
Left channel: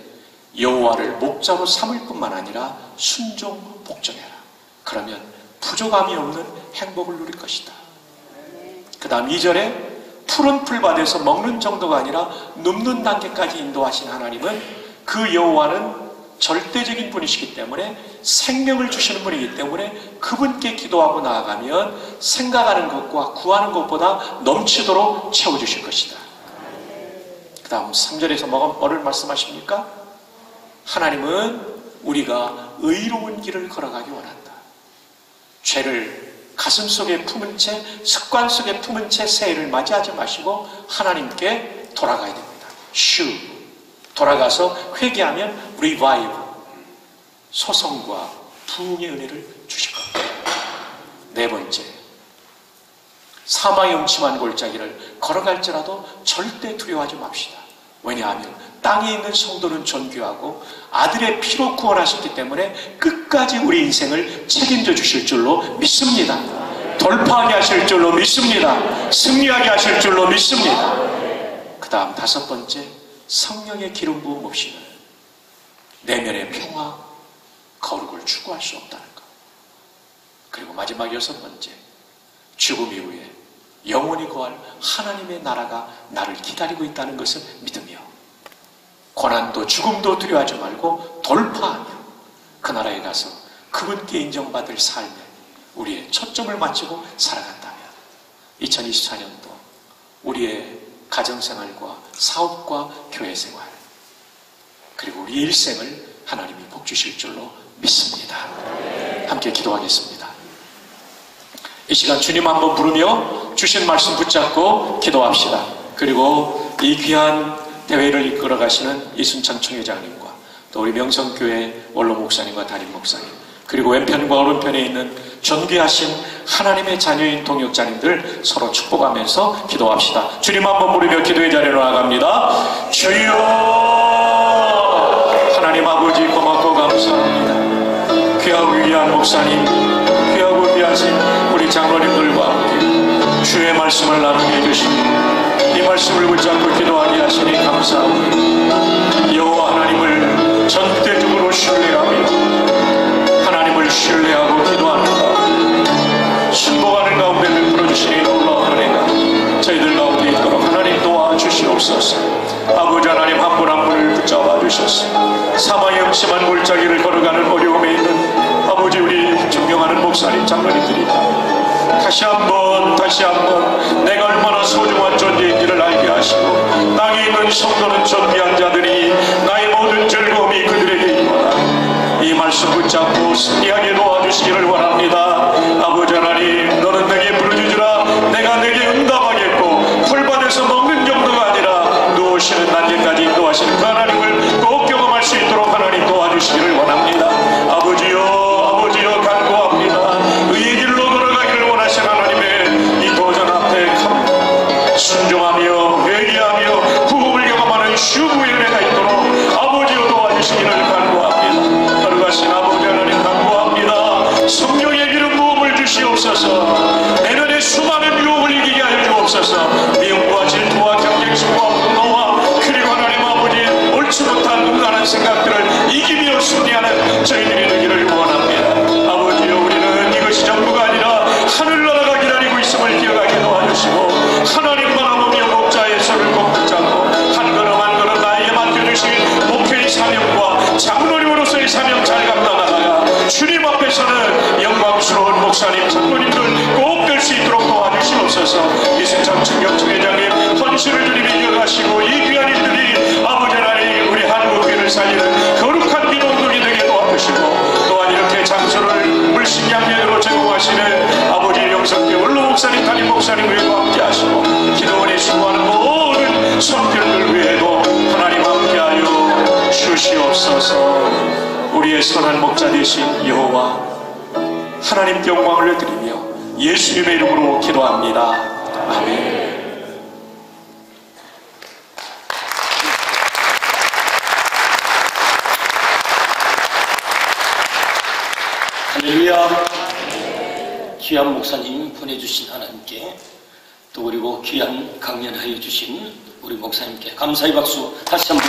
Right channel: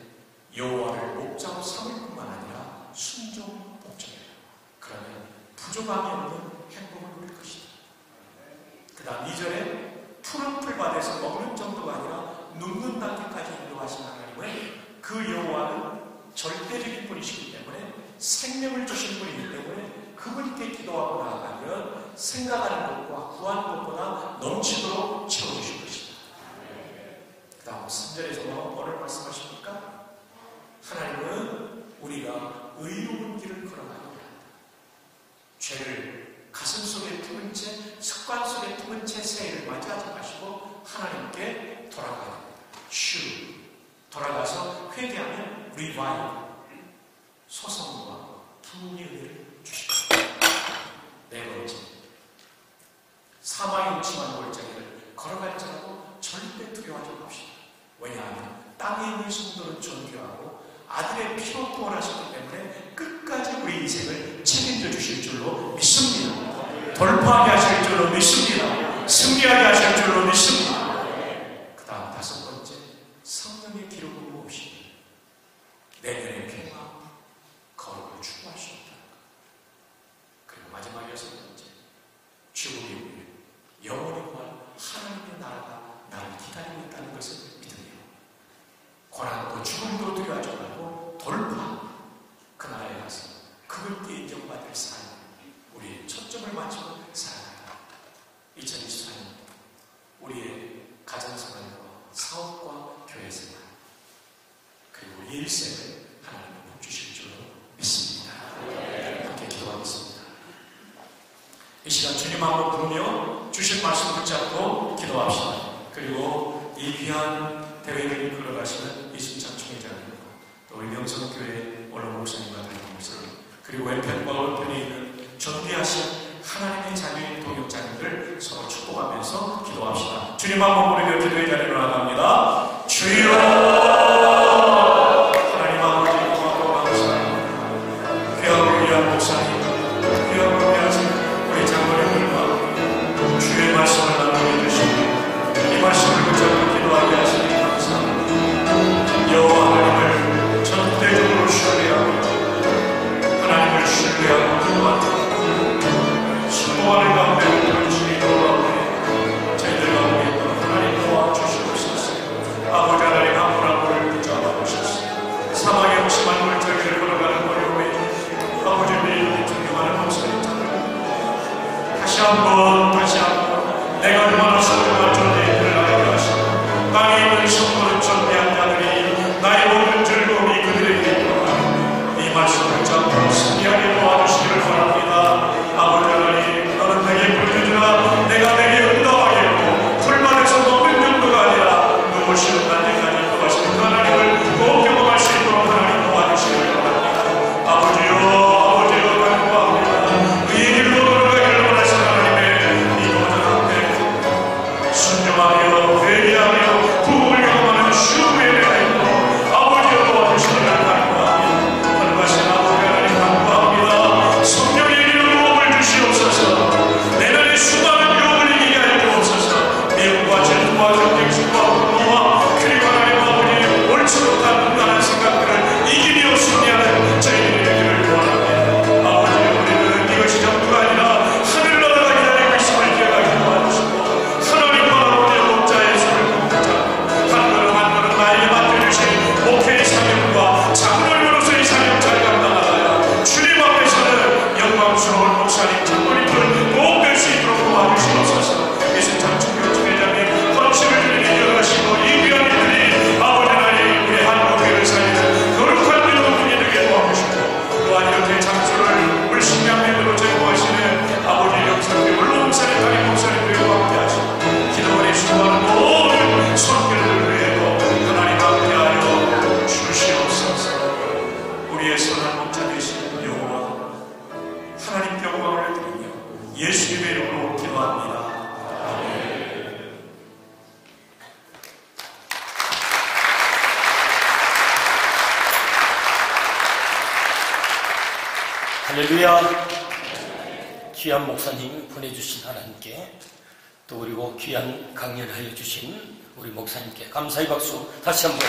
여호와를 목자로 삼을 뿐만 아니라 순종 복종해라. 그러면 부족함이 없는 행복을 누릴 것이다. 그 다음 2절에 푸른 풀밭에서 먹는 정도가 아니라 눕는 단계까지 인도하신 하나님은, 그 여호와는 절대적인 분이시기 때문에 생명을 주시는 분이기 때문에 그분께 기도하고 나아가면 생각하는 것과 구하는 것보다 넘치도록 채워주실 것이다. 그 다음 3절에서 뭐를 말씀하십니까? 하나님은 우리가 의로운 길을 걸어가기 원한다. 죄를 가슴속에 품은 채, 습관 속에 품은 채 새해를 맞이하지 마시고 하나님께 돌아가야 됩니다. 돌아가서 회개하면 revive, 소성과 부흥의 은혜를 주실 겁니다. 네 번째, 사망의 음침한 골짜기를 걸어갈지라도 절대 두려워하지 맙시다. 왜냐하면 땅에 있는 성도는 존귀하고 아들의 피로 구원하셨기 때문에 끝까지 우리 인생을 책임져 주실 줄로 믿습니다. 돌파하게 하실 줄로 믿습니다. 승리하게 하실 줄로 믿습니다. 그 다음 5번째, 성령의 기름 부음 없이는 내면의 평화, 거룩을 추구할 수 없다는 것. 그리고 마지막 6번째, 죽음 이후에 영원히 거할 하나님의 나라가 나를 기다리고 있다는 것을 믿으며 고난도 죽음도 두려워하지 말고 돌파하며 그 나라에 가서 그분께 인정받을 삶에 우리의 초점을 맞추고 살아간다면 2024년도 우리의 가정생활과 사업과 교회생활 그리고 우리의 일생을 하나님이 복 주실 줄로 믿습니다. 함께 기도하겠습니다. 이 시간 주님 한번 부르며 주신 말씀 붙잡고 기도합시다. 그리고 이 귀한 대회를 이끌어 가시는 이순창 총회장님과 또 우리 명성교회 원로 목사님과 담임 목사님 그리고 왼편과 오른편에 있는 존귀하신 하나님의 자녀인 동역자님들 서로 축복하면서 기도합시다. 주님 한번 부르며 기도의 자리로 나갑니다. 주여 하나님 아버지 고맙고 감사합니다. 귀하고 위대한 목사님 귀하고 귀하신 우리 장로님들과 함께 주의 말씀을 나누게 해주시고 이 말씀을 붙잡고 기도하게 하시니 감사합니다. 여호와 하나님을 전대적으로 신뢰하며 하나님을 신뢰하고 기도합니다. 순종하는 가운데를 풀어주시니 놀라우니까 저희들 가운데 있도록 하나님 도와주시옵소서. 아버지 하나님 한 분 한 분을 붙잡아 주셔서 사망의 없심한 골짜기를 걸어가는 어려움에 있는 아버지 우리 존경하는 목사님 장로님들이 다시 한번 내가 얼마나 소중한 존재인지를 알게 하시고 땅에 있는 성도는 존귀한 자들이 나의 모든 즐거움이 그들에게 있구나. 이 말씀 붙잡고 승리하게 도와주시기를 원합니다. 아버지 하나님 너는 내게 부르짖으라 내가 내게 응답하겠고 풀밭에서 먹는 정도가 아니라 누우시는 날개까지 인도하시는 하나님을 꼭 경험할 수 있도록 하나님 도와주시기를 원합니다. 아버지요 간구합니다. 의의 길로 걸어가기를 원하시는 하나님의 이 도전 앞에 순종하며 회개하며 부흥을 경험하는 쉬운 예배가 있도록 아버지여 도와주시기를 간구합니다. 걸어가신 아버지 하나님 간구합니다. 성령의 기름 부음을 주시옵소서. 내면의 수많은 유혹을 이기게 하여 주옵소서. 미움과 질투와 경쟁심과 분노와 그리고 하나님 아버지 옳지 못한 무관한 생각들을 이기며 승리하는 저희들이 되기를 원합니다. 아버지여 우리는 이것이 전부가 아니라 하늘나라가 기다리고 있음을 기억하게 도와주시고 하나님과 아버지여 목자의 손을 꼭 붙잡고 한 걸음 한 걸음 나에게 맡겨주신 목회의 사명과 장로로서의 사명 잘 감당하다가 주님 앞에서는 영광스러운 목사님 장로님들 꼭 뵐 수 있도록 도와주시옵소서. 이순창 총회장님 감시를 주님이 이어가시고 이 귀한 이들이 아버지 하나님 우리 한국교회를 살리는 거룩한 민원들이 되게 도와주시고 또한 이렇게 장소를 열심히 하면으로 제공하시는 아버지 영성교 원로 목사님 담임 목사님 그리고 함께 하시고 기도원이 수고하는 모든 성도들 위에도 하나님 함께하여 주시옵소서. 우리의 선한 목자 되신 여호와 하나님께 영광을 드리며 예수님의 이름으로 기도합니다. 아멘. 할렐루야. 귀한 목사님 보내주신 하나님께 또 그리고 귀한 강연하여 주신 우리 목사님께 감사의 박수 다시 한번